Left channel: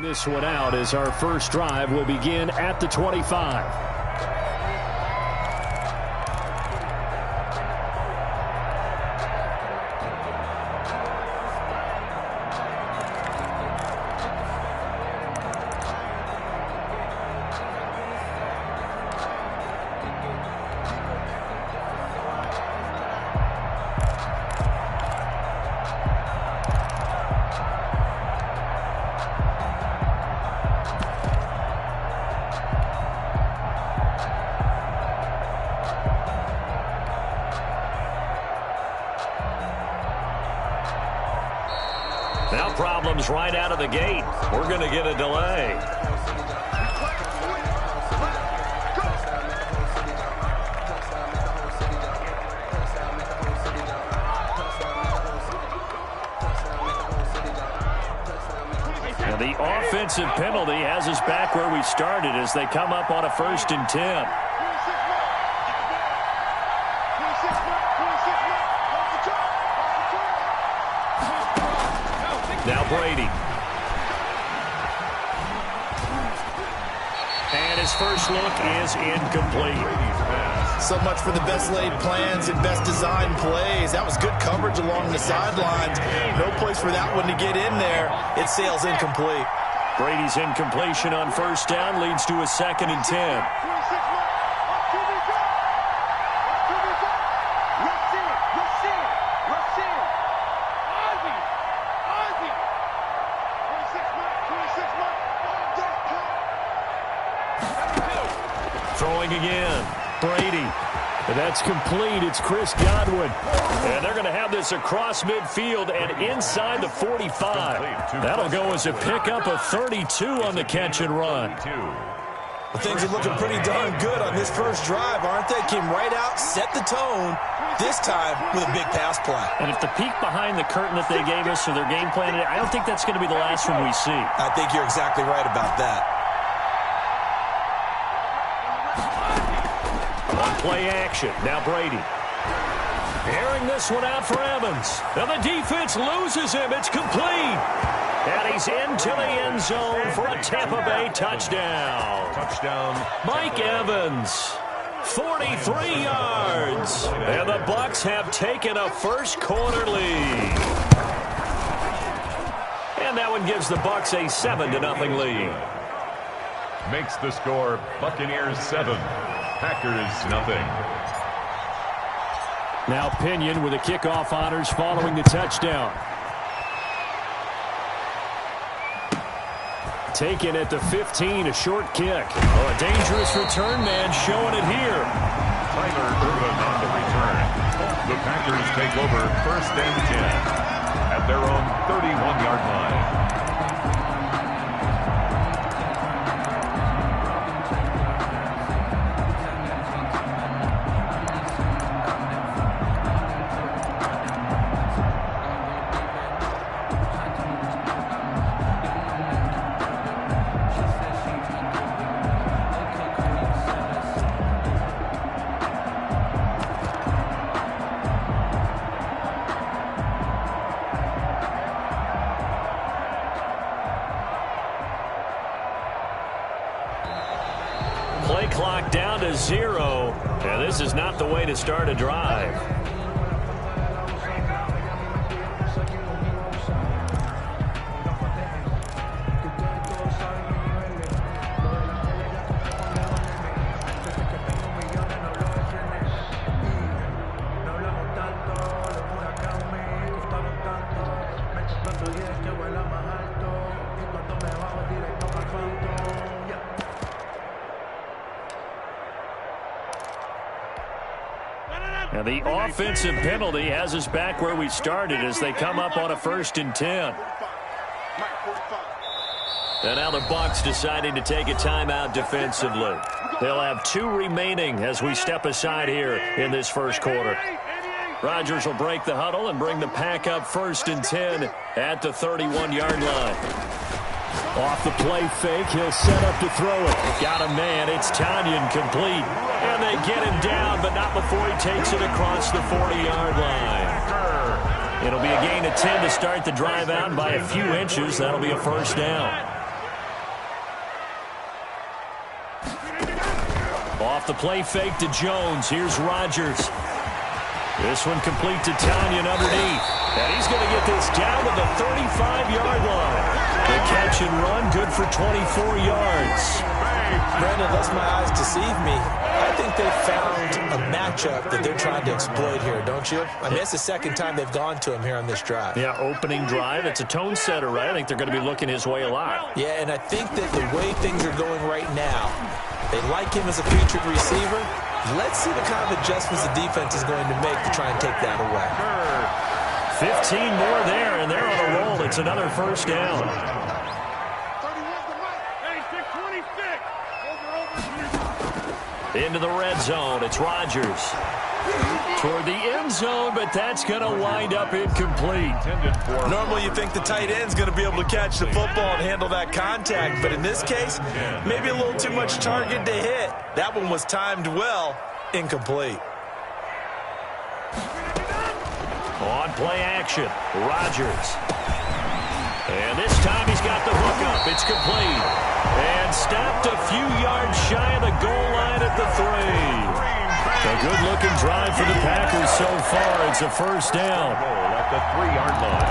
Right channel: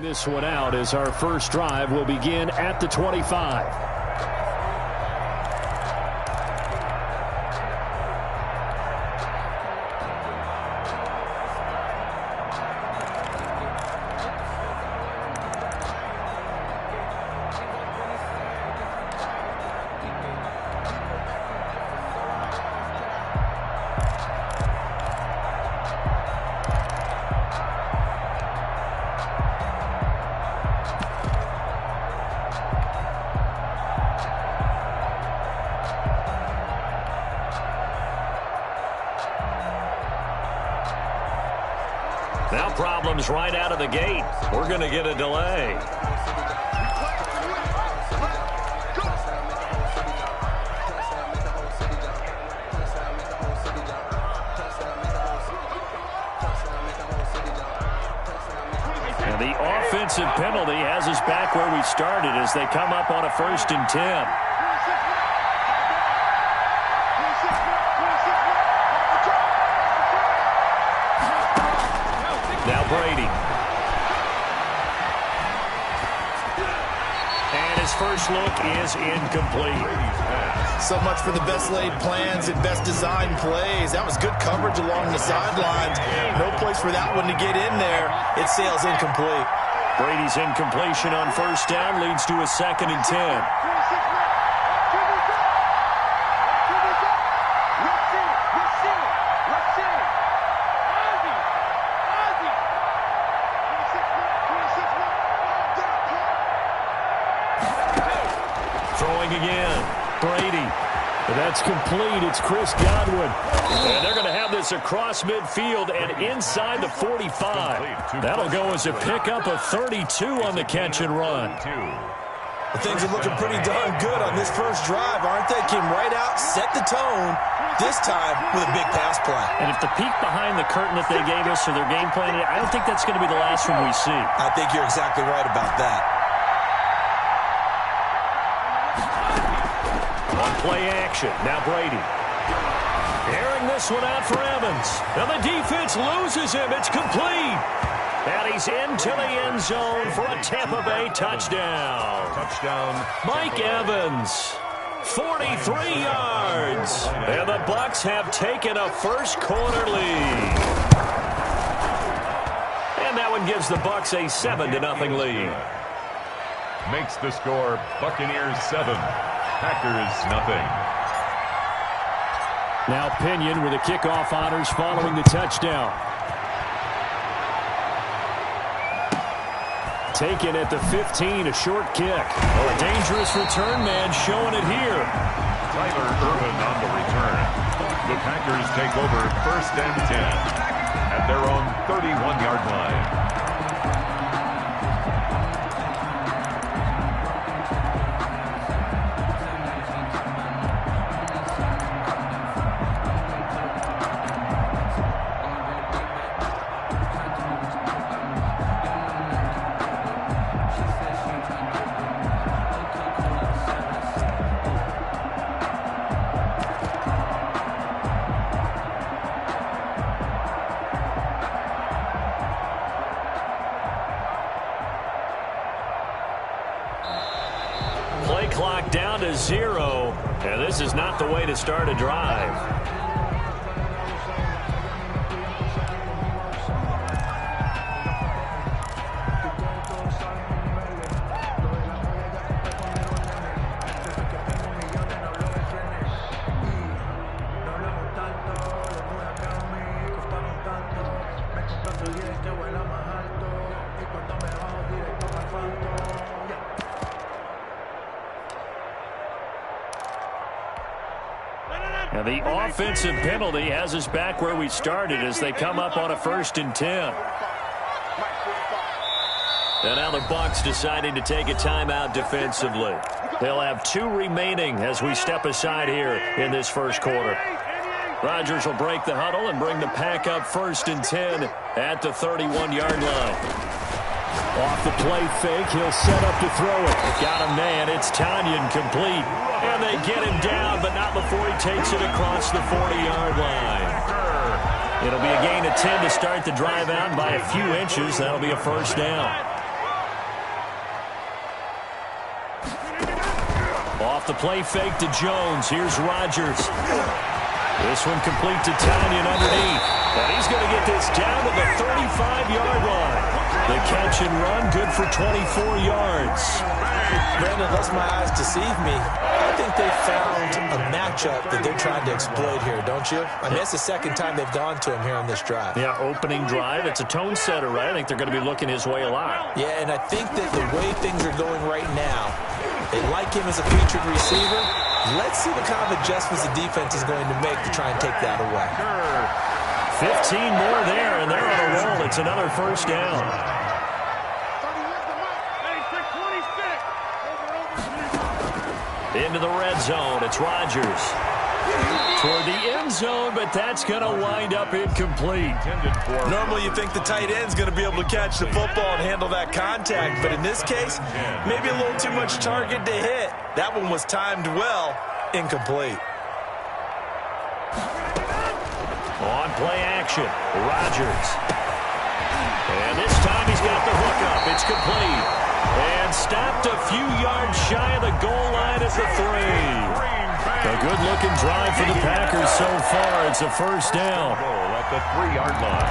This one out as our first drive will begin at the 25. Now problems right out of the gate. We're going to get a delay. And the offensive penalty has us back where we started as they come up on a 1st and 10. Now Brady. And his first look is incomplete. So much for the best laid plans and best designed plays. That was good coverage along the sidelines. No place for that one to get in there. It sails incomplete. Brady's incompletion on 1st down leads to a 2nd and 10. Throwing again. Brady. That's complete. It's Chris Godwin. And they're going to have this across midfield and inside the 45. That'll go as a pickup of 32 on the catch and run. Well, things are looking pretty darn good on this first drive, aren't they? Came right out, set the tone, this time with a big pass play. And if the peek behind the curtain that they gave us or their game plan, I don't think that's going to be the last one we see. I think you're exactly right about that. Play action. Now Brady. Airing this one out for Evans. Now the defense loses him. It's complete. And he's into the end zone for a Tampa Bay touchdown. Mike Evans. 43 yards. And the Bucs have taken a first quarter lead. And that one gives the Bucs a 7-0 lead. Makes the score Buccaneers 7. Packers nothing. Now Pinion with the kickoff honors following the touchdown. Taken at the 15, a short kick. Oh, a dangerous return man showing it here. Tyler Ervin on the return. The Packers take over 1st and 10 at their own 31-yard line. Play clock down to 0. And this is not the way to start a drive. And the offensive penalty has us back where we started as they come up on a 1st and 10. And now the Bucs deciding to take a timeout defensively. They'll have 2 remaining as we step aside here in this first quarter. Rodgers will break the huddle and bring the pack up 1st and 10 at the 31-yard line. Off the play fake, he'll set up to throw it. Got a man, it's Tanyan complete. And they get him down, but not before he takes it across the 40-yard line. It'll be a gain of 10 to start the drive out, and by a few inches, that'll be a 1st down. Off the play fake to Jones. Here's Rodgers. This one complete to Tanyan underneath. And he's going to get this down to the 35-yard line. The catch and run, good for 24 yards. Brandon, unless my eyes deceive me, I think they found a matchup that they're trying to exploit here, don't you? I mean, it's the second time they've gone to him here on this drive. Yeah, opening drive. It's a tone setter, right? I think they're going to be looking his way a lot. Yeah, and I think that the way things are going right now, they like him as a featured receiver. Let's see the kind of adjustments the defense is going to make to try and take that away. 15 more there, and they're on a roll. It's another first down. Into the red zone. It's Rodgers. Toward the end zone, but that's going to wind up incomplete. Normally you think the tight end's going to be able to catch the football and handle that contact, but in this case, maybe a little too much target to hit. That one was timed well. Incomplete. On play action, Rodgers. And this time he's got the hook up. It's complete. And stopped a few yards shy of the goal line at the 3. A good-looking drive for the Packers so far. It's a first down. At the 3-yard line.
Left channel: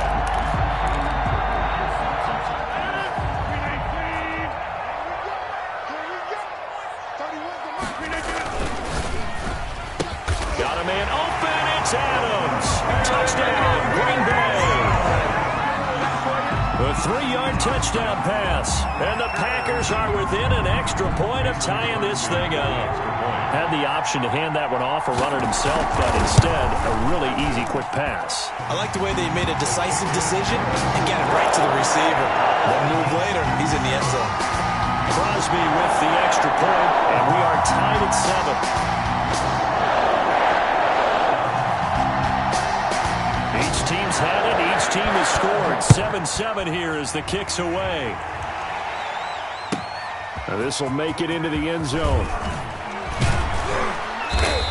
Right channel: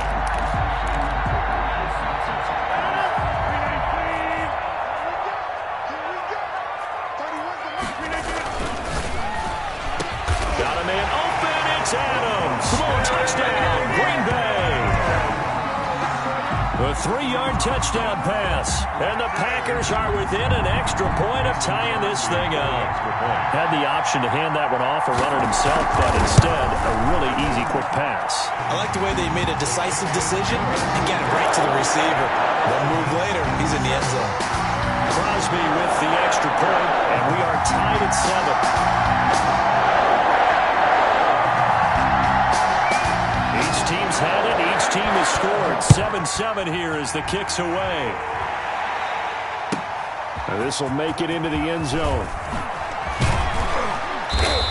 Got a man open. It's Adams. Touchdown, Green Bay. A 3-yard touchdown pass. And the Packers are within an extra point of tying this thing up. Had the option to hand that one off or run it himself, but instead, a really easy, quick pass. I like the way they made a decisive decision and got it right to the receiver. One move later, he's in the end zone. Crosby with the extra point, and we are tied at 7. Each team's had it. Each team has scored. 7-7 here as the kick's away. This will make it into the end zone.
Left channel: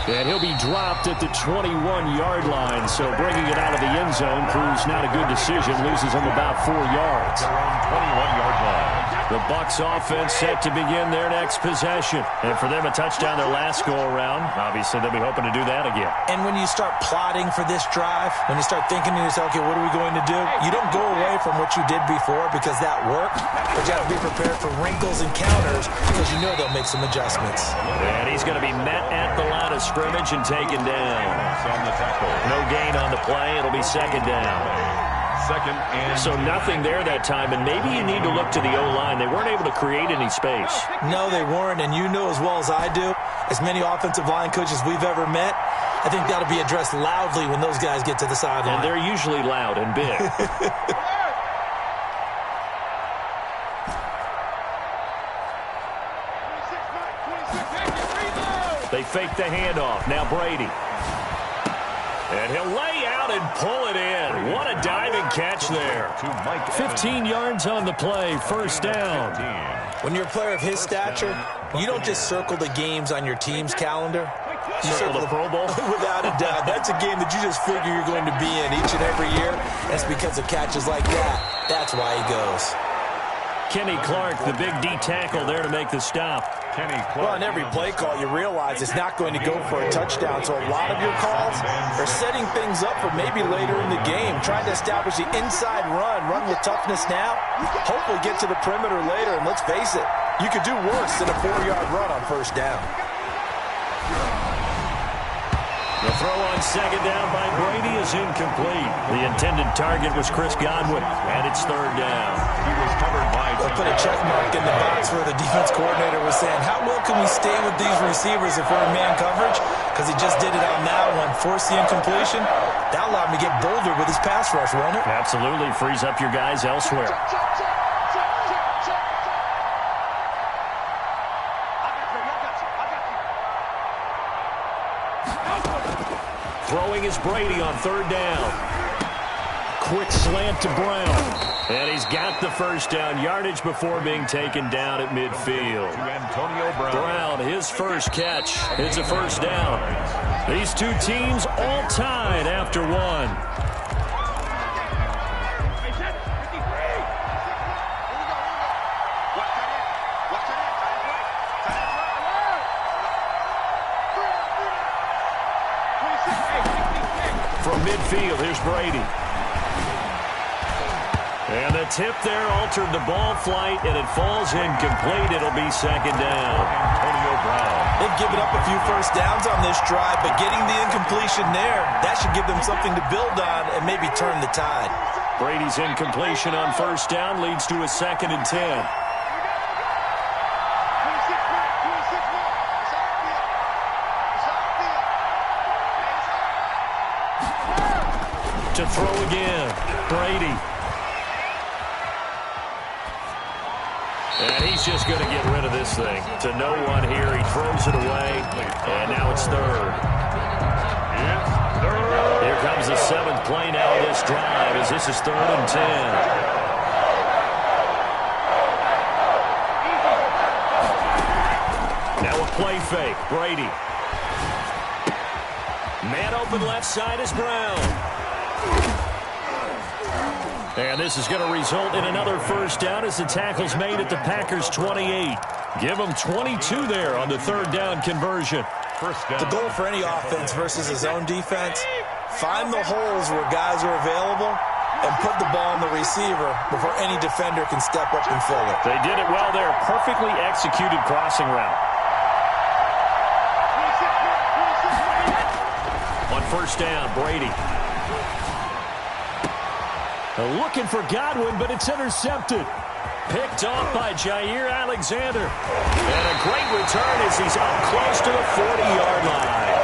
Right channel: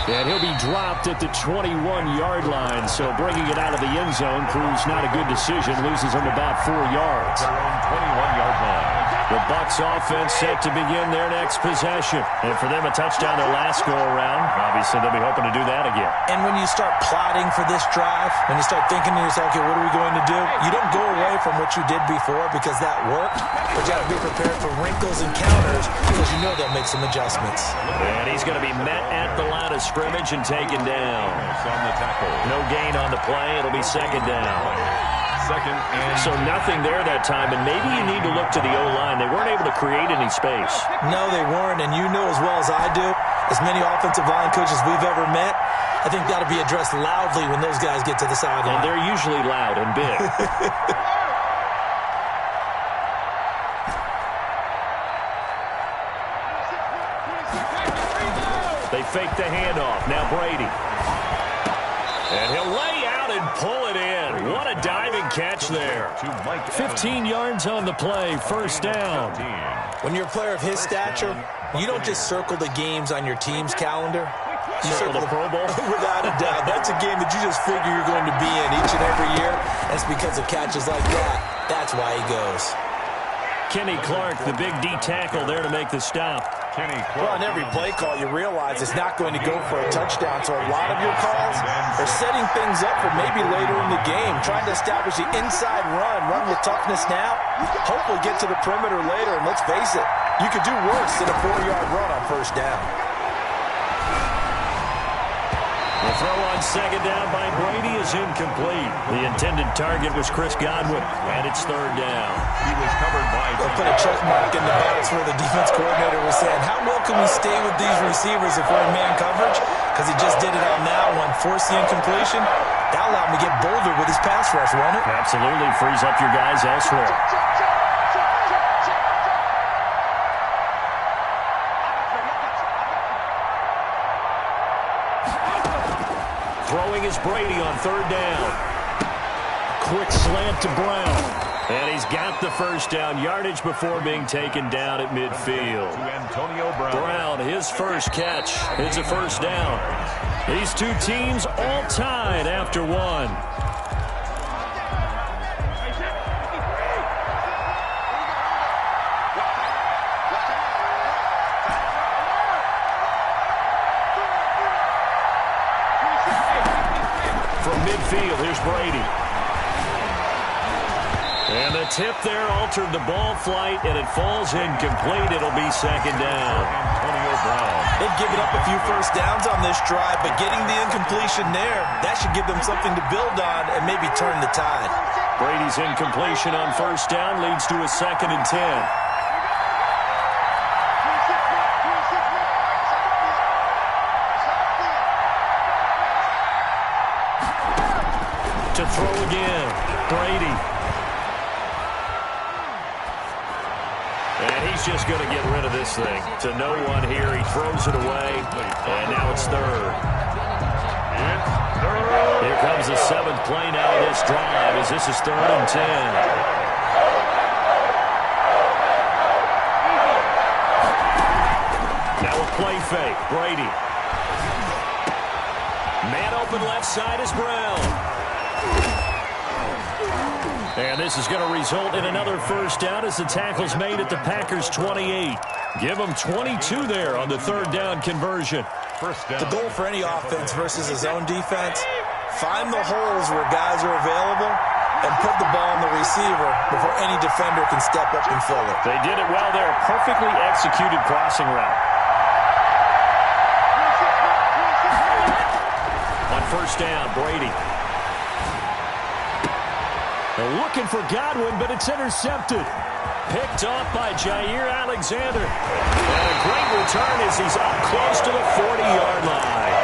And he'll be dropped at the 21-yard line. So bringing it out of the end zone proves not a good decision. Loses him about 4 yards. Their own 21-yard line. The Bucs offense set to begin their next possession. And for them, a touchdown their last go-around. Obviously, they'll be hoping to do that again. And when you start plotting for this drive, when you start thinking to yourself, okay, what are we going to do? You don't go away from what you did before because that worked. But you have to be prepared for wrinkles and counters because you know they'll make some adjustments. And he's going to be met at the line of scrimmage and taken down. On the tackle. No gain on the play. It'll be second down. Second and so nothing there that time, and maybe you need to look to the O-line. They weren't able to create any space. No, they weren't, and you know as well as I do, as many offensive line coaches we've ever met, I think that'll be addressed loudly when those guys get to the sideline. And they're usually loud and big. They fake the handoff. Now Brady. And he'll lay out and pull it in. What a diving catch there. 15 yards on the play. First down. When you're a player of his stature, you don't just circle the games on your team's calendar. You circle the Pro Bowl? Without a doubt. That's a game that you just figure you're going to be in each and every year. That's because of catches like that. That's why he goes. Kenny Clark, the big D tackle there to make the stop. Kenny Clark. Well, on every play call, you realize it's not going to go for a touchdown. So a lot of your calls are setting things up for maybe later in the game, trying to establish the inside run with toughness now. Hopefully get to the perimeter later, and let's face it, you could do worse than a 4-yard run on first down. The throw on second down by Brady is incomplete. The intended target was Chris Godwin, and it's third down. He was covered by... They'll put a check mark in the box where the defense coordinator was saying, how well can we stay with these receivers if we're in man coverage? Because he just did it on that one, forced the incompletion. That allowed him to get bolder with his pass rush, won't it? Absolutely, frees up your guys elsewhere. Throwing is Brady on third down. Quick slant to Brown. And he's got the first down yardage before being taken down at midfield. To Antonio Brown. Brown, his first catch. It's a first down. These two teams all tied after one. field. Here's Brady. And the tip there altered the ball flight, and it falls incomplete. It'll be second down. Antonio Brown. They've given up a few first downs on this drive, but getting the incompletion there, that should give them something to build on and maybe turn the tide. Brady's incompletion on first down leads to a 2nd and 10. To throw again, Brady. And he's just going to get rid of this thing. To no one here, he throws it away, and now it's third. Here comes the 7th play now of this drive, as this is 3rd and 10. Now a play fake, Brady. Man open left side is Brown. And this is going to result in another first down as the tackle's made at the Packers' 28. Give them 22 there on the 3rd down conversion. First down. The goal for any offense versus his own defense, find the holes where guys are available and put the ball on the receiver before any defender can step up and fill it. They did it well there. Perfectly executed crossing route. On first down, Brady. They're looking for Godwin, but it's intercepted. Picked off by Jair Alexander. And a great return as he's up close to the 40-yard line.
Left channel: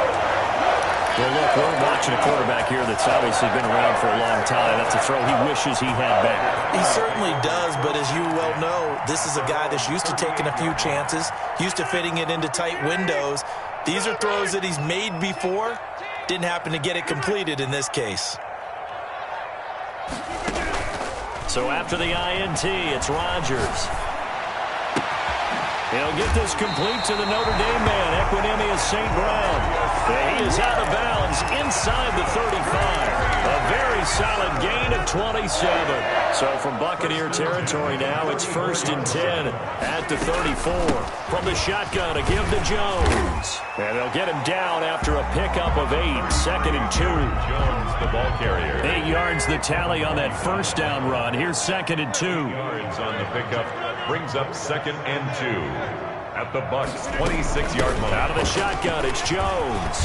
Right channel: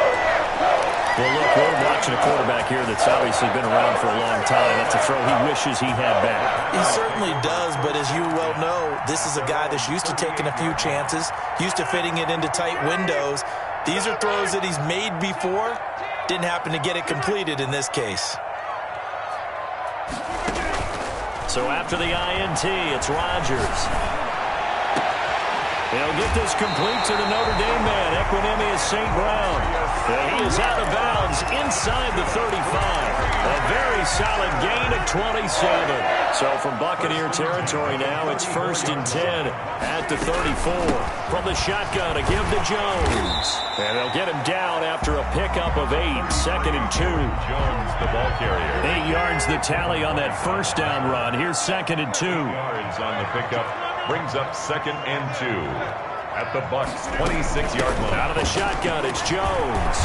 Well, look, we're watching a quarterback here that's obviously been around for a long time. That's a throw he wishes he had back. He certainly does, but as you well know, this is a guy that's used to taking a few chances, used to fitting it into tight windows. These are throws that he's made before. Didn't happen to get it completed in this case. So after the INT, it's Rodgers. He'll get this complete to the Notre Dame man, Equinemius St. Brown. He is out of bounds inside the 35. A very solid gain of 27. So from Buccaneer territory now, it's 1st and 10 at the 34. From the shotgun, a give to Jones. And they'll get him down after a pickup of 8, 2nd and 2. Jones, the ball carrier. 8 yards the tally on that first down run. Here's 2nd and 2. Yards on the pickup brings up 2nd and 2 at the Bucs' 26-yard line. Out of the shotgun, it's Jones.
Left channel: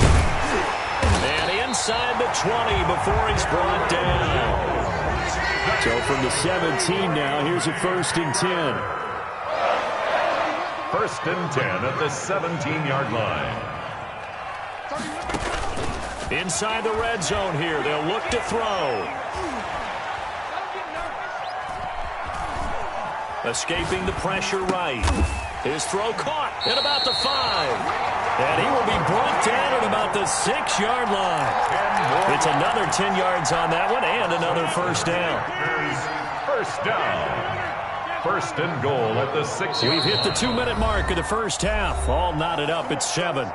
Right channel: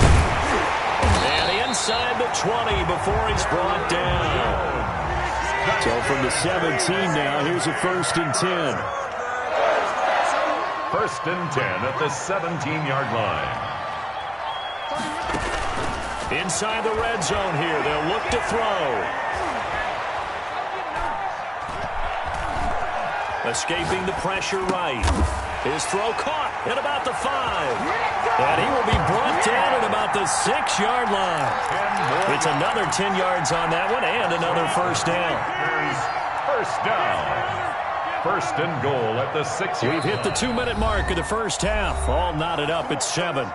And inside the 20 before he's brought down. So from the 17 now, here's a 1st and 10. 1st and 10 at the 17-yard line. Inside the red zone here, they'll look to throw. Escaping the pressure right. His throw caught at about the 5. And he will be brought down at about the 6-yard line. It's another 10 yards on that one and another first down. First down. 1st and goal at the 6-yard line. We've hit the 2-minute mark of the first half. All knotted up at 7.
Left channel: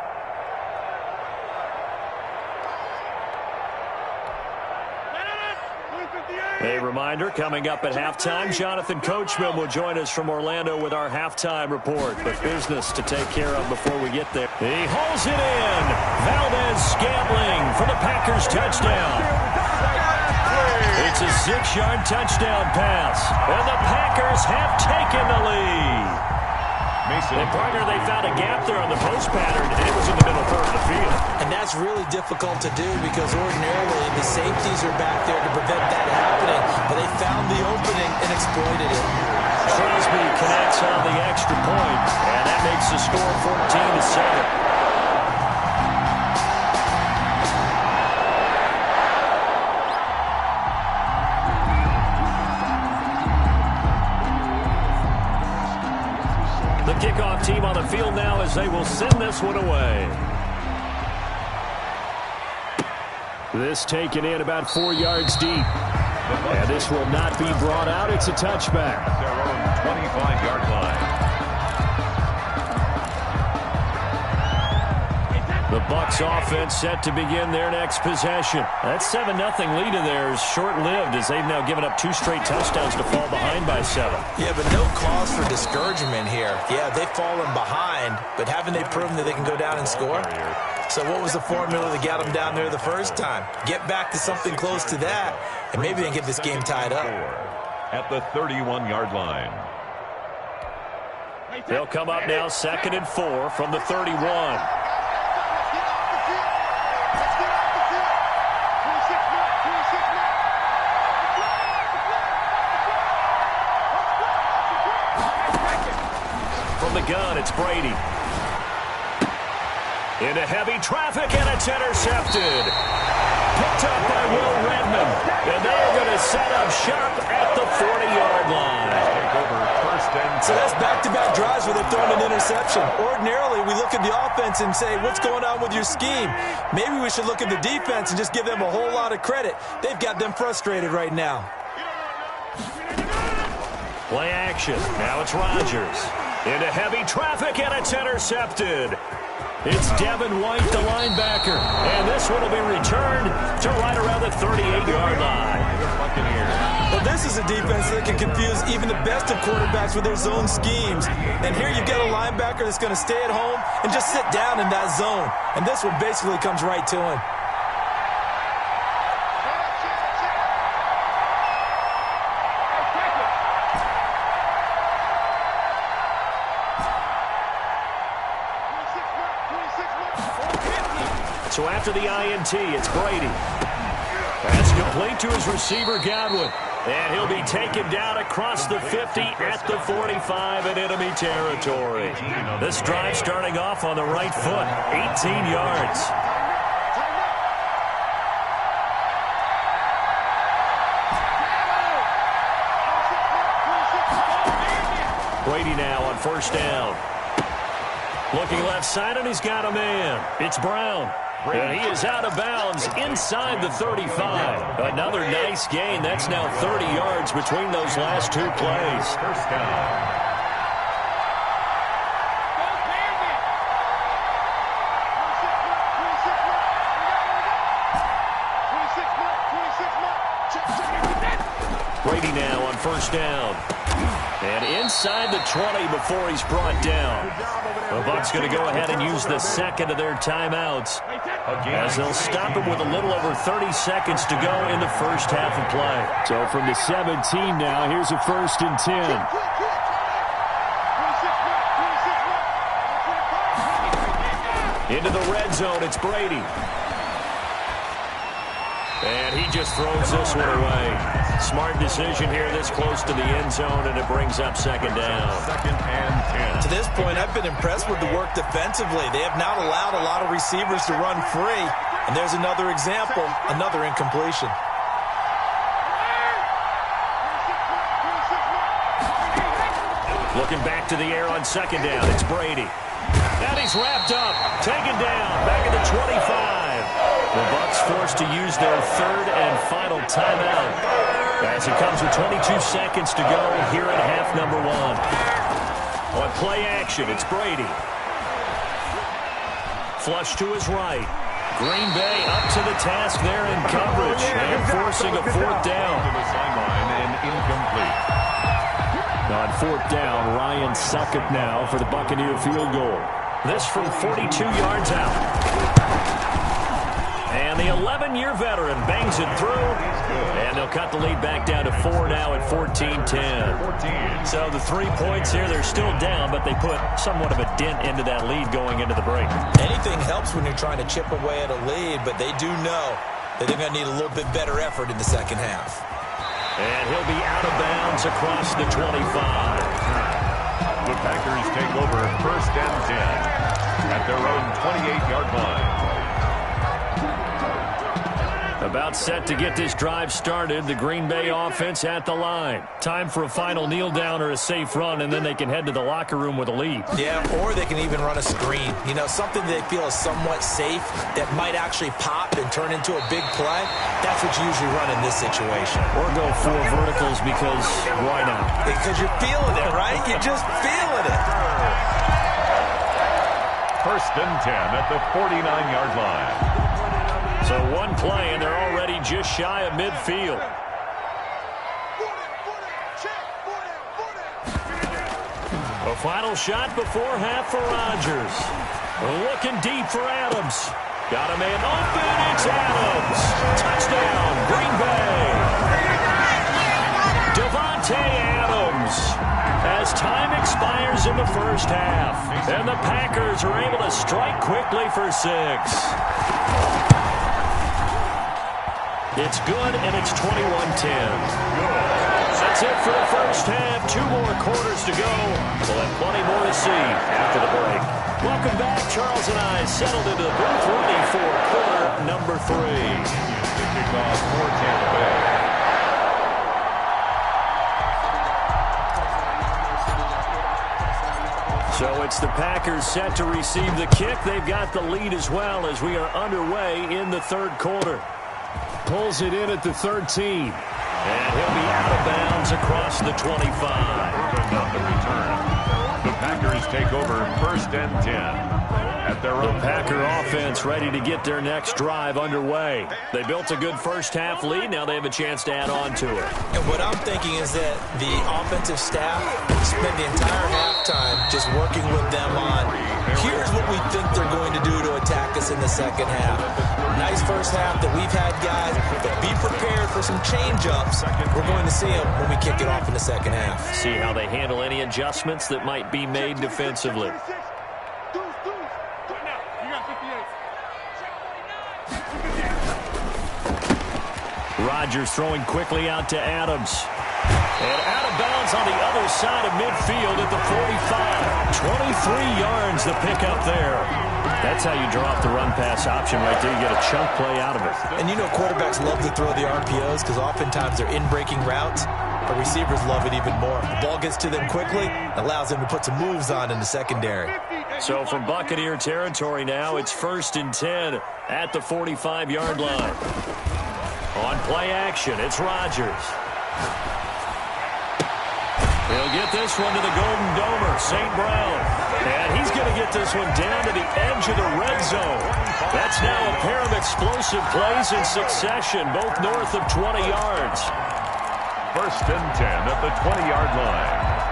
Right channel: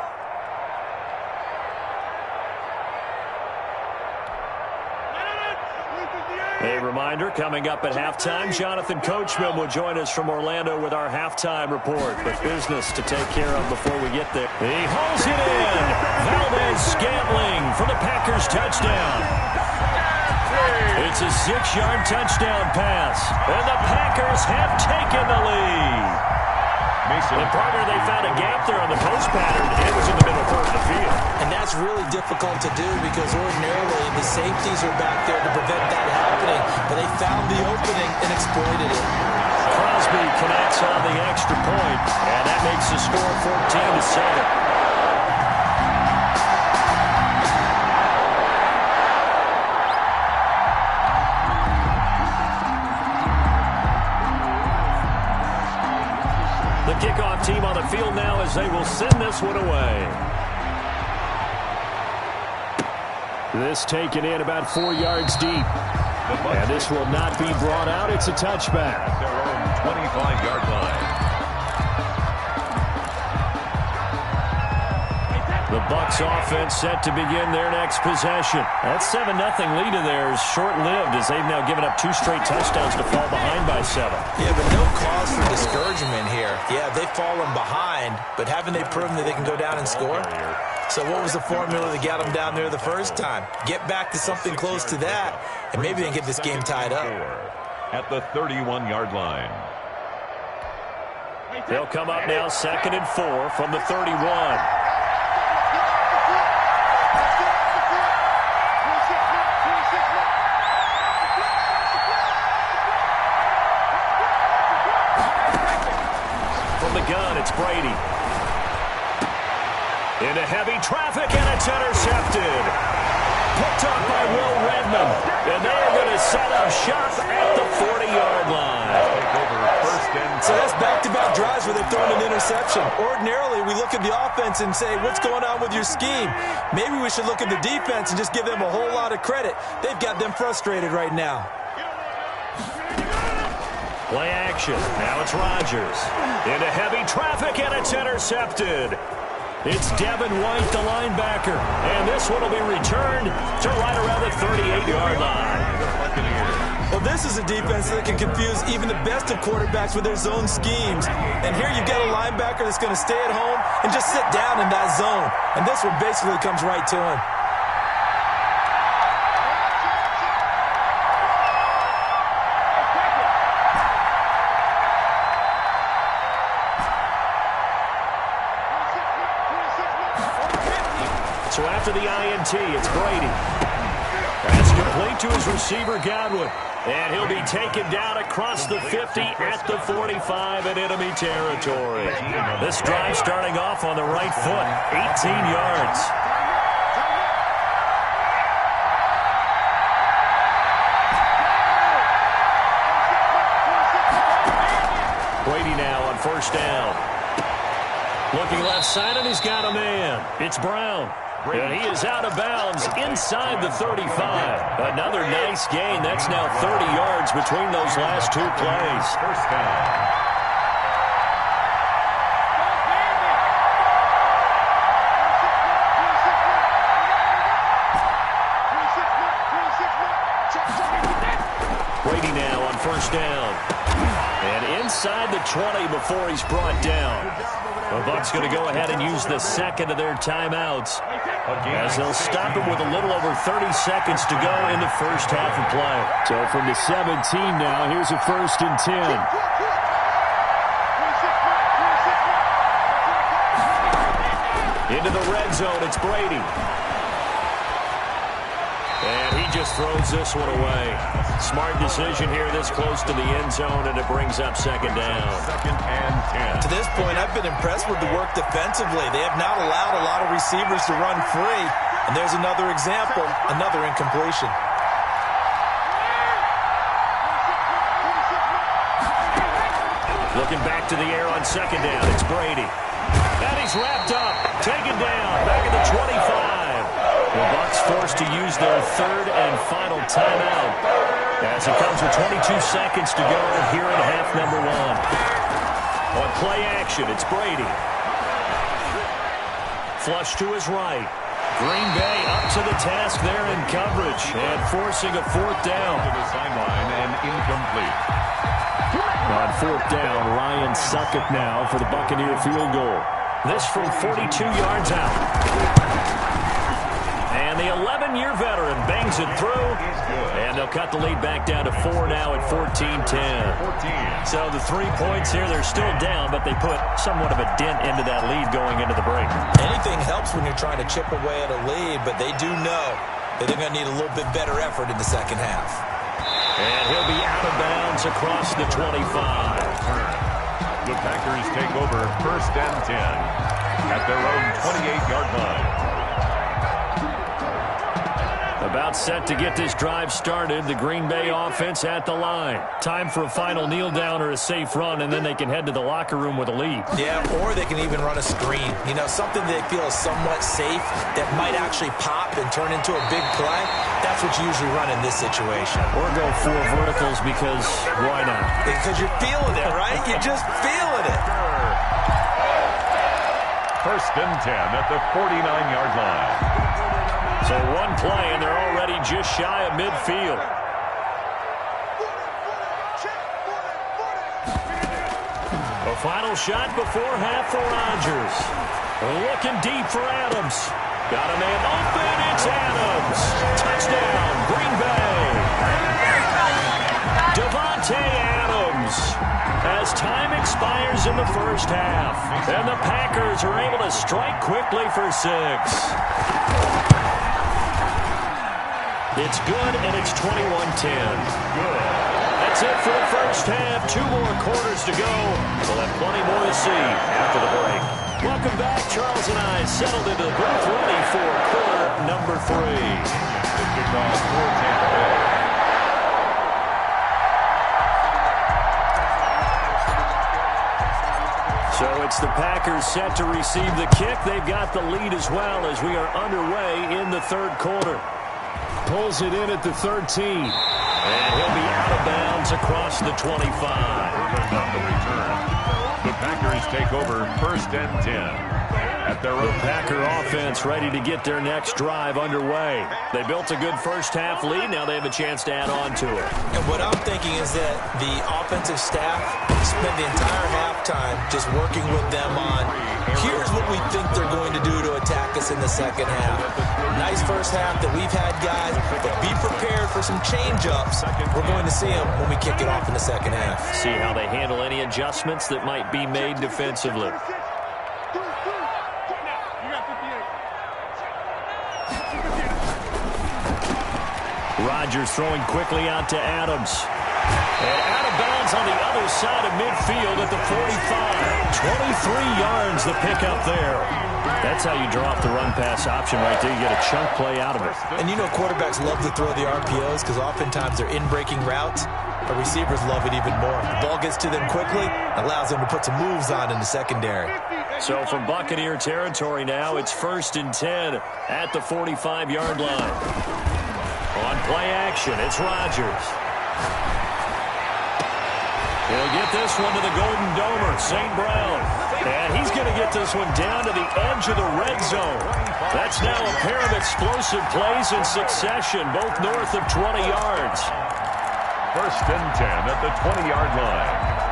A reminder, coming up at halftime, Jonathan Coachman will join us from Orlando with our halftime report. But business to take care of before we get there. He hauls it in. Valdez-Scantling for the Packers touchdown. It's a 6-yard touchdown pass. And the Packers have taken the lead. And partner, they found a gap there on the post pattern, and it was in the middle third of the field. And that's really difficult to do because ordinarily the safeties are back there to prevent that happening. But they found the opening and exploited it. Crosby connects on the extra point, and that makes the score 14-7. The kickoff team on the field now as they will send this one away. This taken in about 4 yards deep. And this will not be brought out. It's a touchback. At their own 25-yard line. The Bucs offense set to begin their next possession. That 7-0 lead of theirs short-lived as they've now given up 2 straight touchdowns to fall behind by 7. Yeah, but no cause for discouragement here. Yeah, they've fallen behind, but haven't they proven that they can go down and score? So what was the formula that got them down there the first time? Get back to something close to that, and maybe they can get this game tied up. At the 31-yard line. They'll come up now 2nd and 4 from the 31. From the gun, it's Brady. Into heavy traffic, and it's intercepted. Picked up by Will Redmond. And they are going to set up shop at the 40-yard line. Take over 1st and 10. So that's back-to-back drives where they've thrown an interception. Ordinarily, we look at the offense and say, what's going on with your scheme? Maybe we should look at the defense and just give them a whole lot of credit. They've got them frustrated right now. Play action. Now it's Rodgers. Into heavy traffic, and it's intercepted. It's Devin White, the linebacker. And this one will be returned to right around the 38-yard line. Well, this is a defense that can confuse even the best of quarterbacks with their zone schemes. And here you've got a linebacker that's going to stay at home and just sit down in that zone. And this one basically comes right to him. So after the INT, it's Brady. That's complete to his receiver, Godwin. And he'll be taken down across the 50 at the 45 in enemy territory. This drive starting off on the right foot, 18 yards. Brady now on 1st down. Looking left side, and he's got a man. It's Brown. And he is out of bounds inside the 35. Another nice gain. That's now 30 yards between those last two plays. 1st down. Brady now on 1st down. And inside the 20 before he's brought down. The Bucs going to go ahead and use the second of their timeouts, as they'll stop him with a little over 30 seconds to go in the first half of play. So from the 17 now, here's a 1st and 10. Into the red zone, it's Brady. And he just throws this one away. Smart decision here this close to the end zone, and it brings up 2nd down. 2nd and 10. To this point, I've been impressed with the work defensively. They have not allowed a lot of receivers to run free. And there's another example, another incompletion. Looking back to the air on 2nd down, it's Brady. And he's wrapped up, taken down, back at the 25. The Bucs forced to use their 3rd and final timeout, as it comes with 22 seconds to go here in half number 1. On play action, it's Brady. Flush to his right. Green Bay up to the task there in coverage and forcing a 4th down. To the sideline and incomplete. On 4th down, Ryan Succop now for the Buccaneer field goal. This from 42 yards out. And the 11-year veteran bangs it through. And they'll cut the lead back down to 4 now at 14-10. So the 3 points here, they're still down, but they put somewhat of a dent into that lead going into the break. Anything helps when you're trying to chip away at a lead, but they do know that they're going to need a little bit better effort in the second half. And he'll be out of bounds across the 25. The Packers take over 1st and 10 at their own 28-yard line. About set to get this drive started. The Green Bay offense at the line. Time for a final kneel down or a safe run, and then they can head to the locker room with a lead. Yeah, or they can even run a screen. You know, something they feel is somewhat safe that might actually pop and turn into a big play. That's what you usually run in this situation. Or go 4 verticals, because why not? Because you're feeling it, right? You're just feeling it. 1st and 10 at the 49-yard line. So one play, and they're already just shy of midfield. A final shot before half for Rodgers. Looking deep for Adams. Got a man open. It's Adams. Touchdown, Green Bay. Davante Adams. As time expires in the first half. And the Packers are able to strike quickly for 6. It's good, and it's 21-10. That's it for the first half. 2 more quarters to go. We'll have plenty more to see after the break. Welcome back. Charles and I settled into the booth ready for quarter number 3. The kickoff for Tampa Bay. So it's the Packers set to receive the kick. They've got the lead as well as we are underway in the third quarter. Pulls it in at the 13. And he'll be out of bounds across the 25. Urban on the return. The Packers take over 1st and 10. At their own Packer offense ready to get their next drive underway. They built a good first half lead. Now they have a chance to add on to it. And what I'm thinking is that the offensive staff spent the entire halftime just working with them on, here's what we think they're going to do to attack us in the second half. Nice first half that we've had, guys, but be prepared for some change-ups. We're going to see them when we kick it off in the second half. See how they handle any adjustments that might be made defensively. Rodgers throwing quickly out to Adams. And out of bounds on the other side of midfield at the 45. 23 yards the pickup there. That's how you draw off the run-pass option right there. You get a chunk play out of it. And you know quarterbacks love to throw the RPOs because oftentimes they're in-breaking routes. But receivers love it even more. The ball gets to them quickly, allows them to put some moves on in the secondary. So from Buccaneer territory now, it's 1st and 10 at the 45-yard line. On play action, it's Rodgers. He'll get this one to the Golden Domer, St. Brown. And he's going to get this one down to the edge of the red zone. That's now a pair of explosive plays in succession, both north of 20 yards. 1st and 10 at the 20-yard line.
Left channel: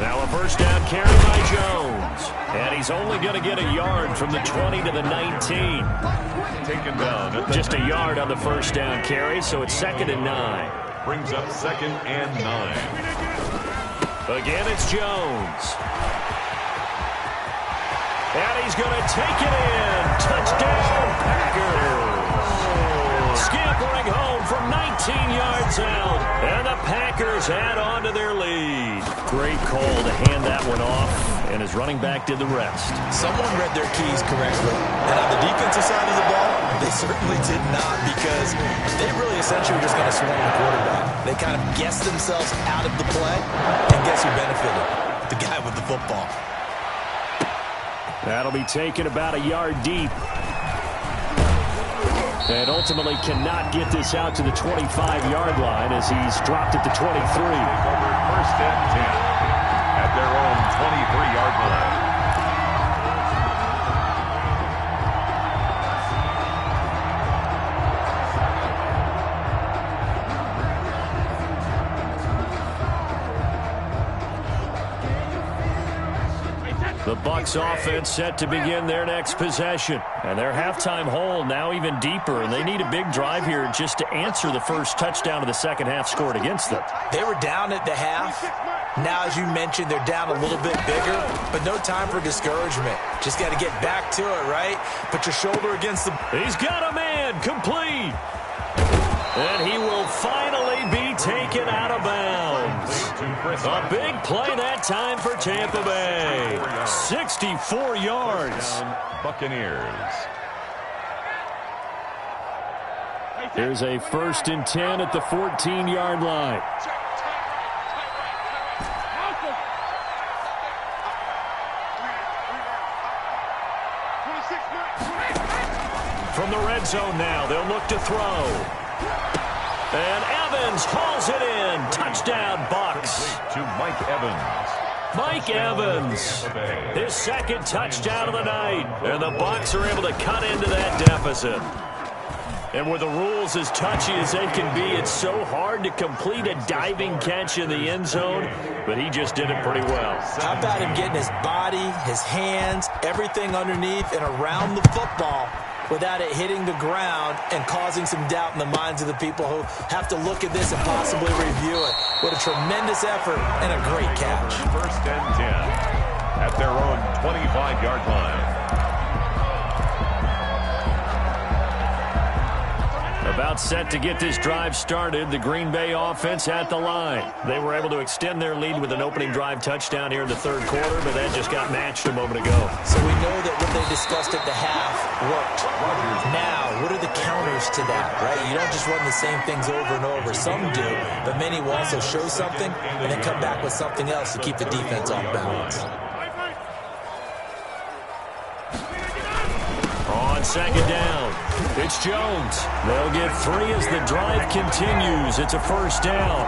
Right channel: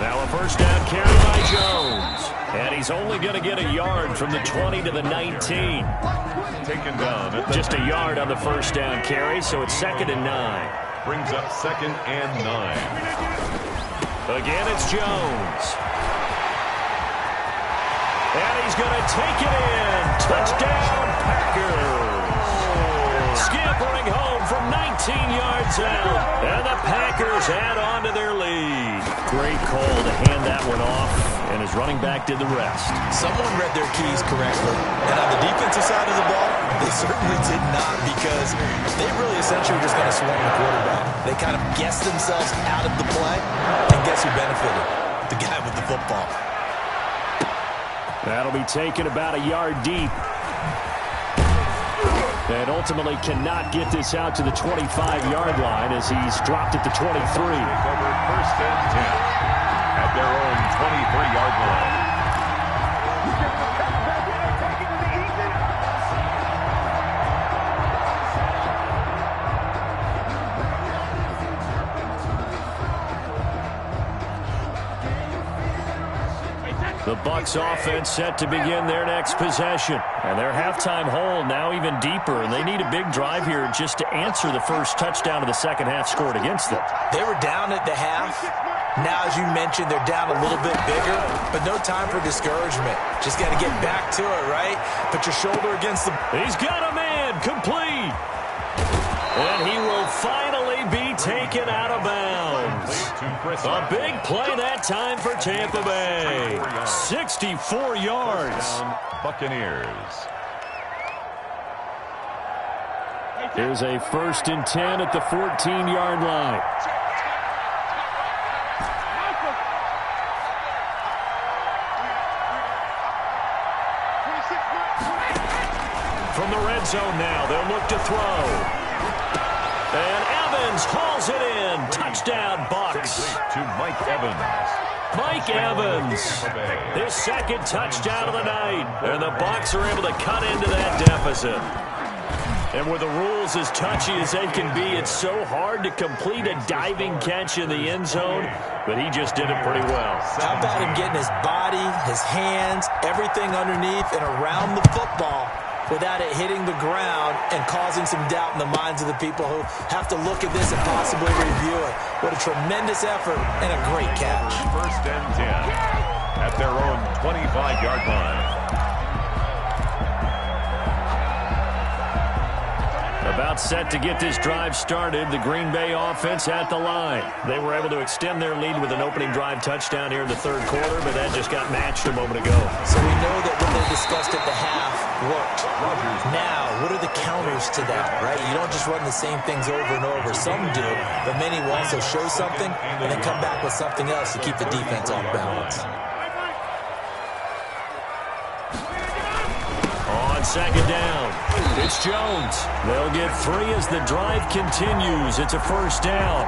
Now a first down carry by Jones. And he's only going to get a yard from the 20 to the 19. Taken down at the Just a yard on the first down carry, so it's 2nd and 9. brings up 2nd and 9. Again, it's Jones. And he's going to take it in. Touchdown, Packers. Scampering home from 19 yards out. And the Packers add on to their lead. Great call to hand that one off. And his running back did the rest. Someone read their keys correctly. And on the defensive side of the ball, they certainly did not, because they really essentially were just going to swarm the quarterback. They kind of guessed themselves out of the play. And guess who benefited? The guy with the football. That'll be taken about a yard deep. And ultimately cannot get this out to the 25-yard line as he's dropped at the 23. Take over 1st and 10 at their own 23-yard line. The Bucs offense set to begin their next possession. And their halftime hole now even deeper, and they need a big drive here just to answer the first touchdown of the second half scored against them. They were down at the half. Now, as you mentioned, they're down a little bit bigger, but no time for discouragement. Just got to get back to it, right? Put your shoulder against the... He's got a man, complete. And he will finally be taken out of bounds. A big play that time for Tampa Bay. 64 yards. Buccaneers. Here's a 1st and 10 at the 14-yard line. From the red zone now, they'll look to throw. And Evans hauls it in. Touchdown, Bucs. To Mike Evans. Mike Evans, his second touchdown of the night. And the Bucs are able to cut into that deficit. And with the rules as touchy as they can be, it's so hard to complete a diving catch in the end zone, but he just did it pretty well. How about him getting his body, his hands, everything underneath and around the football without it hitting the ground and causing some doubt in the minds of the people who have to look at this and possibly review it. What a tremendous effort and a great catch. First and 10 at their own 25-yard line. About set to get this drive started, the Green Bay offense at the line. They were able to extend their lead with an opening drive touchdown here in the third quarter, but that just got matched a moment ago. So we know that what they discussed at the half worked. Now, what are the counters to that, right? You don't just run the same things over and over. Some do, but many will also show something and then come back with something else to keep the defense off balance. On second down, it's Jones. They'll get 3 as the drive continues. It's a first down.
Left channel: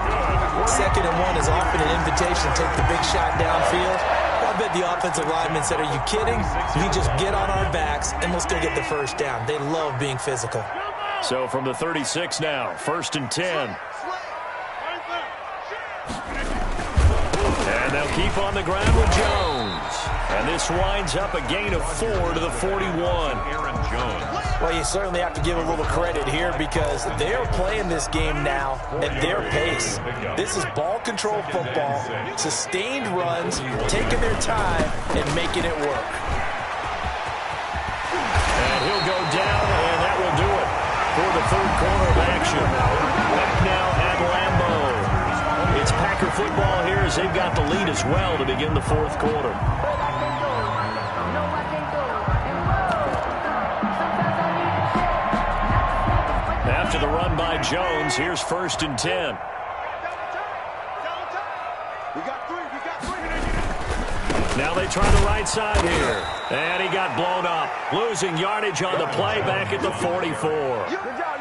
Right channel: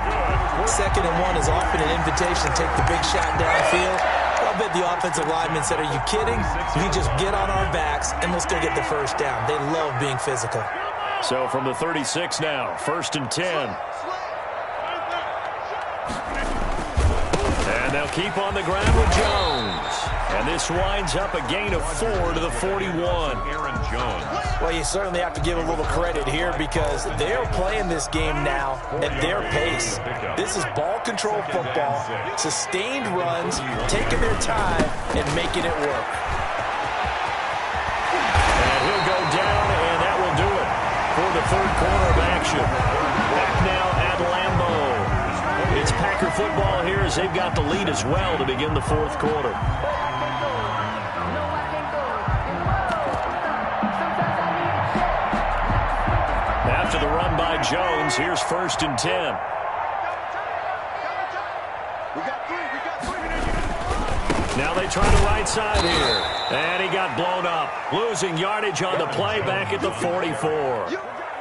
2nd and 1 is often an invitation to take the big shot downfield. I bet the offensive lineman said, are you kidding? You just get on our backs and we'll still get the first down. They love being physical. So from the 36 now, 1st and 10. And they'll keep on the ground with Jones. And this winds up a gain of 4 to the 41. Aaron Jones. Well, you certainly have to give a little credit here because they are playing this game now at their pace. This is ball control football, sustained runs, taking their time, and making it work. And he'll go down, and that will do it for the third quarter of action. Back now at Lambeau. It's Packer football here as they've got the lead as well to begin the fourth quarter. After the run by Jones, here's 1st and 10. Now they try the right side here. And he got blown up. Losing yardage on the play back at the 44.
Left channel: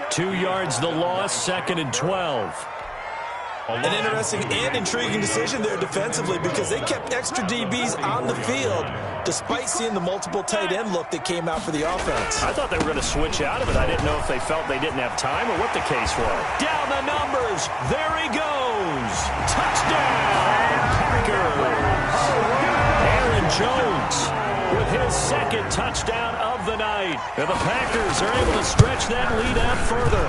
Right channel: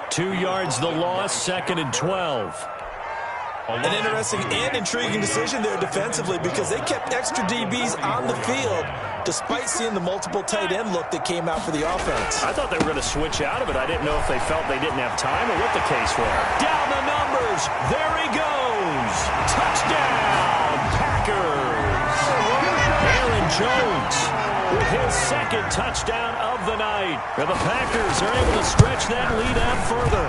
2 yards the loss, 2nd and 12. An interesting and intriguing decision there defensively because they kept extra DBs on the field despite seeing the multiple tight end look that came out for the offense. I thought they were going to switch out of it. I didn't know if they felt they didn't have time or what the case was. Down the numbers. There he goes. Touchdown, Packers. Aaron Jones with his 2nd touchdown of the night. And the Packers are able to stretch that lead out further.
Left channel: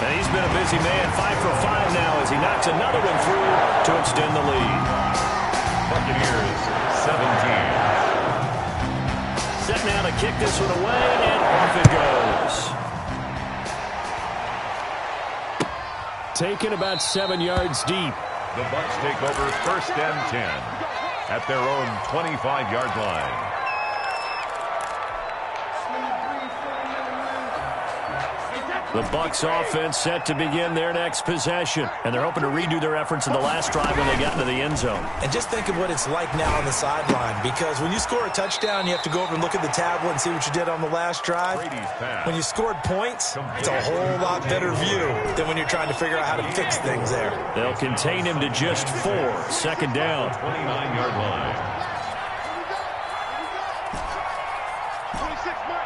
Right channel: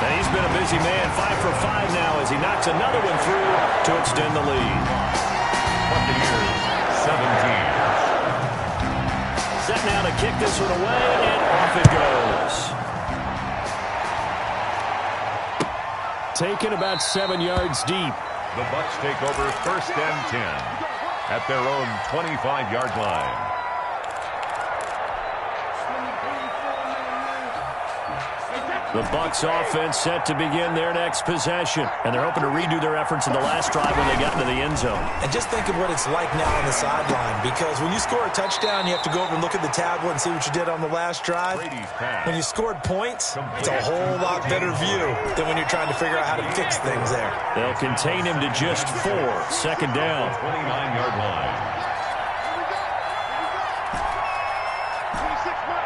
And he's been a busy man, 5 for 5 now as he knocks another one through to extend the lead. Buccaneers, 17. Set now to kick this one away, and off it goes. Taken about 7 yards deep. The Bucs take over 1st and 10 at their own 25-yard line. The Bucs offense set to begin their next possession. And they're hoping to redo their efforts in the last drive when they got into the end zone. And just think of what it's like now on the sideline. Because when you score a touchdown, you have to go over and look at the tablet and see what you did on the last drive. When you scored points, it's a whole lot better view than when you're trying to figure out how to fix things there. They'll contain him to just 4. 2nd down. 29-yard line. 26 mark.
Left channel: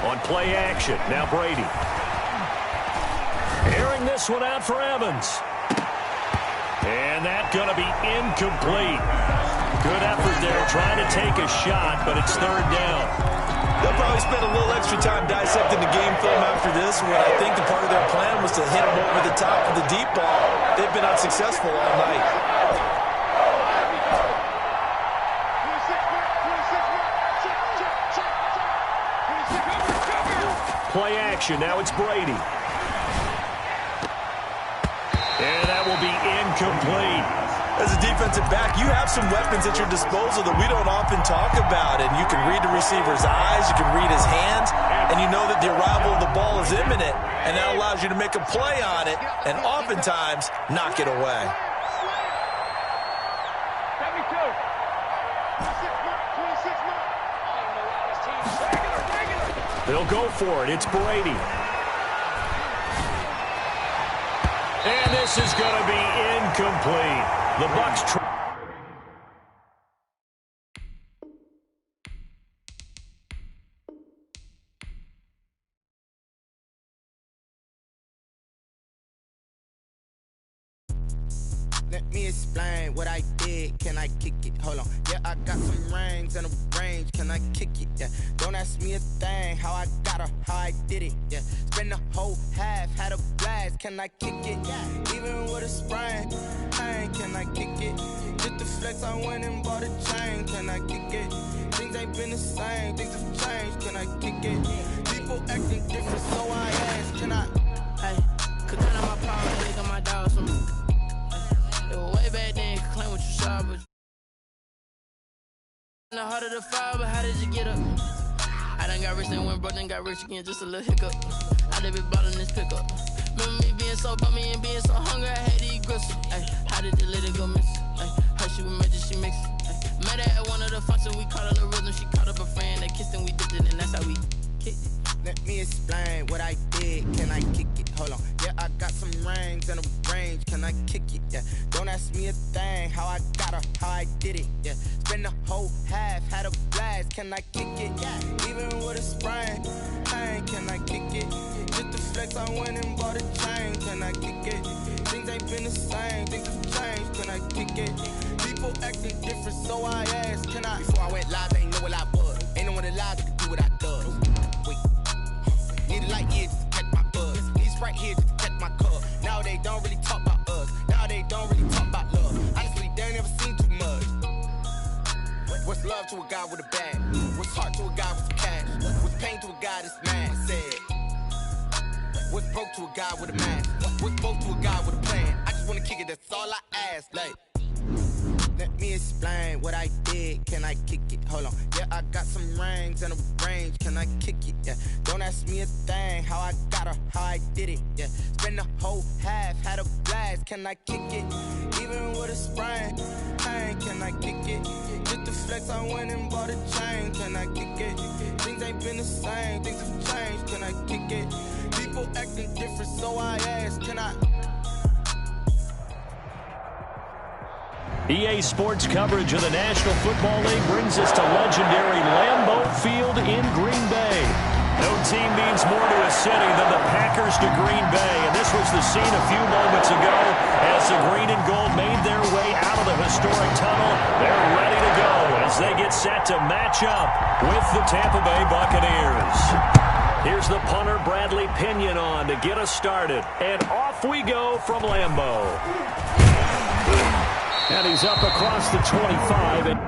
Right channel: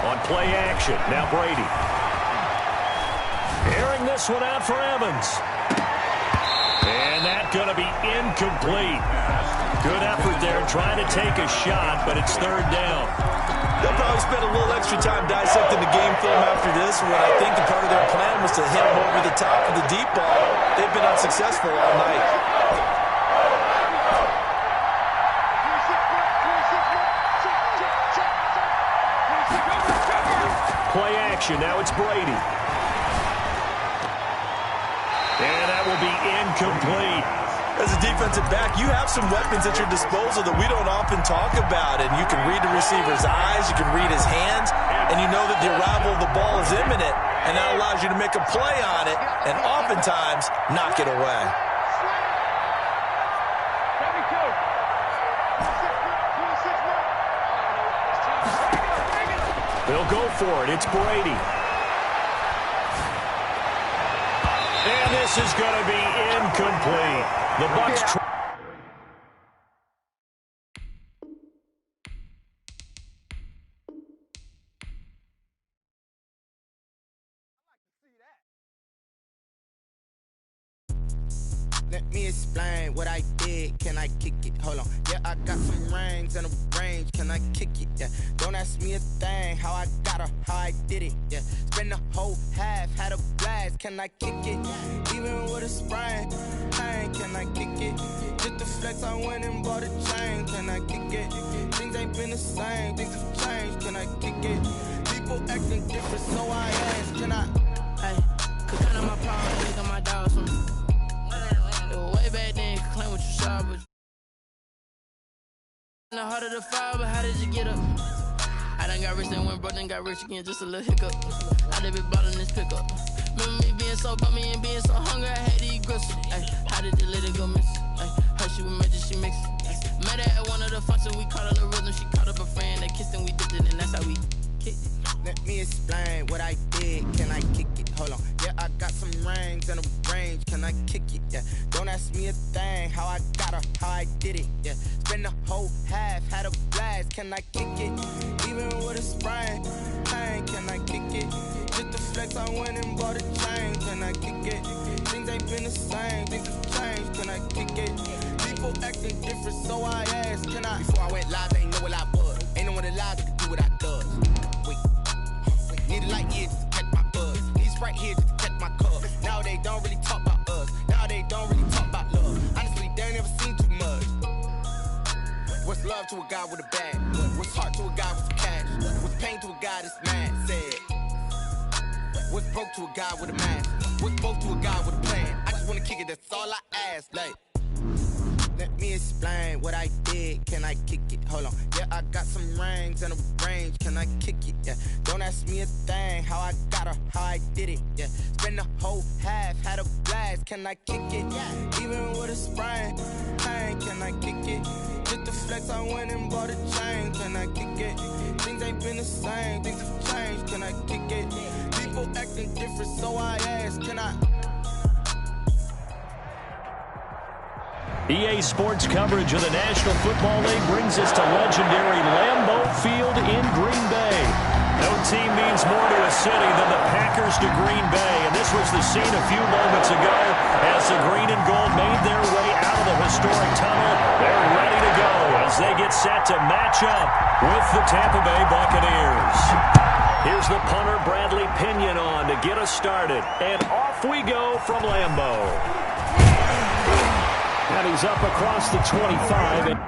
On play action, now Brady. Airing this one out for Evans. And that's going to be incomplete. Good effort there trying to take a shot, but it's 3rd down. They'll probably spend a little extra time dissecting the game film after this one. I think the part of their plan was to hit him over the top of the deep ball. They've been unsuccessful all night. Play action, now it's Brady. And that will be incomplete. As a defensive back, you have some weapons at your disposal that we don't often talk about. And you can read the receiver's eyes, you can read his hands, and you know that the arrival of the ball is imminent. And that allows you to make a play on it and oftentimes knock it away. They'll go for it. It's Brady. And this is going to be incomplete. The Bucs Let me explain what I did. Can I kick it? Hold on. Yeah, I got some rings and a range. Can I kick it? Yeah. Don't ask me a thing. How I got her, how I did it. Yeah. Spend the whole half, had a blast. Can I kick it? Even with a sprain. Pain, can I kick it? Just the flex, I went and bought a chain. Can I kick it? Things ain't been the same. Things have changed. Can I kick it? People acting different, so I ask. Can I? Hey, could count on my power, nigga, my dogs from. It was way back then, could claim what you saw, but in the heart of the fire, but how did you get up? I done got rich and went broke, then got rich again, just a little hiccup. I done been ballin' this pickup. Remember me being so bummy and being so hungry, I had to eat gristle. Ay, how did you let it go miss? Ay, how she was magic, she mixed. Met her at one of the functions, we caught her the rhythm, she caught up a friend, they kissed and we dipped it, and that's how we kicked it. Let me explain what I did. Can I kick it? Hold on. Yeah, I got some rings and a range. Can I kick it? Yeah. Don't ask me a thing. How I got her, how I did it. Yeah. Spend the whole half, had a blast. Can I kick it? Even with a sprain. Pain, can I kick it? Just the flex, I went and bought a chain. Can I kick it? Things ain't been the same. Things have changed. Can I kick it? People acting different, so I asked. Can I? Before I went live, they ain't know what I was. Ain't no one alive that could do what I does. Need a light year just to catch my buzz. Need Sprite here just to catch my cup. Now they don't really talk about us. Now they don't really talk about love. Honestly, they ain't never seen too much. What's love to a guy with a bag? What's heart to a guy with some cash? What's pain to a guy that's mad? Said. What's broke to a guy with a mask? What's both to a guy with a plan? I just wanna kick it, that's all I ask. Like, let me explain what I did. Can I kick it? Hold on. Yeah, I got some rings and a range. Can I kick it? Yeah. Don't ask me a thing. How I got her, how I did it. Yeah. Spend the whole half, had a blast. Can I kick it? Even with a sprain. Pain, can I kick it? Just the flex, I went and bought a chain. Can I kick it? Things ain't been the same. Things have changed. Can I kick it? People acting different, so I ask. Can I? EA Sports coverage of the National Football League brings us to legendary Lambeau Field in Green Bay. No team means more to a city than the Packers to Green Bay, and this was the scene a few moments ago as the green and gold made their way out of the historic tunnel. They're ready to go as they get set to match up with the Tampa Bay Buccaneers. Here's the punter, Bradley Pinion, on to get us started, and off we go from Lambeau. And he's up across the 25.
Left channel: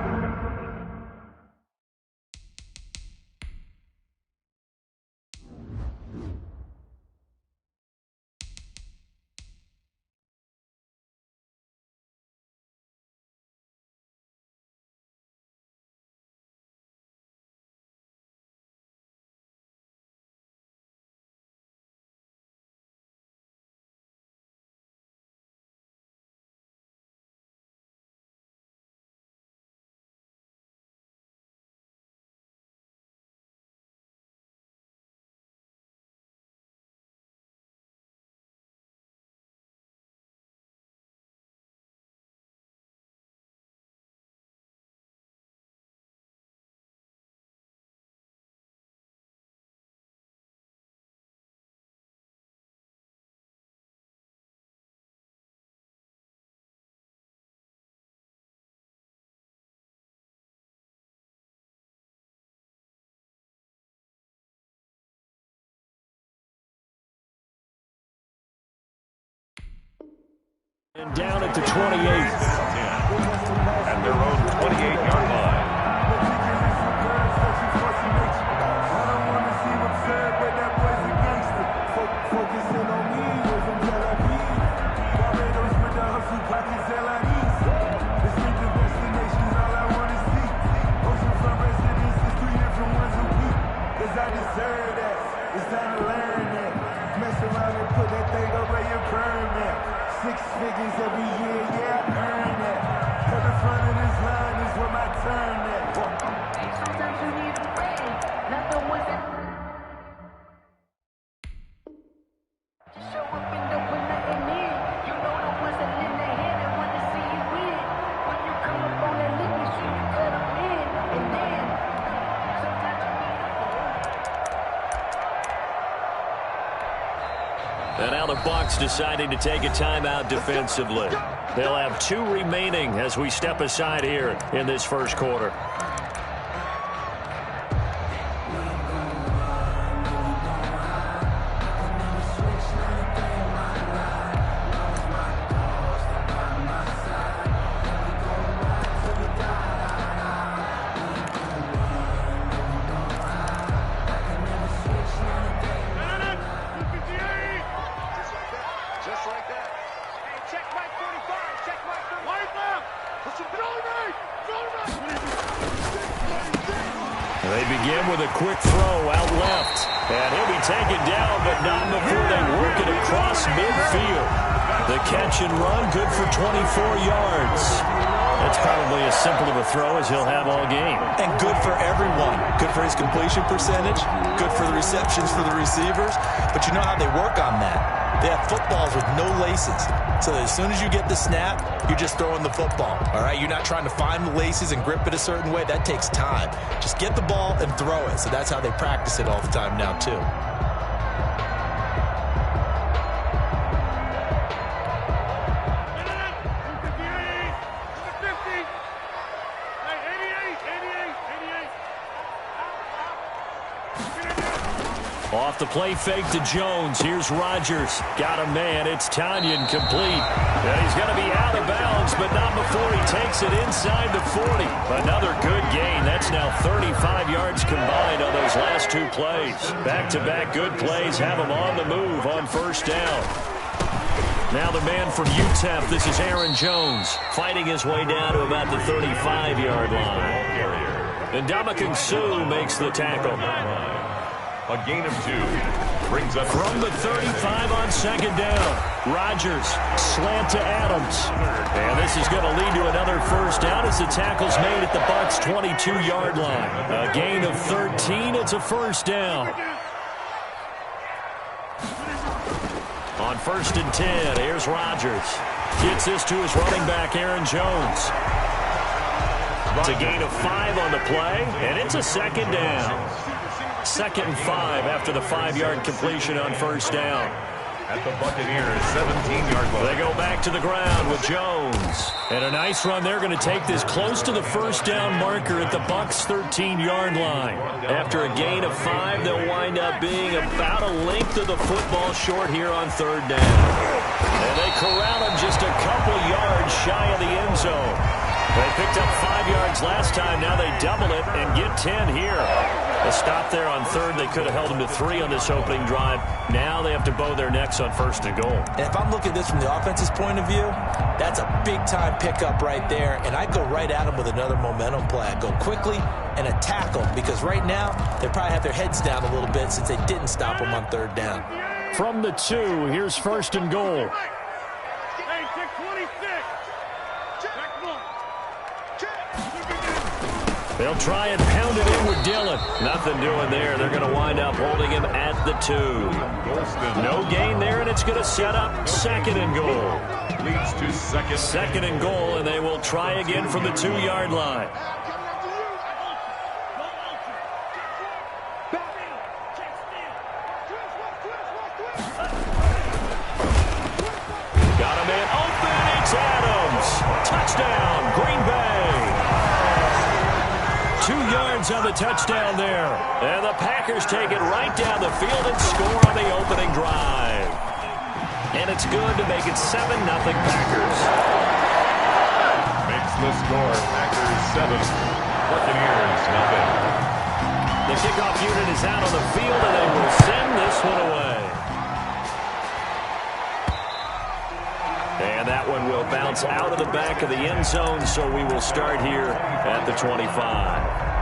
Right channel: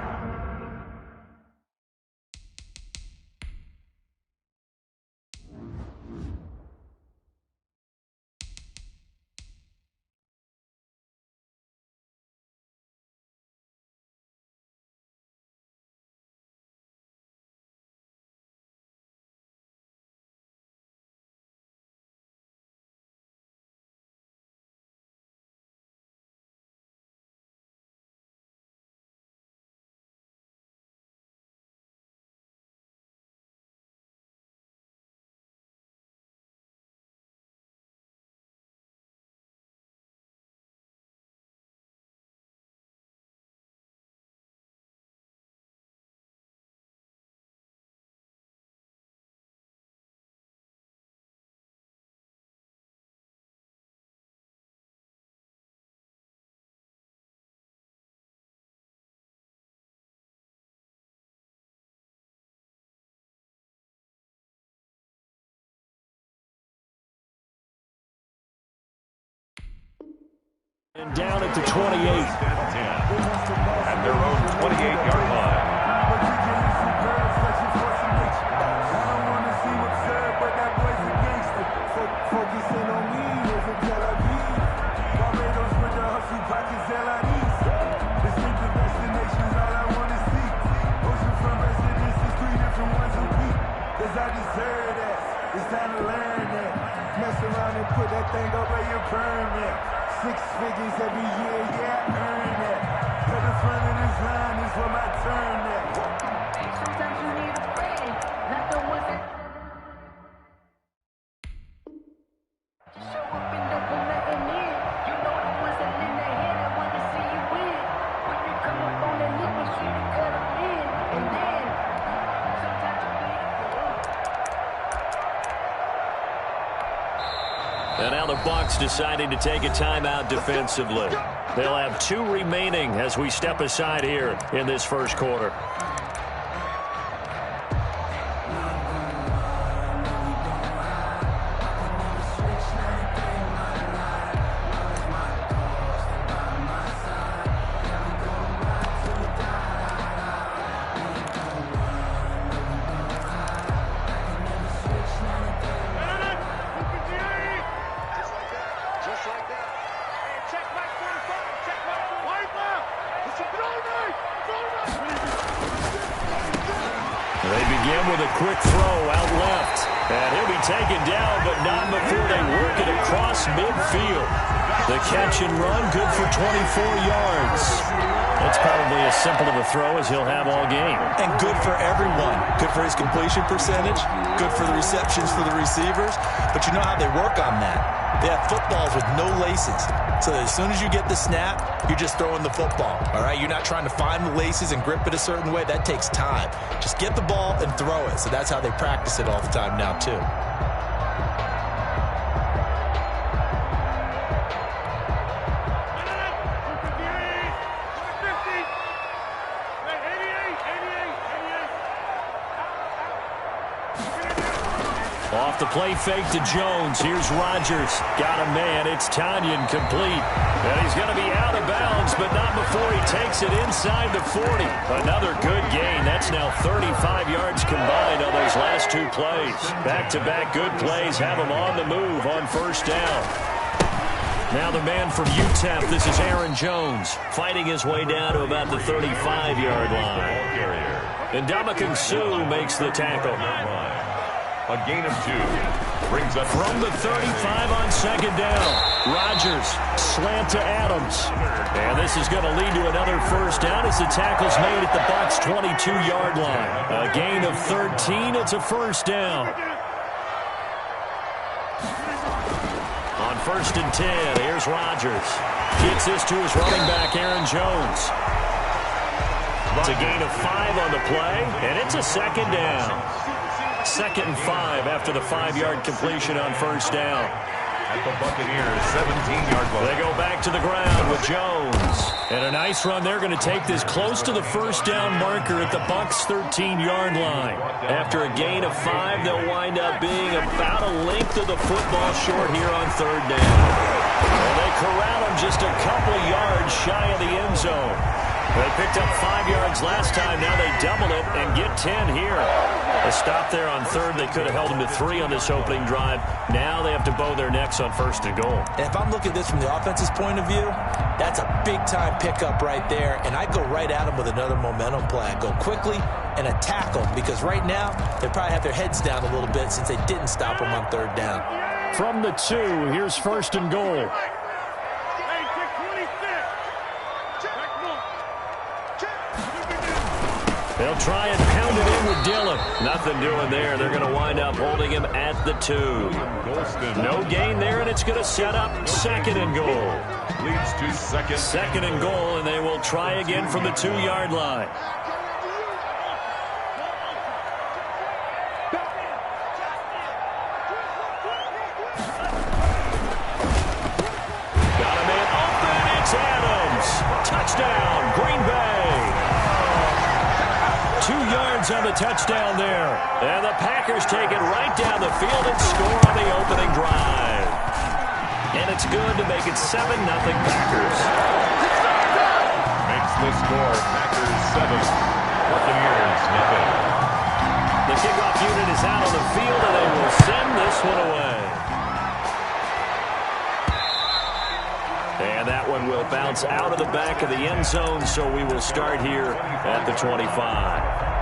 And down at the 28. 10 at their own 28-yard line. I don't want to seem absurd, but that boy's a gangster. Focusing on me, we're from Tel Aviv. Barbados with the hustle pockets, LIDs. Distinctive destinations, all I want to see. Oceanfront residences, 3 different ones a week. Cause I deserve that, it's time to learn that. Mess around and put that thing up where your permit. 6 figures every year, yeah, I earn that. At the front of this line is where my turn at. Sometimes you need a friend, not the ones that show up and don't put nothing in. You know the ones that lend their hand and want to see you win. When you come up on that lick, make sure you cut them in. And then, sometimes you need a fool. And now the Bucs deciding to take a timeout defensively. They'll have 2 remaining as we step aside here in this first quarter. They begin with a quick throw out left. And he'll be taken down, but not before they work it across midfield. The catch and run, good for 24 yards. That's probably as simple of a throw as he'll have all game. And good for everyone. Good for his completion percentage. Good for the receptions for the receivers. But you know how they work on that. They have footballs with no laces. So that as soon as you get the snap, you're just throwing the football. All right? You're not trying to find the laces and grip it a certain way. That takes time. Just get the ball and throw it. So that's how they practice it all the time now, too. Off the play fake to Jones. Here's Rodgers. Got a man. It's Tanyan complete. And he's going to be out of bounds, but not before he takes it inside the 40. Another good gain. That's now 35 yards combined on those last 2 plays. Back-to-back good plays have him on the move on first down. Now the man from UTEP, this is Aaron Jones, fighting his way down to about the 35-yard line. And Ndamukong Suh makes the tackle. A gain of 2 brings up from the 35 on second down. Rodgers, slant to Adams. And this is going to lead to another first down as the tackle's made at the Bucs' 22-yard line. A gain of 13. It's a first down. On first and 10, here's Rodgers. Gets this to his running back, Aaron Jones. It's a gain of 5 on the play, and it's a second down. 2nd and 5 after the 5-yard completion on first down. At the Buccaneers' 17-yard line. They go back to the ground with Jones. And a nice run. They're going to take this close to the first down marker at the Bucs' 13-yard line. After a gain of 5, they'll wind up being about a length of the football short here on third down. And they corral him just a couple yards shy of the end zone. They picked up 5 yards last time. Now they double it and get 10 here. A stop there on third. They could have held them to 3 on this opening drive. Now they have to bow their necks on first and goal. And if I'm looking at this from the offense's point of view, that's a big-time pickup right there. And I go right at them with another momentum play. I go quickly and attack them because right now they probably have their heads down a little bit since they didn't stop them on third down. From the 2, here's first and goal. They'll try and pound it in with Dillon. Nothing doing there. They're going to wind up holding him at the 2. No gain there, and it's going to set up 2nd and goal. Leads to second. 2nd and goal, and they will try again from the 2-yard line. Got a man open. It's Adams. Touchdown, Green Bay. 2 yards on the touchdown there. And the Packers take it right down the field and score on the opening drive. And it's good to make it 7-0 Packers. Makes the score. Packers 7. Buccaneers nothing. The kickoff unit is out on the field, and they will send this one away. And that one will bounce out of the back of the end zone, so we will start here at the 25.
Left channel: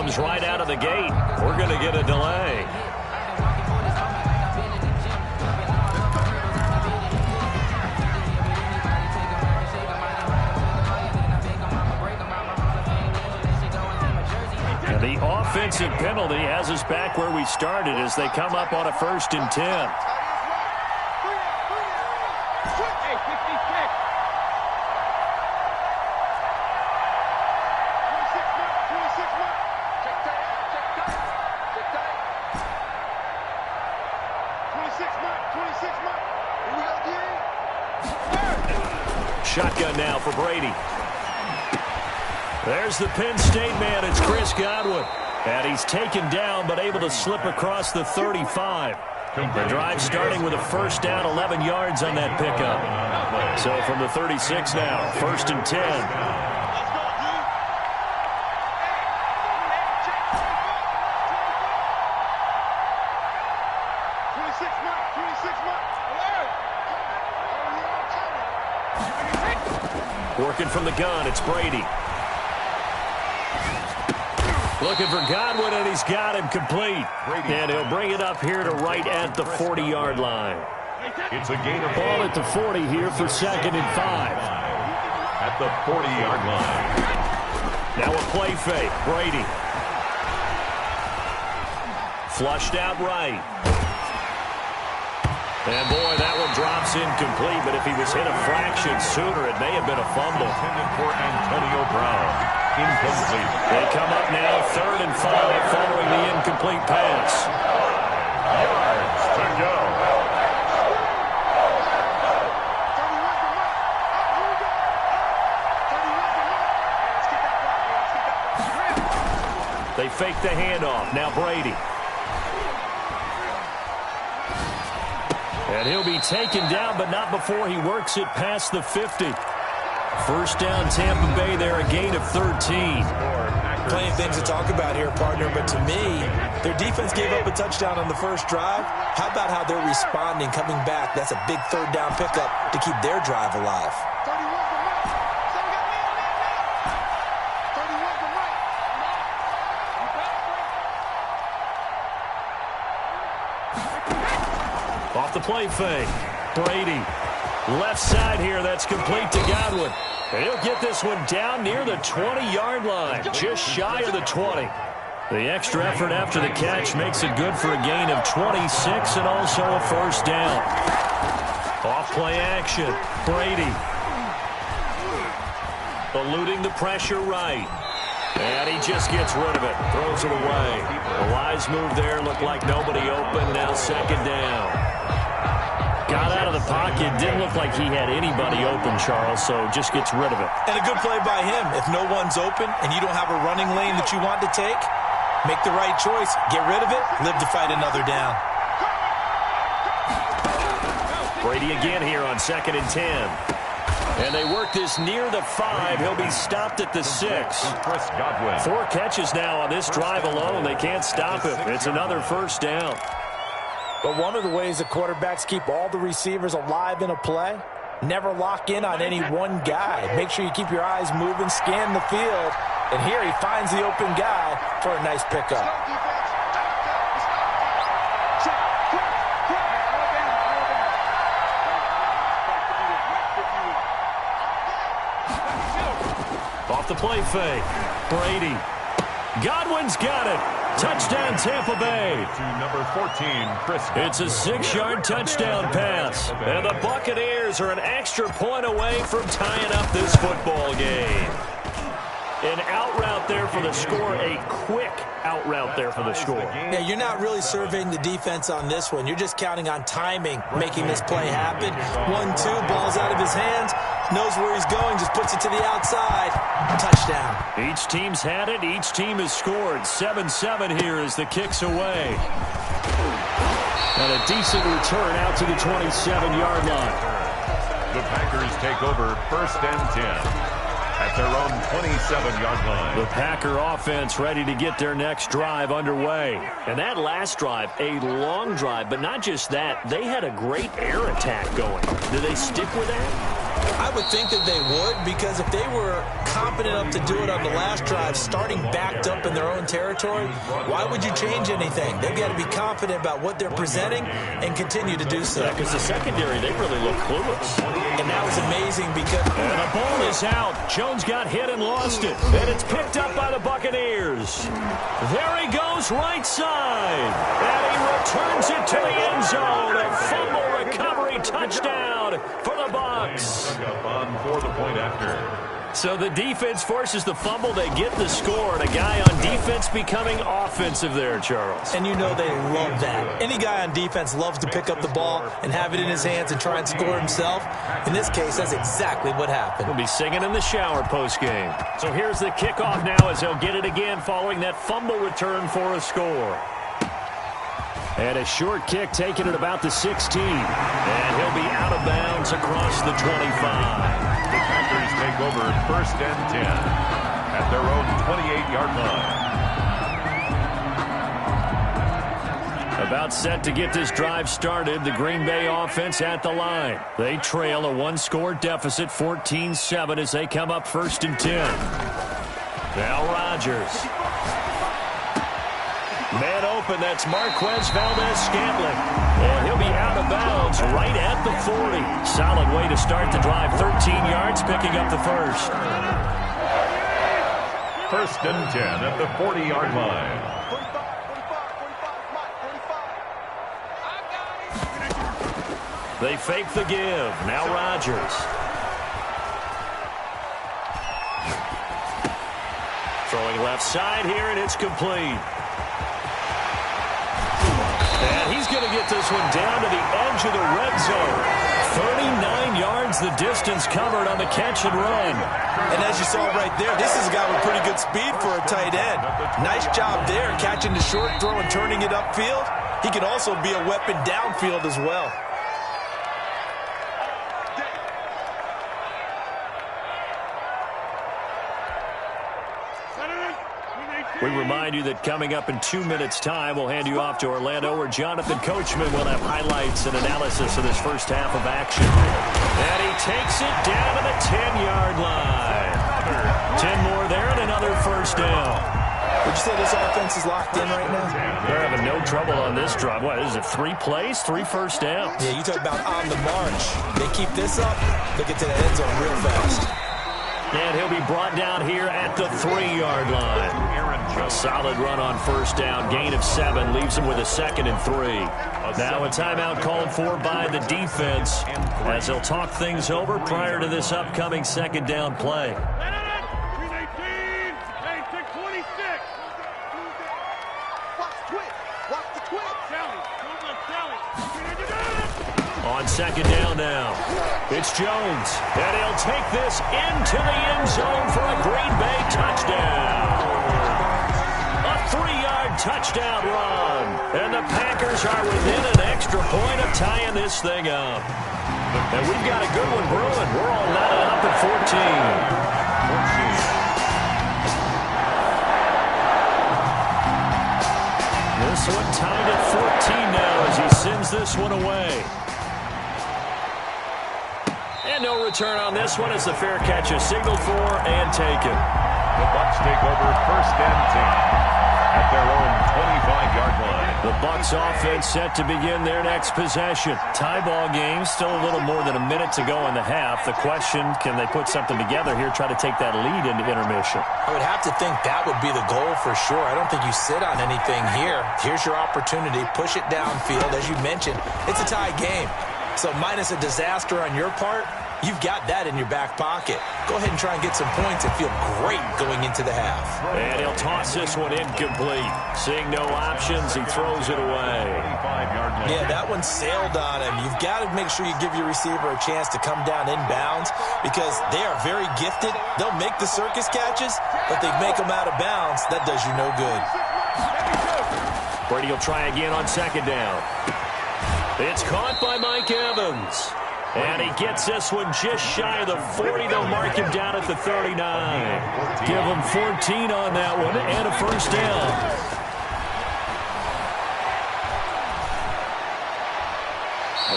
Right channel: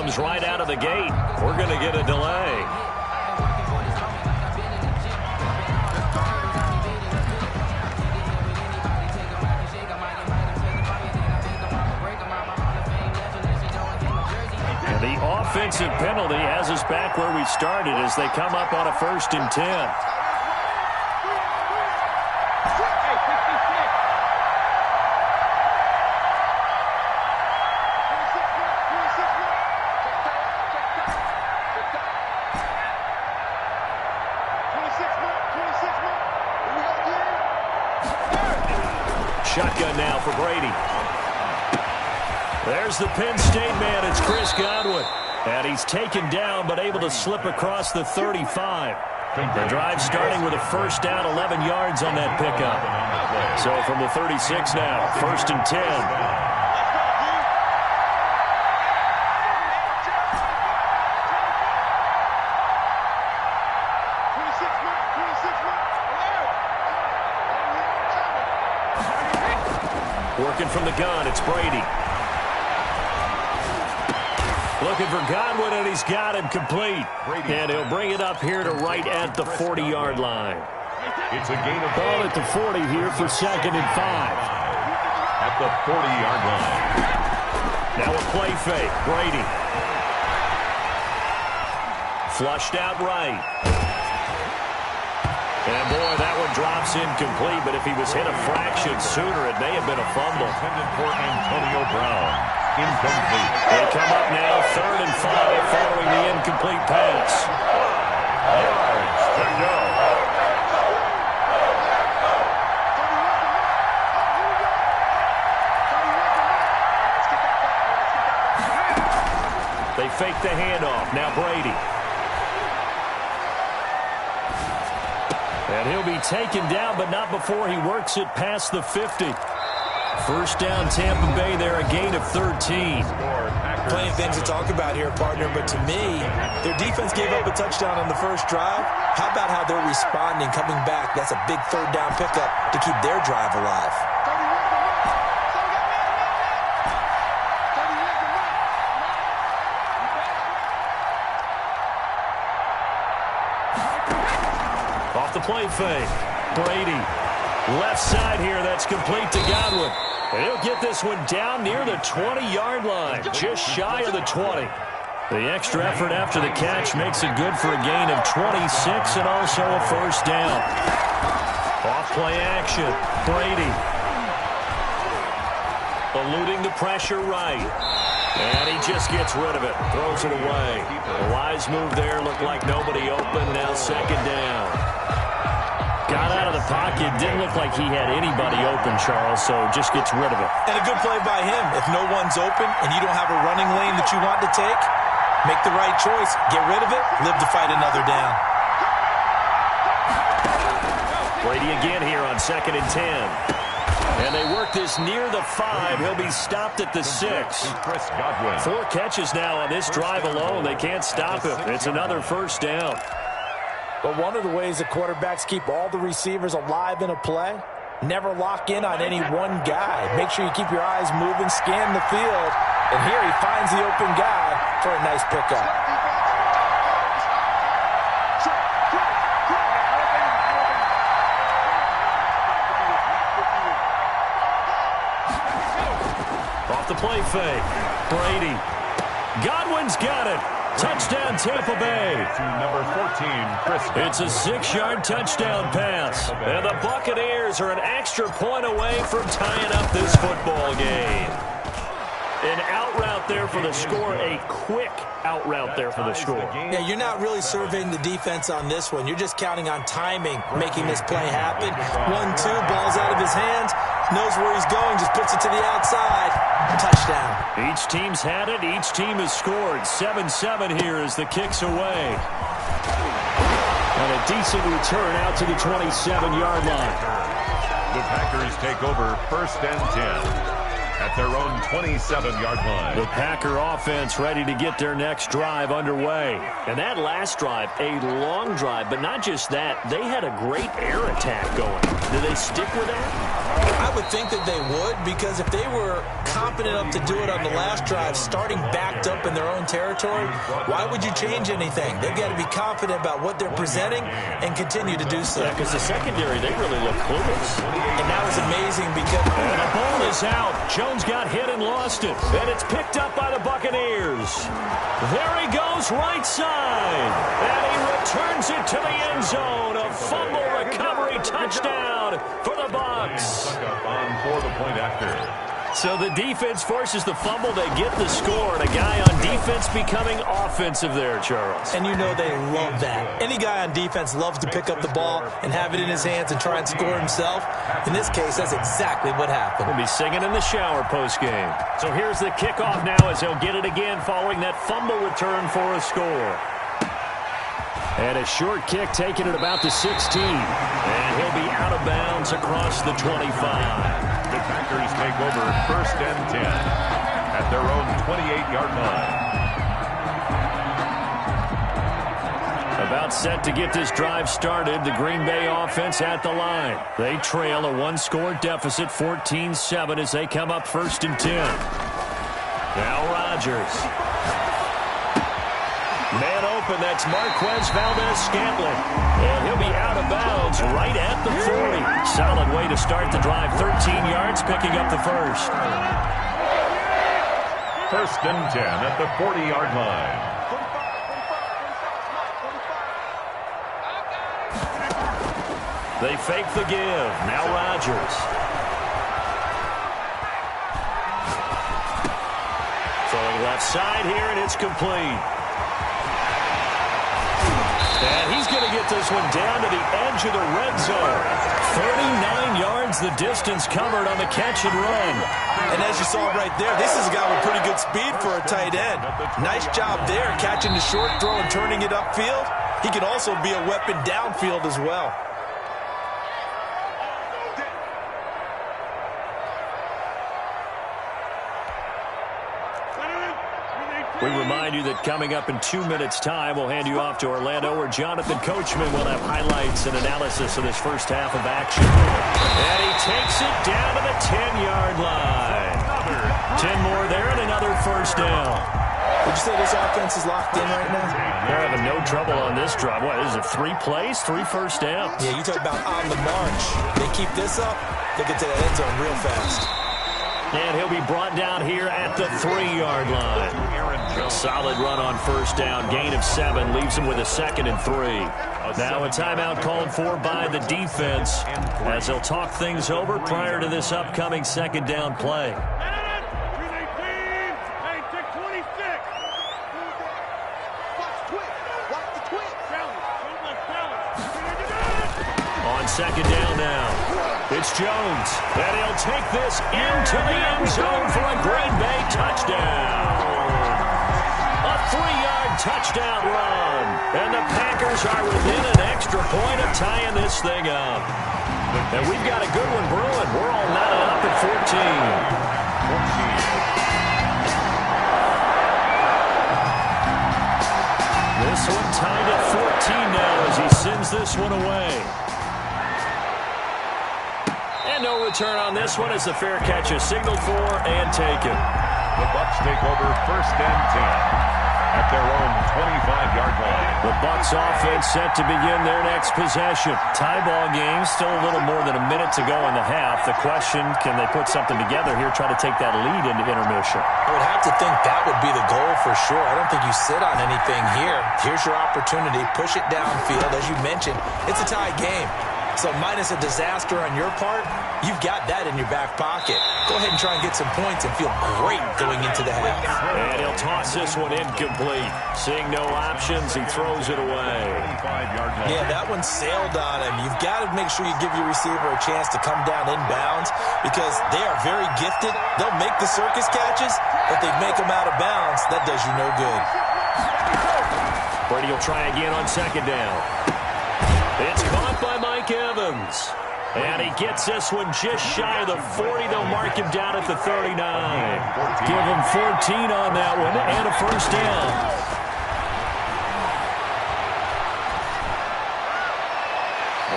problems right out of the gate. We're going to get a delay. And the offensive penalty has us back where we started as they come up on a 1st and 10. Shotgun now for Brady. There's the Penn State man. It's Chris Godwin. And he's taken down but able to slip across the 35. The drive starting with a 1st down, 11 yards on that pickup. So from the 36 now, 1st and 10. Working from the gun, it's Brady. Looking for Godwin, and he's got him complete. And he'll bring it up here to right at the 40-yard line. It's a gain of ball at the 40 here for 2nd and 5. At the 40-yard line. Now a play fake. Brady. Flushed out right. And, boy, that one drops incomplete, but if he was hit a fraction sooner, it may have been a fumble. Intended for Antonio Brown. Incomplete. They come up now 3rd and 5 following the incomplete pass. 5 yards to go. They fake the handoff. Now Brady. And he'll be taken down, but not before he works it past the 50. 1st down, Tampa Bay there, a gain of 13. Plenty of things to talk about here, partner, but to me, their defense gave up a touchdown on the 1st drive. How about how they're responding, coming back? That's a big 3rd down pickup to keep their drive alive. Off the play fake. Brady. Left side here. That's complete to Godwin. And he'll get this one down near the 20-yard line. Just shy of the 20. The extra effort after the catch makes it good for a gain of 26 and also a 1st down. Off play action. Brady. Eluding the pressure right. And he just gets rid of it. Throws it away. A wise move there. Looked like nobody open. Now 2nd down. Got out of the pocket. Didn't look like he had anybody open, Charles, so just gets rid of it. And a good play by him. If no one's open and you don't have a running lane that you want to take, make the right choice. Get rid of it. Live to fight another down. Brady again here on 2nd and 10. And they work this near the 5. He'll be stopped at the 6. 4 catches now on this drive alone. They can't stop him. It's another 1st down. But one of the ways the quarterbacks keep all the receivers alive in a play, never lock in on any one guy. Make sure you keep your eyes moving, scan the field. And here he finds the open guy for a nice pickup. Off the play fake. Brady. Godwin's got it. Touchdown, Tampa Bay. To number 14, Chris. It's a 6-yard touchdown pass. And the Buccaneers are an extra point away from tying up this football game. An out route there for the score, a quick out route there for the score. Yeah, you're not really surveying the defense on this one. You're just counting on timing, making this play happen. 1-2, ball's out of his hands, knows where he's going, just puts it to the outside. Touchdown. Each team's had it. Each team has scored. 7-7 here as the kick's away. And a decent return out to the 27-yard line. The Packers take over 1st and 10. At their own 27-yard line. The Packer offense ready to get their next drive underway. And that last drive, a long drive, but not just that. They had a great air attack going. Do they stick with that? I would think that they would, because if they were competent enough to do it on the last drive, starting backed up in their own territory, why would you change anything? They've got to be confident about what they're presenting and continue to do so. Yeah, because the secondary, they really look clueless. And that was amazing because... And the ball is out. Jones got hit and lost it. And it's picked up by the Buccaneers. There he goes, right side. And he returns it to the end zone. A fumble recovery touchdown for the Bucs. On for the point after. So the defense forces the fumble. They get the score, and a guy on defense becoming offensive there, Charles. And you know they love that. Any guy on defense loves to pick up the ball and have it in his hands and try and score himself. In this case, that's exactly what happened. He'll be singing in the shower post-game. So here's the kickoff now as they'll get it again following that fumble return for a score. And a short kick taken at about the 16. And he'll be out of bounds across the 25. The Packers take over 1st and 10 at their own 28-yard line. About set to get this drive started. The Green Bay offense at the line. They trail a one-score deficit, 14-7, as they come up 1st and 10. Now Rodgers. Man open, that's Marquez Valdez-Scantling. And he'll be out of bounds right at the 40. Solid way to start the drive. 13 yards, picking up the first. 1st and 10 at the 40-yard line. They fake the give. Now Rodgers. Throwing left side here, and it's complete. And he's going to get this one down to the edge of the red zone. 39 yards the distance covered on the catch and run. And as you saw right there, this is a guy with pretty good speed for a tight end. Nice job there, catching the short throw and turning it upfield. He can also be a weapon downfield as well. We remind you that coming up in 2 minutes' time, we'll hand you off to Orlando, where Jonathan Coachman will have highlights and analysis of this first half of action. And he takes it down to the 10-yard line. 10 more there and another first down. Would you say this offense is locked in right now? They're having no trouble on this drive. What, is it 3 plays, 3 first downs? Yeah, you talk about on the march. They keep this up, they get to that end zone real fast. And he'll be brought down here at the 3-yard line. A solid run on first down. Gain of 7 leaves him with a 2nd and 3. Now a timeout called for by the defense as they'll talk things over prior to this upcoming 2nd down play. On 2nd down now, it's Jones, and he'll take this into the end zone for a Green Bay touchdown. A 3-yard touchdown run, and the Packers are within an extra point of tying this thing up. And we've got a good one brewing. We're all knotted up at 14. This one tied at 14 now as he sends this one away. And no return on this one as the fair catch is signaled for and taken. The Bucs take over 1st and 10 at their own 25-yard line. The Bucs offense set to begin their next possession. Tie ball game, still a little more than a minute to go in the half. The question, can they put something together here, try to take that lead into intermission? I would have to think that would be the goal for sure. I don't think you sit on anything here. Here's your opportunity. Push it downfield. As you mentioned, it's a tie game. So minus a disaster on your part, you've got that in your back pocket. Go ahead and try and get some points and feel great going into the half. And he'll toss this one incomplete. Seeing no options, he throws it away. Yeah, that one sailed on him. You've got to make sure you give your receiver a chance to come down inbounds because they are very gifted. They'll make the circus catches, but they make them out of bounds. That does you no good. Brady will try again on 2nd down. It's caught by Mike Evans. And he gets this one just shy of the 40. They'll mark him down at the 39. Give him 14 on that one and a first down.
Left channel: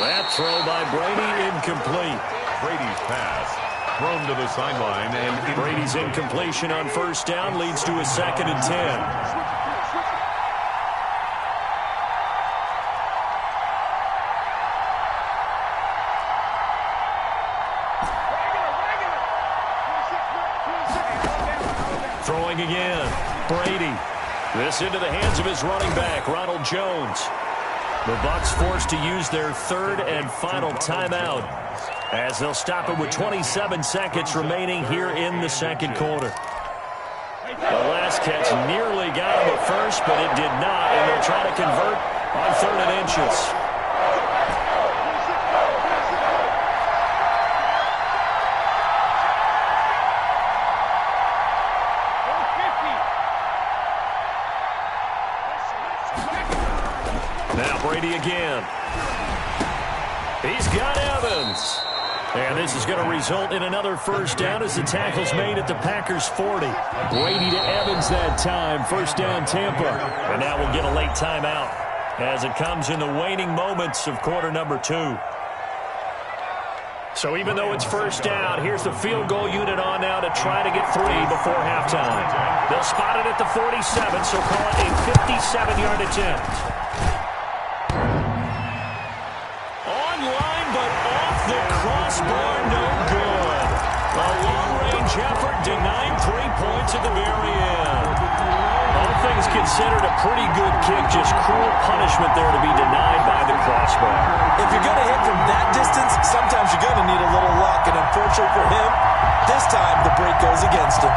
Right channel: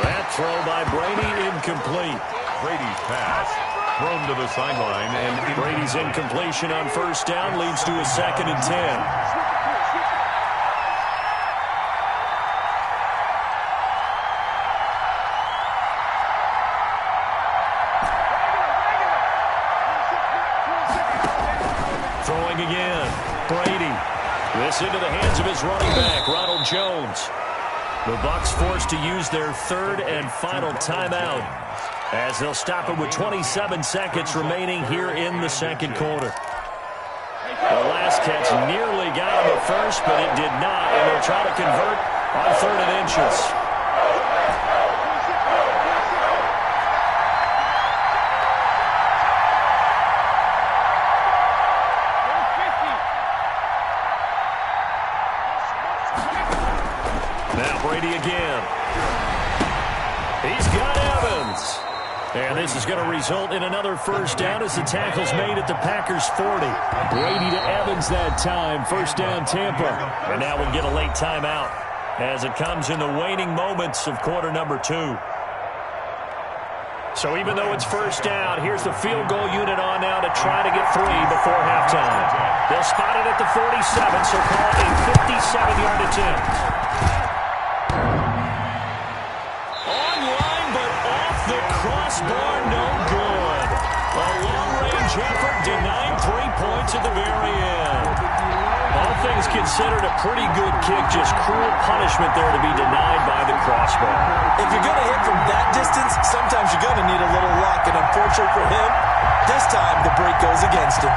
That throw by Brady incomplete. Brady's pass. Thrown to the sideline, and Brady's incompletion on first down leads to a 2nd and 10. Throwing again. Brady. This into the hands of his running back, Ronald Jones. The Bucs forced to use their 3rd and final timeout, as they'll stop it with 27 seconds remaining here in the 2nd quarter. The last catch nearly got him a first, but it did not, and they'll try to convert on 3rd and inches. Now Brady again. He's got Evans. And this is going to result in another first down as the tackle's made at the Packers' 40. Brady to Evans that time. First down, Tampa. And now we'll get a late timeout as it comes in the waning moments of quarter number 2. So even though it's first down, here's the field goal unit on now to try to get 3 before halftime. They'll spot it at the 47, so call it a 57-yard attempt. The crossbar, no good. A long-range effort denied 3 points at the very end. All things considered, a pretty good kick, just cruel punishment there to be denied by the crossbar. If you're going to hit from that distance, sometimes you're going to need a little luck, and unfortunately for him, this time the break goes against him.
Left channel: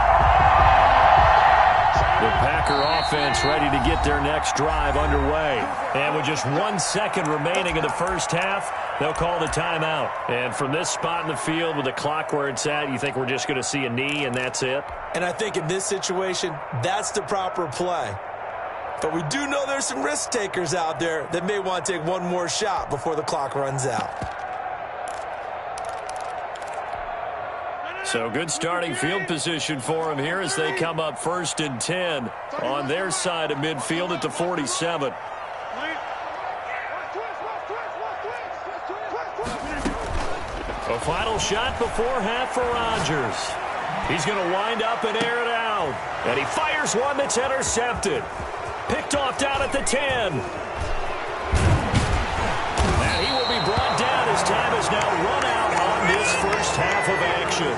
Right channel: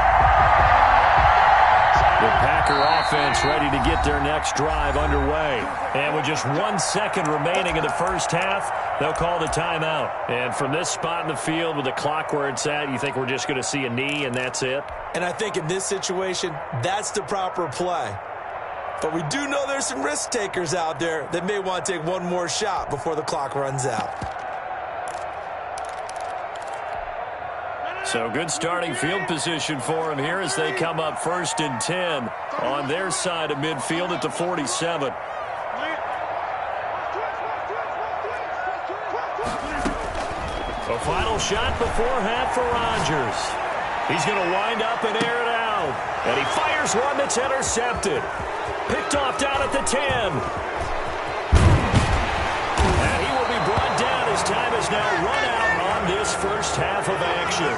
The Packer offense ready to get their next drive underway. And with just 1 second remaining in the first half, they'll call the timeout. And from this spot in the field with the clock where it's at, you think we're just going to see a knee and that's it? And I think in this situation, that's the proper play. But we do know there's some risk takers out there that may want to take one more shot before the clock runs out. So good starting field position for them here as they come up 1st and 10 on their side of midfield at the 47. A final shot before half for Rodgers. He's going to wind up and air it out. And he fires one that's intercepted. Picked off down at the 10. And he will be brought down as time has now run out on this first half of action.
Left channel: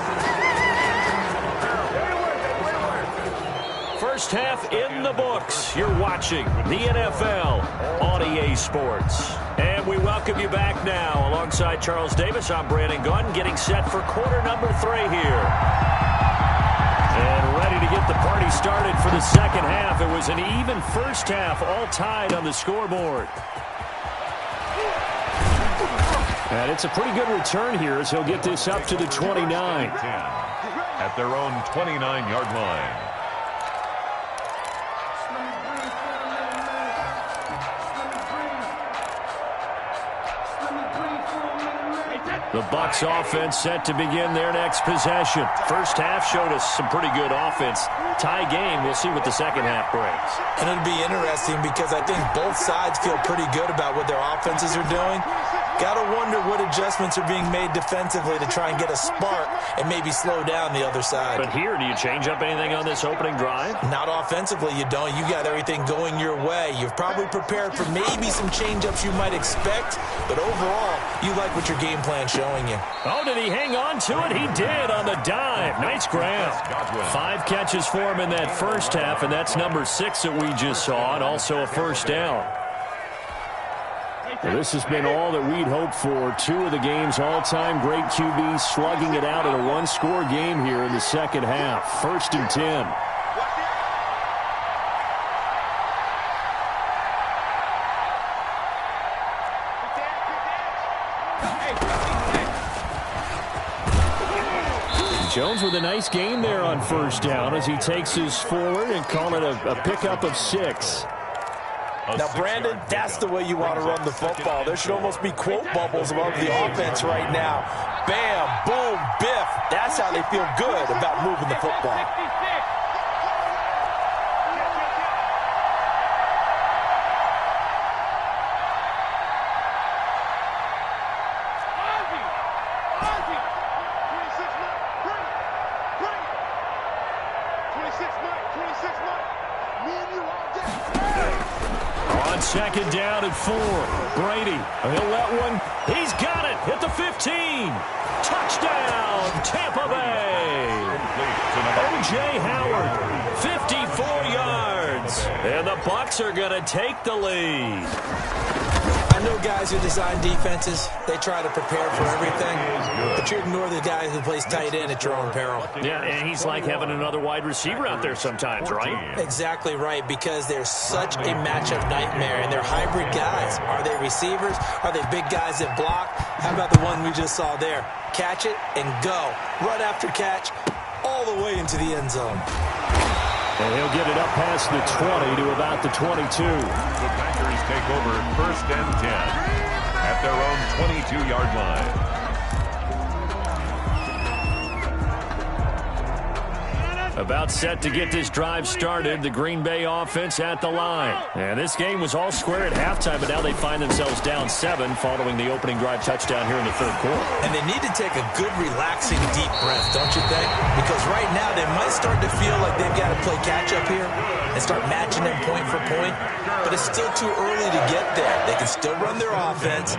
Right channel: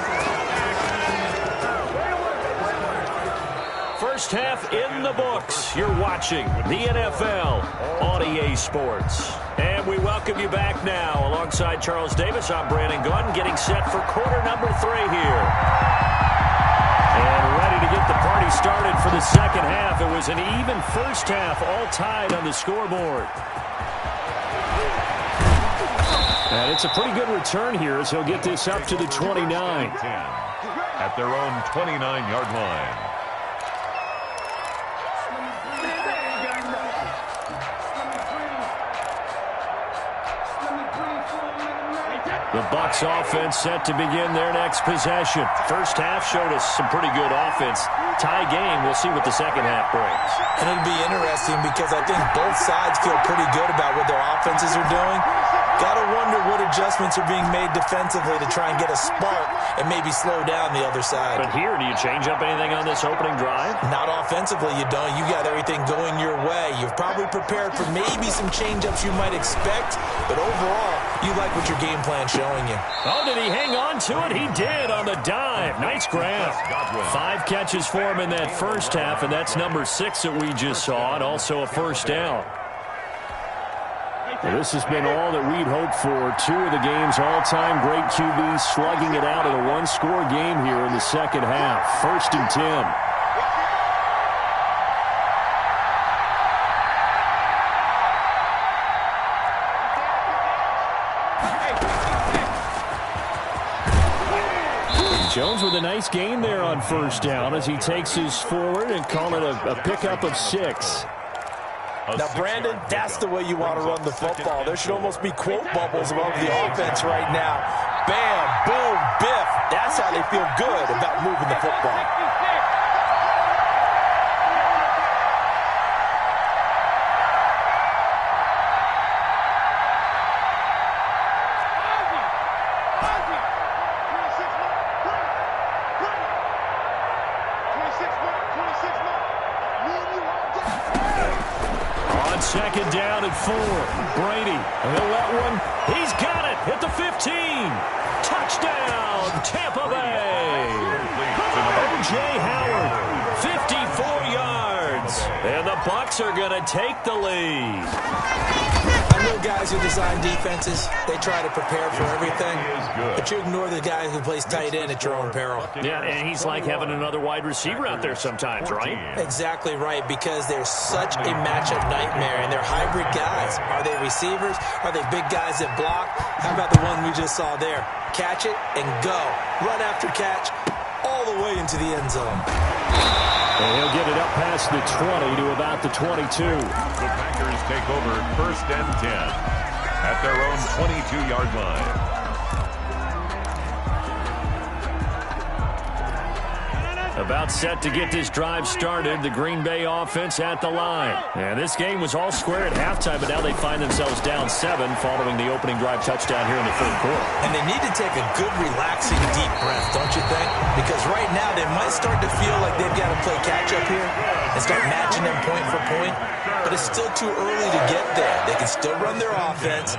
First half in the books. You're watching the NFL on EA Sports. And we welcome you back now. Alongside Charles Davis, I'm Brandon Gordon, getting set for quarter number 3 here. And ready to get the party started for the second half. It was an even first half, all tied on the scoreboard. And it's a pretty good return here as he'll get this up to the 29. At their own 29-yard line. The Bucs offense set to begin their next possession. First half showed us some pretty good offense. Tie game, we'll see what the second half brings. And it'll be interesting because I think both sides feel pretty good about what their offenses are doing. Got to wonder what adjustments are being made defensively to try and get a spark and maybe slow down the other side. But here, do you change up anything on this opening drive? Not offensively, you don't. You got everything going your way. You've probably prepared for maybe some change-ups you might expect, but overall, you like what your game plan's showing you. Oh, did he hang on to it? He did on the dive. Nice grab. 5 catches for him in that first half, and that's number 6 that we just saw, and also a first down. Well, this has been all that we'd hoped for. 2 of the game's all-time great QBs slugging it out in a one-score game here in the second half. 1st and 10. Jones with a nice gain there on first down as he takes his forward and call it a pickup of 6. Now, Brandon, that's the way you want to run the football. There should almost be quote bubbles above the offense right now. Bam, boom, biff. That's how they feel good about moving the football. On second down at 4. Brady, he'll let one. He's got it at the 15. Touchdown, Tampa Bay. O.J. Howard, 54 yards. And the Bucs are going to take the lead. I know guys who design defenses, they try to prepare for everything, but you ignore the guy who plays tight end at your own peril. Yeah, and he's like having another wide receiver out there sometimes, right? Exactly right, because they're such a matchup nightmare, and they're hybrid guys. Are they receivers? Are they big guys that block? How about the one we just saw there? Catch it and go. Run after catch all the way into the end zone. And he'll get it up past the 20 to about the 22. The Packers take over 1st and 10 at their own 22-yard line. About set to get this drive started, the Green Bay offense at the line. And this game was all square at halftime, but now they find themselves down 7 following the opening drive touchdown here in the 3rd quarter. And they need to take a good, relaxing, deep breath, don't you think? Because right now they might start to feel like they've got to play catch-up here and start matching them point for point. But it's still too early to get there. They can still run their offense.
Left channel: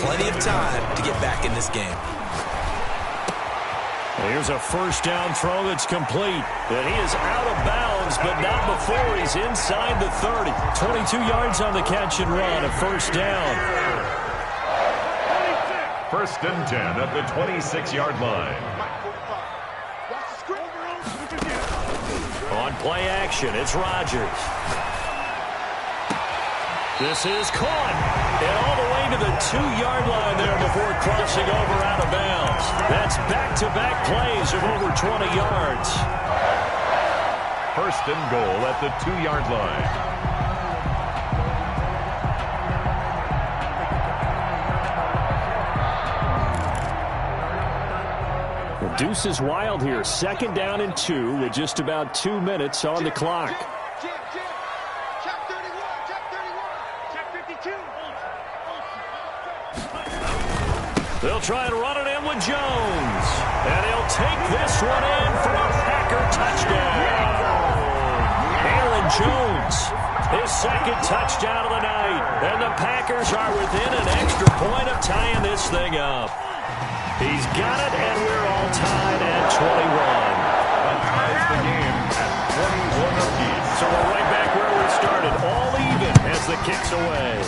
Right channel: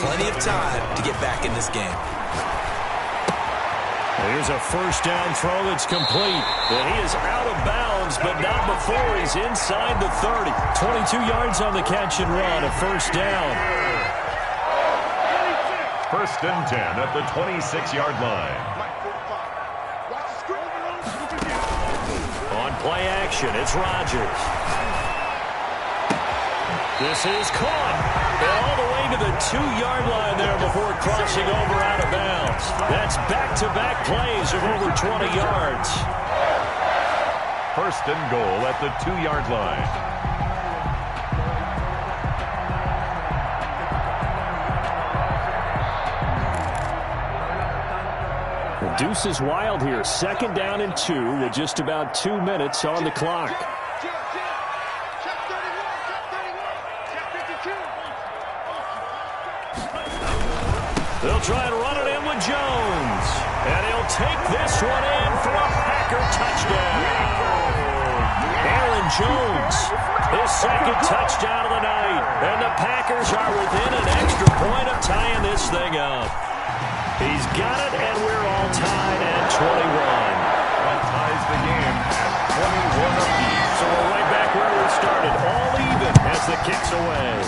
Plenty of time to get back in this game. Here's a 1st down throw that's complete. And he is out of bounds, but not before he's inside the 30. 22 yards on the catch and run, a 1st down. 1st and 10 at the 26-yard line. On play action, it's Rodgers. This is caught. And all the way to the 2-yard line there before crossing over out of bounds. That's back-to-back plays of over 20 yards. 1st and goal at the 2-yard line. The deuce is wild here. 2nd down and 2 with just about 2 minutes on the clock. They'll try and run it in with Jones. And he'll take this one in for a Packer touchdown. Aaron Jones, his 2nd touchdown of the night. And the Packers are within an extra point of tying this thing up. He's got it, and we're all tied at 21. That ties the game at 21 apiece. So we're right back where we started, all even as the kick's away.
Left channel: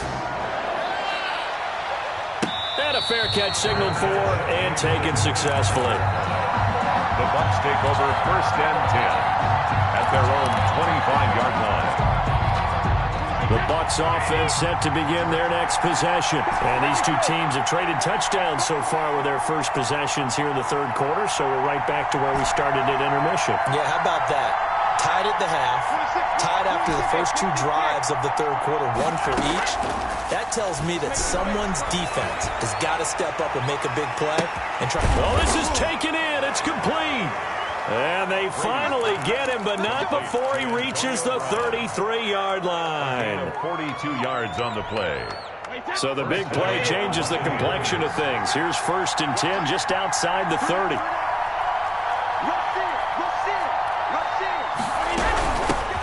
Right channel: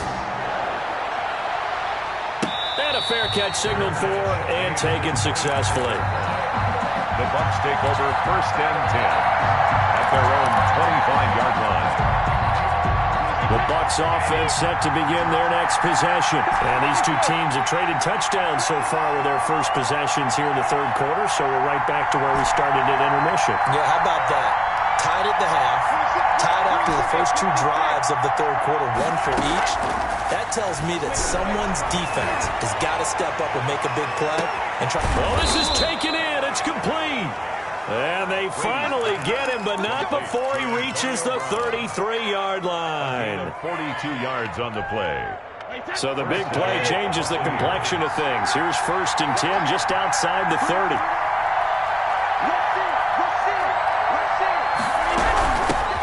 And a fair catch signaled for and taken successfully. The Bucs take over 1st and 10 at their own 25-yard line. The Bucs offense set to begin their next possession. And these two teams have traded touchdowns so far with their first possessions here in the 3rd quarter, so we're right back to where we started at intermission. Yeah, how about that? Tied at the half, tied after the first 2 drives of the 3rd quarter, 1 for each. That tells me that someone's defense has got to step up and make a big play and try. Well, this is taken in. It's complete. And they finally get him, but not before he reaches the 33-yard line. 42 yards on the play. So the big play changes the complexion of things. Here's 1st and 10 just outside the 30.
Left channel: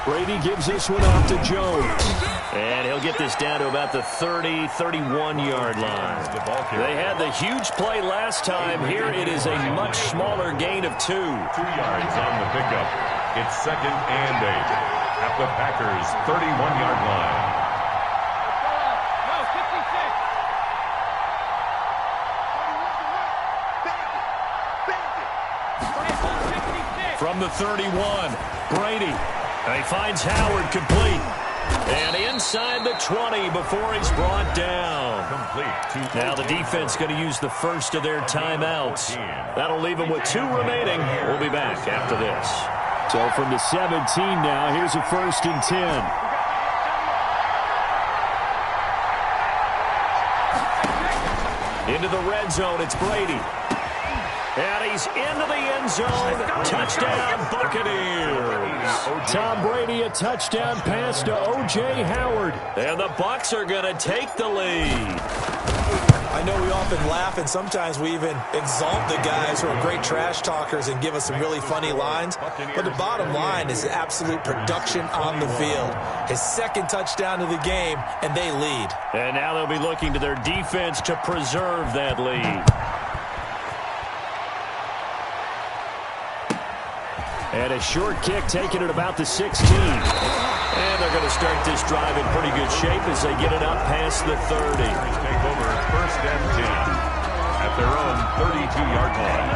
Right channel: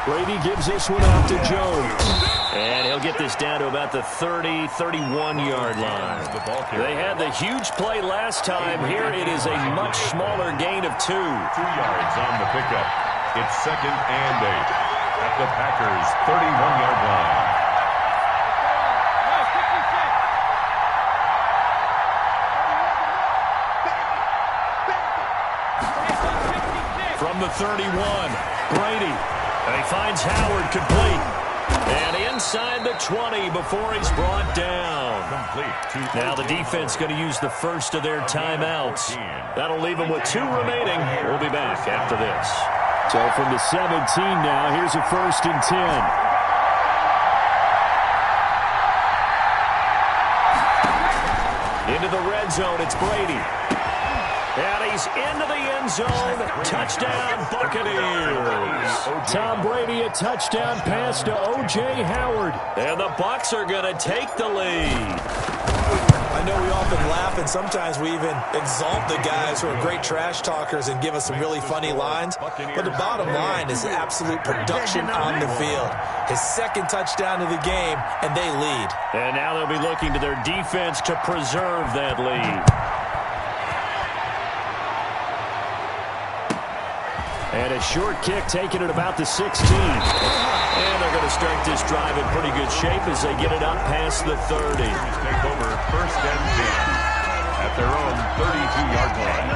Brady gives this one off to Jones. And he'll get this down to about the 31-yard line. They had the huge play last time. Here it is a much smaller gain of 2. 2 yards on the pickup. It's 2nd and 8 at the Packers' 31-yard line. From the 31, Brady. And he finds Howard complete. And inside the 20 before he's brought down. Complete. Now the defense going to use the first of their timeouts. That'll leave them with 2 remaining. We'll be back after this. So from the 17 now, here's a 1st and 10. Into the red zone, it's Brady. And he's into the end zone. Touchdown, Buccaneers. Tom Brady, a touchdown pass to O.J. Howard. And the Bucs are going to take the lead. I know we often laugh, and sometimes we even exalt the guys who are great trash talkers and give us some really funny lines. But the bottom line is absolute production on the field. His second touchdown of the game, and they lead. And now they'll be looking to their defense to preserve that lead. And a short kick taken at about the 16. And they're going to start this drive in pretty good shape as they get it up past the 30. Take over 1st and 10 at their own 32-yard line.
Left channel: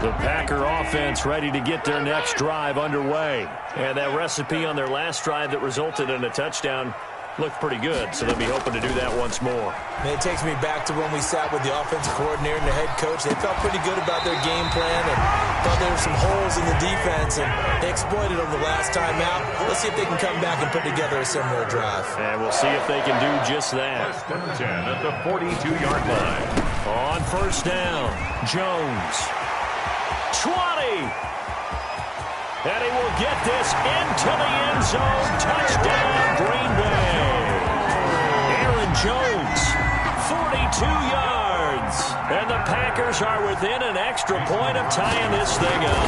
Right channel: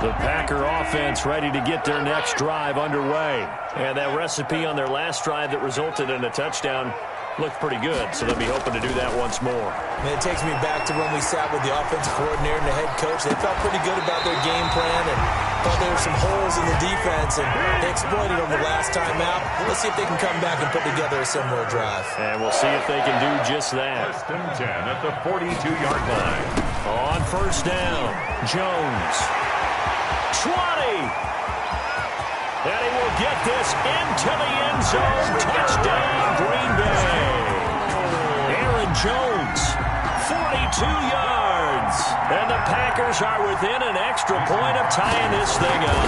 The Packer offense ready to get their next drive underway. And that recipe on their last drive that resulted in a touchdown looked pretty good, so they'll be hoping to do that once more. Man, it takes me back to when we sat with the offensive coordinator and the head coach. They felt pretty good about their game plan and thought there were some holes in the defense, and they exploited them the last time out. Let's see if they can come back and put together a similar drive. And we'll see if they can do just that. 1st and 10 at the 42-yard line. On 1st down, Jones. 20. And he will get this into the end zone. Touchdown, Green Bay. Aaron Jones, 42 yards. And the Packers are within an extra point of tying this thing up.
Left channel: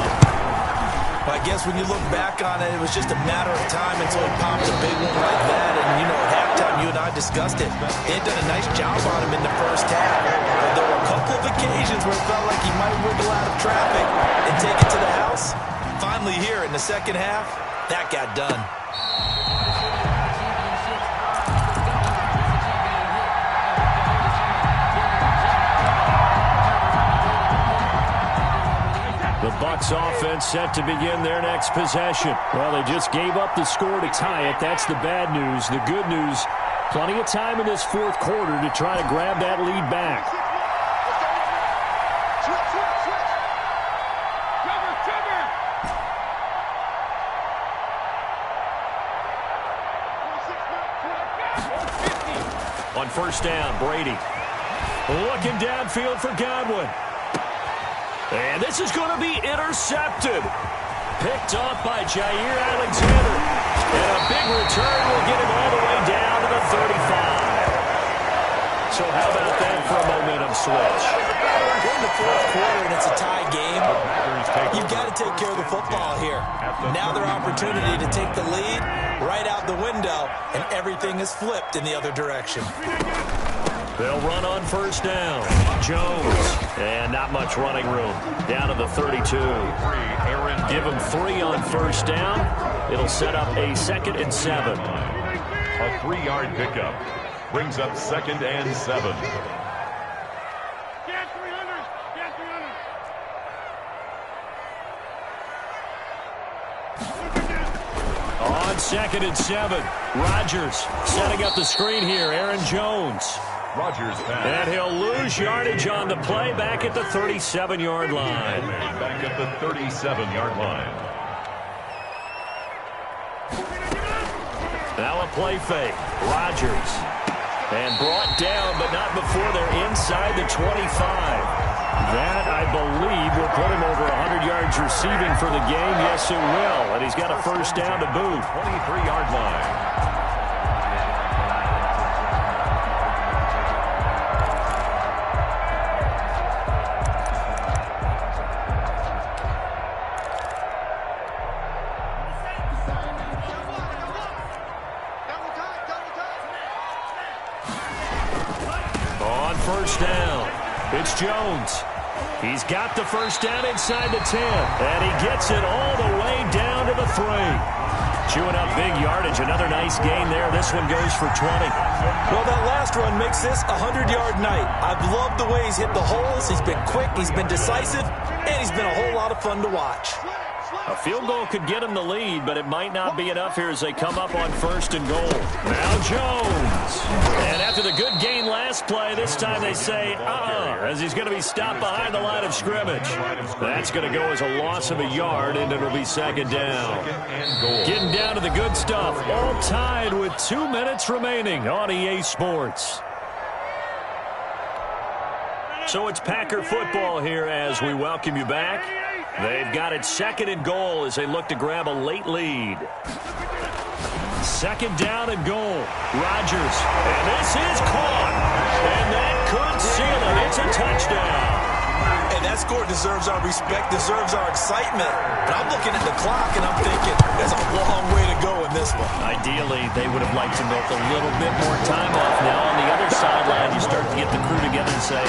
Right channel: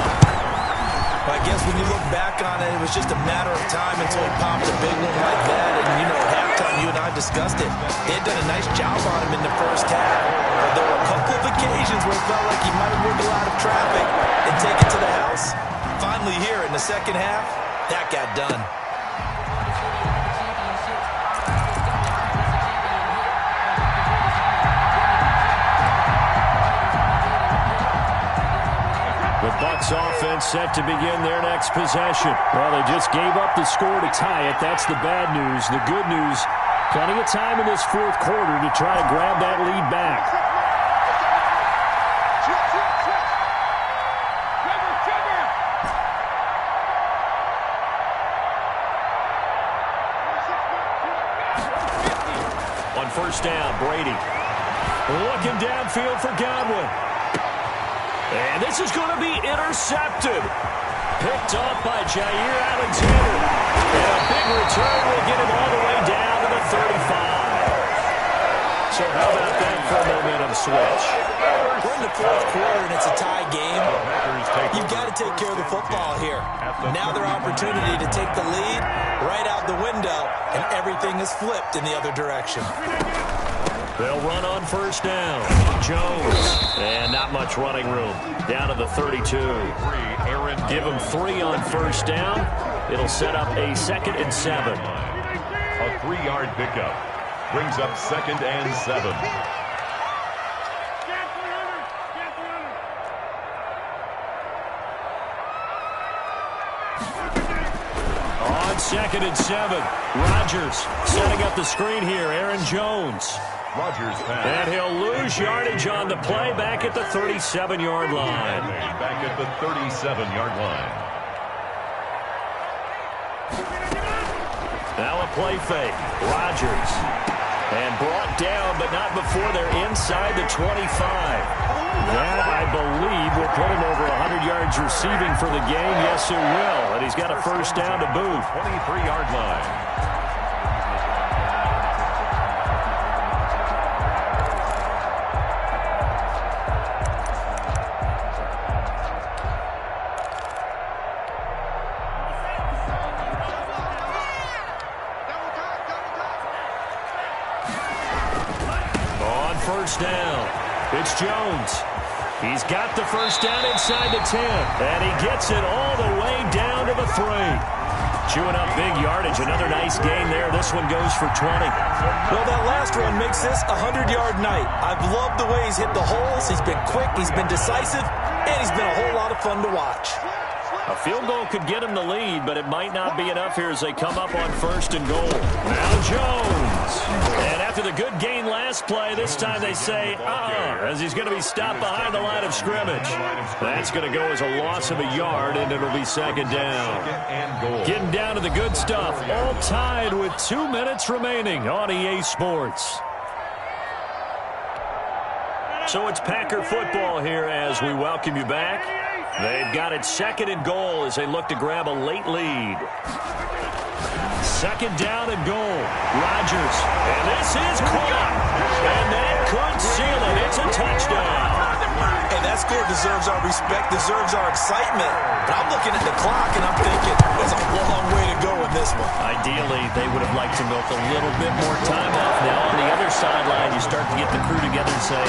I guess when you look back on it, it was just a matter of time until he popped a big one like that. And, you know, at halftime, you and I discussed it. They had done a nice job on him in the first half. But there were a couple of occasions where it felt like he might wiggle out of traffic and take it to the house. Finally here in the second half, that got done. The Bucs offense set to begin their next possession. Well, they just gave up the score to tie it. That's the bad news. The good news, plenty of time in this fourth quarter to try to grab that lead back. On 1st down, Brady looking downfield for Godwin. And this is going to be intercepted. Picked off by Jair Alexander. And a big return will get him all the way down to the 35. So how about that for a momentum switch? We're in the fourth quarter and it's a tie game. You've got to take care of the football here. Now their opportunity to take the lead right out the window, and everything is flipped in the other direction. They'll run on 1st down. Jones. And not much running room. Down to the 32. Give him 3 on 1st down. It'll set up a 2nd and 7. A 3-yard pickup brings up 2nd and 7. On 2nd and 7, Rodgers setting up the screen here. Aaron Jones. Rodgers pass. And he'll lose yardage on the play back at the 37-yard line. Back at the 37-yard line. Now a play fake. Rodgers. And brought down, but not before they're inside the 25. That, I believe, will put him over 100 yards receiving for the game. Yes, it will. And he's got a 1st down to boot. 23-yard line. On 1st down, it's Jones. He's got the 1st down inside the 10, and he gets it all the way down to the 3. Chewing up big yardage. Another nice gain there. This one goes for 20. Well, that last run makes this a 100-yard night. I've loved the way he's hit the holes. He's been quick, he's been decisive, and he's been a whole lot of fun to watch. A field goal could get him the lead, but it might not be enough here as they come up on 1st and goal. Now Jones. And after the good gain last play, this time they say, as he's going to be stopped behind the line of scrimmage. That's going to go as a loss of a yard, and it'll be 2nd down. Getting down to the good stuff. All tied with 2 minutes remaining on EA Sports. So it's Packer football here as we welcome you back. They've got it 2nd and goal as they look to grab a late lead. second down and goal. Rodgers, and this is caught. And that could seal it. It's a touchdown. Hey, that score deserves our respect, deserves our excitement. But I'm looking at the clock, and I'm thinking there's a long way to go in this one. Ideally, they would have liked to milk a little bit more time off. Now, on the other sideline, you start to get the crew together and say,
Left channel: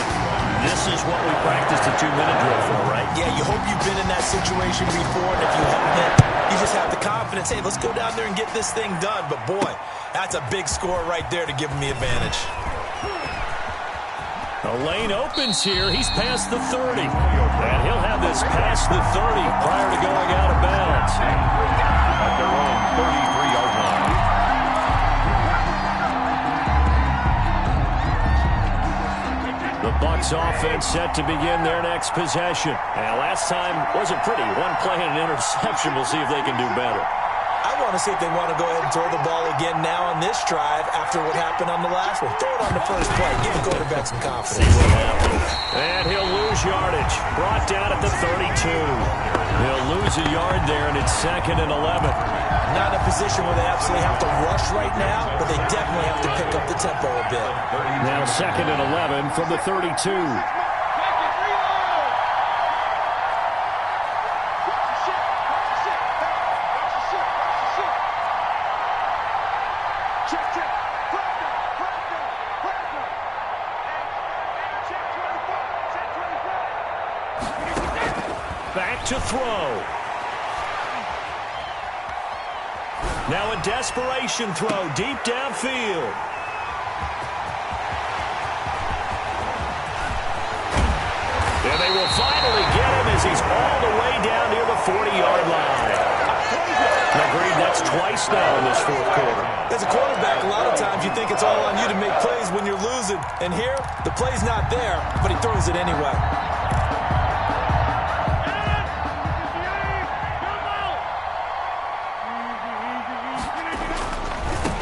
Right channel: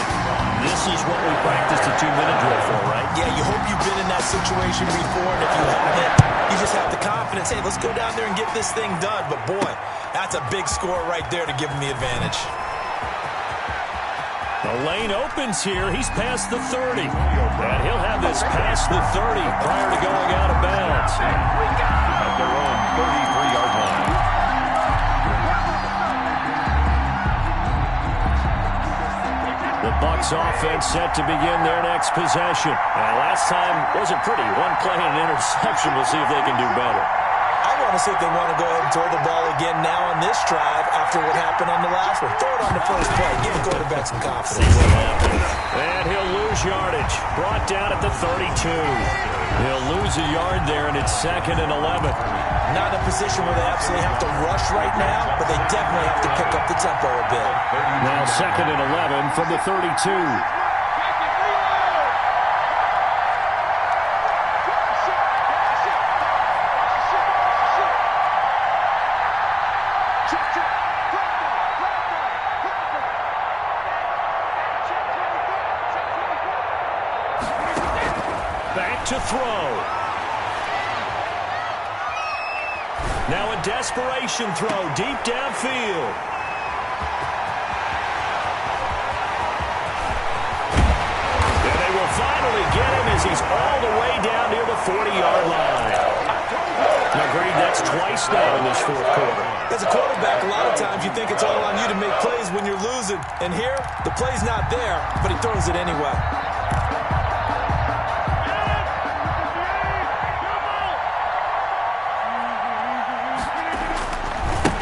this is what we practiced a 2-minute drill for, right? Yeah, you hope you've been in that situation before, and if you haven't, you just have the confidence, hey, let's go down there and get this thing done. But, boy, that's a big score right there to give them the advantage. The lane opens here. He's past the 30. And he'll have this past the 30 prior to going out of bounds. At their own 33-yard line. The Bucs offense set to begin their next possession. And last time wasn't pretty. One play and an interception. We'll see if they can do better. I want to see if they want to go ahead and throw the ball again now on this drive after what happened on the last one. Throw it on the first play. Give the quarterback some confidence. See what happens. And he'll lose yardage. Brought down at the 32. He'll lose a yard there, and it's 2nd and 11. Not in a position where they absolutely have to rush right now, but they definitely have to pick up the tempo a bit. Now 2nd and 11 from the 32. Back to throw. Now a desperation throw deep downfield. And they will finally get him as he's all the way down near the 40-yard line. Agreed, that's twice now in this fourth quarter. As a quarterback, a lot of times you think it's all on you to make plays when you're losing. And here, the play's not there, but he throws it anyway.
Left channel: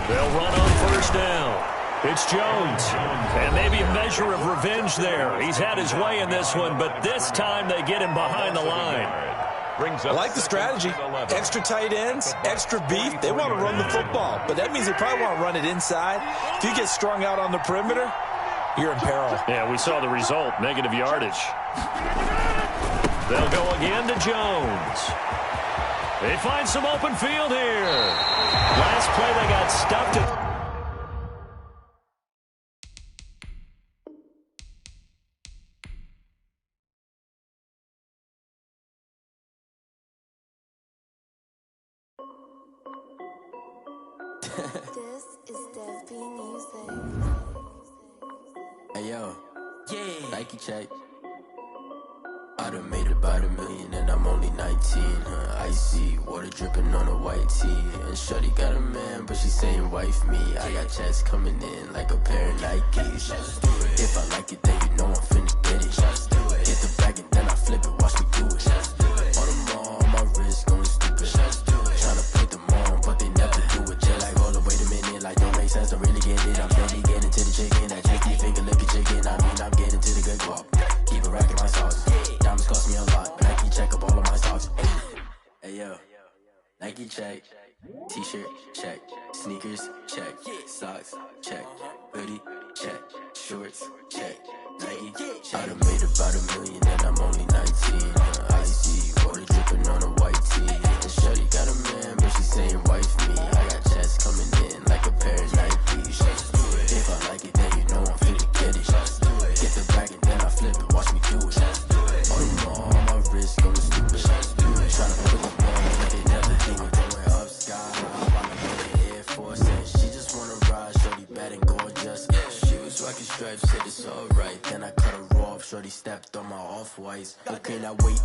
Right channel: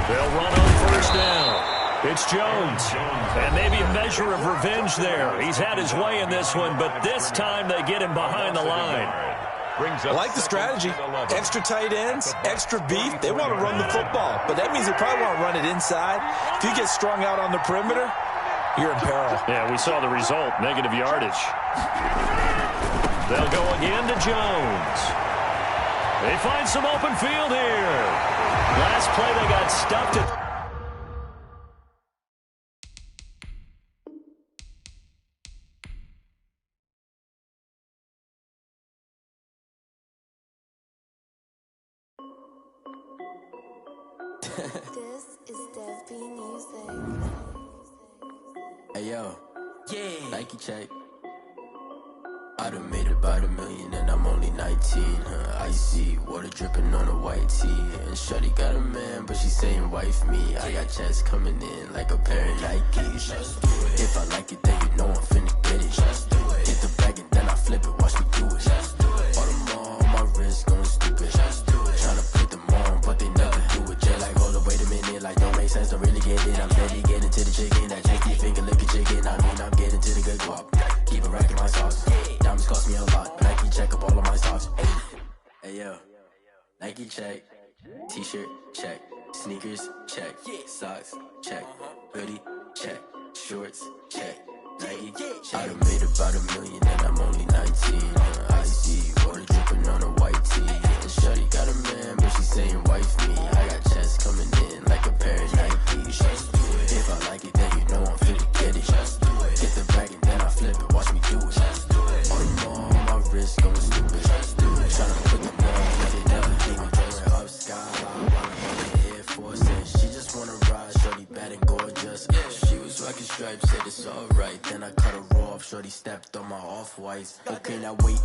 They'll run on first down. It's Jones. And maybe a measure of revenge there. He's had his way in this one, but this time they get him behind the line. I like the strategy. Extra tight ends, extra beef. They want to run the football, but that means they probably want to run it inside. If you get strung out on the perimeter, you're in peril. Yeah, we saw the result, negative yardage. They'll go again to Jones. They find some open field here. Last play, they got stuffed at... This is Dev B Music. Hey yo, yeah, Nike check. I done made about $1 million and I'm only 19. Icy water dripping on a white tee. And shorty got a man, but she saying wife me. I got checks coming in like a pair of Nikes. If I like it, then you know I'm finna get it. Get the bag and then I flip it, watch me do it. All them on my wrist going stupid. Tryna put them on, but they never do it. They like, hold up, wait a minute, like don't make sense, don't really get it. I'm steady getting to the chicken, that tricky finger licking chicken. I mean, I'm getting to the good guap. Keep a rack in my sauce. Diamonds cost me a lot, but Nike check up all of my stocks. Hey yo, Nike check. T-shirt check. Sneakers check. Socks check. Hoodie check. Shorts check. Nike. I done made about $1 million and I'm only 19. Icy water dripping on a white tee. And shorty got a man, but she saying wife me. I got checks coming in like a pair of Nikes. If I like it, then you know I'm finna get it. Get the bag and then I flip it, watch me do it. All them on my wrist going stupid. Tryna put them on, but they never do it. Going up sky high while I'm on the Air Force. And she just wanna ride, shorty bad and gorgeous. She was rocking stripes, said it's alright. Then I cut her off, shorty stepped on my off-whites. Okay, now wait.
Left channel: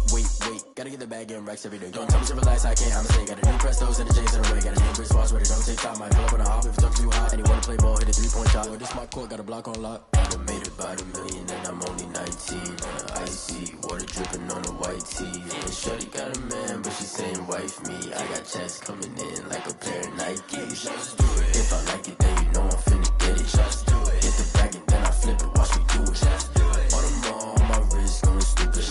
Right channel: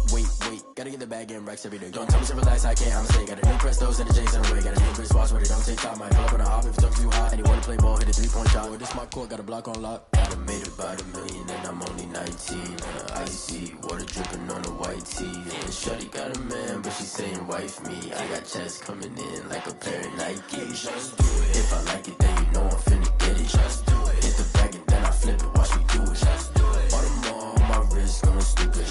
Gotta get the bag and racks every day. Don't tell me to relax, I can't, I'ma say. Got a new Prestos and the J's in the way. Got a new Chris Foss, but it don't take time. Might pull up on a hop if it talks too hot. And you wanna play ball, hit a 3-point shot. Boy, this my court, got a block on lock. I done made about $1 million and I'm only 19. Icy water dripping on a white tee. And shorty got a man, but she saying wife me. I got checks coming in like a pair of Nikes. If I like it, then you know I'm finna get it. Hit the bag and then I flip it, watch me do it. All them on my wrist going stupid.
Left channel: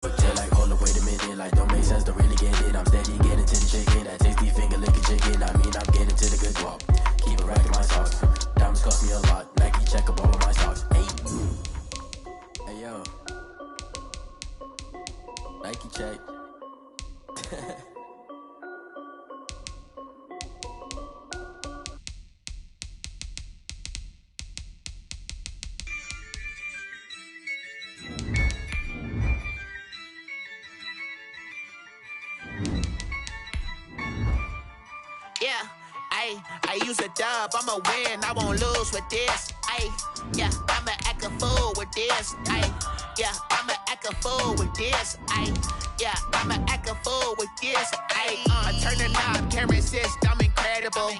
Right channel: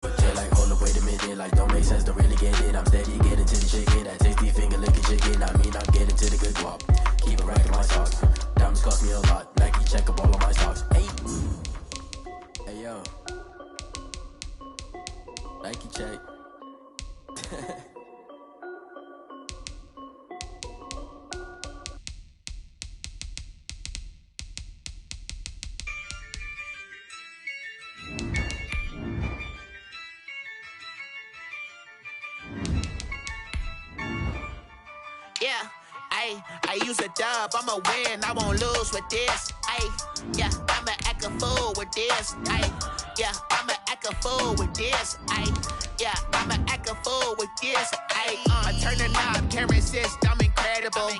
But they like, hold up, wait a minute, like don't make sense, don't really get it. I'm steady getting to the chicken, that tasty finger Yeah, I use a dub, I'ma win, I won't lose with this. Yeah, I'ma act a fool with this. Yeah, I'ma act a fool with this. Yeah, I'ma act a fool with this. I turn the knob, camera assist, I'm incredible.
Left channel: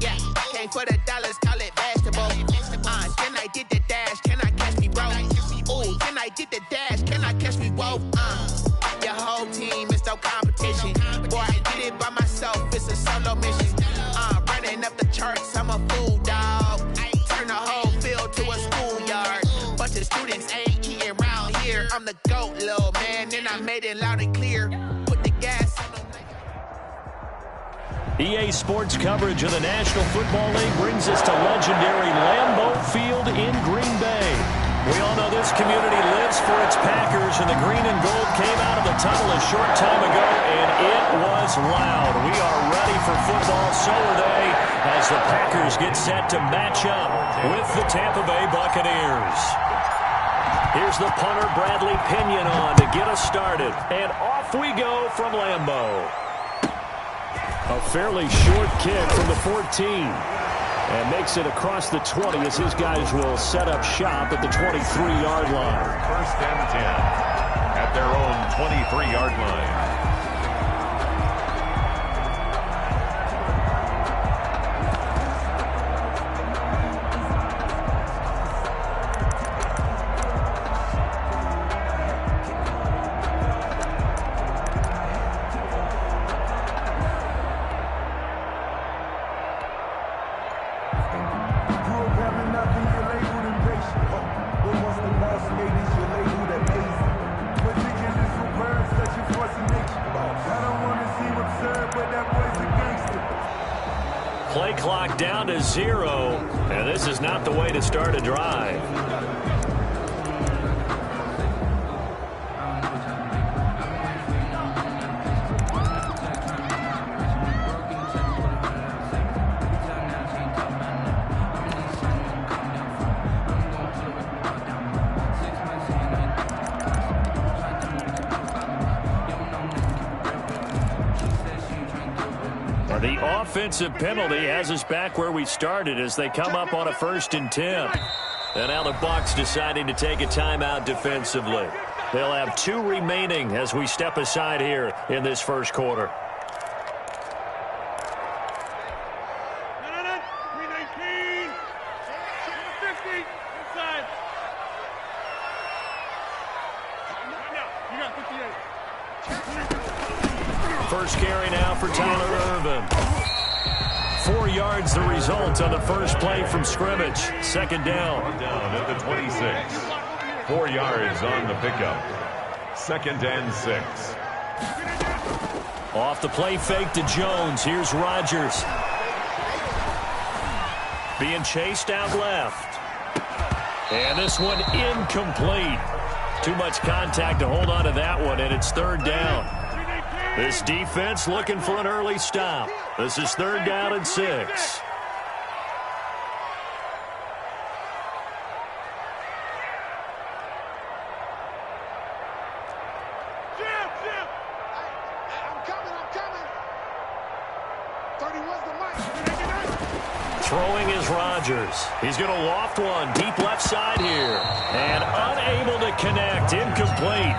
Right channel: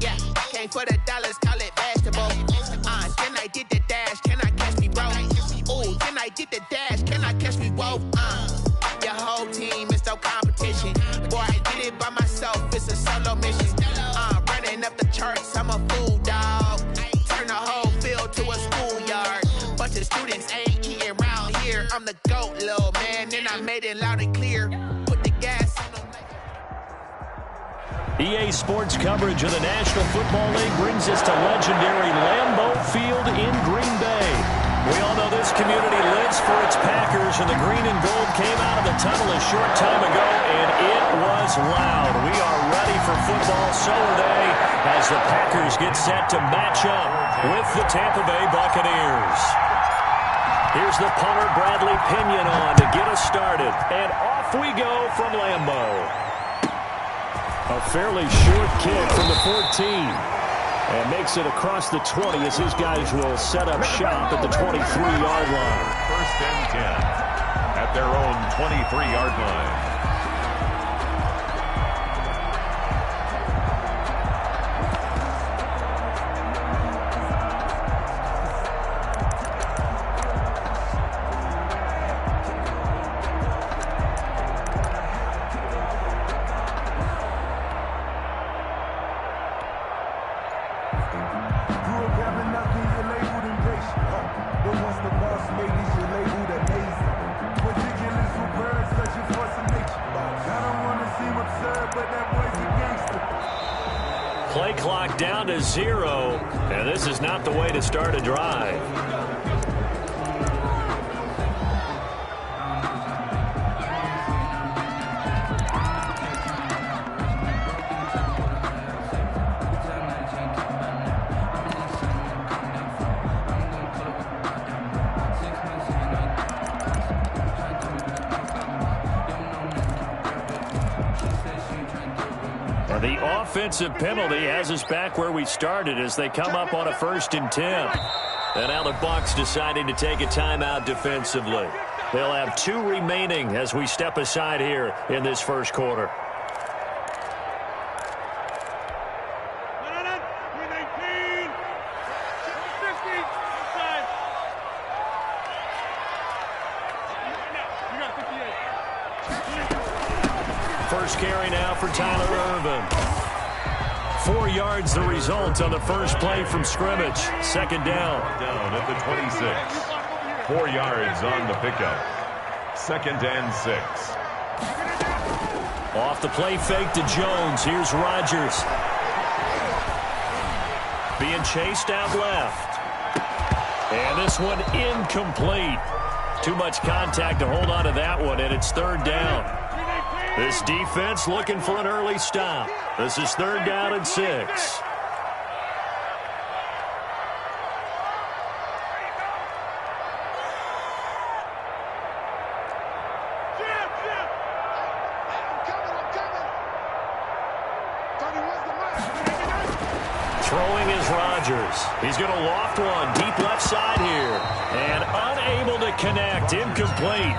Yeah, came for the dollars, call it vegetable. Then I did the dash, can I catch me, bro? Ooh, then I did the dash, can I catch me, whoa? Your whole team is no competition. Boy, I did it by myself, it's a solo mission. Running up the charts, I'm a fool, dog. Turn the whole field to a schoolyard. Bunch of students ain't eating round here. I'm the GOAT, little man, and I made it loud and clear. Put the gas on them. EA Sports coverage of the National Football League brings us to legendary Lambeau Field in Green Bay. We all know this community lives for its Packers, and the green and gold came out of the tunnel a short time ago, and it was loud. We are ready for football, so are they, as the Packers get set to match up with the Tampa Bay Buccaneers. Here's the punter, Bradley Pinion, on to get us started, and off we go from Lambeau. A fairly short kick from the 14. And makes it across the 20 as his guys will set up shop at the 23-yard line. First and 10 at their own 23-yard line. Play clock down to 0, and this is not the way to start a drive. The offensive penalty has us back where we started as they come up on a 1st and 10. And now the Bucs deciding to take a timeout defensively. They'll have 2 remaining as we step aside here in this first quarter. First carry now for Tyler Irvin. 4 yards the result on the first play from scrimmage. Second down. Down at the 26. 4 yards on the pickup. 2nd and 6. Off the play fake to Jones. Here's Rodgers. Being chased out left. And this one incomplete. Too much contact to hold on to that one, and it's 3rd down. This defense looking for an early stop. This is 3rd down and 6. Throwing is Rodgers. He's going to loft one deep left side here. And unable to connect. Incomplete.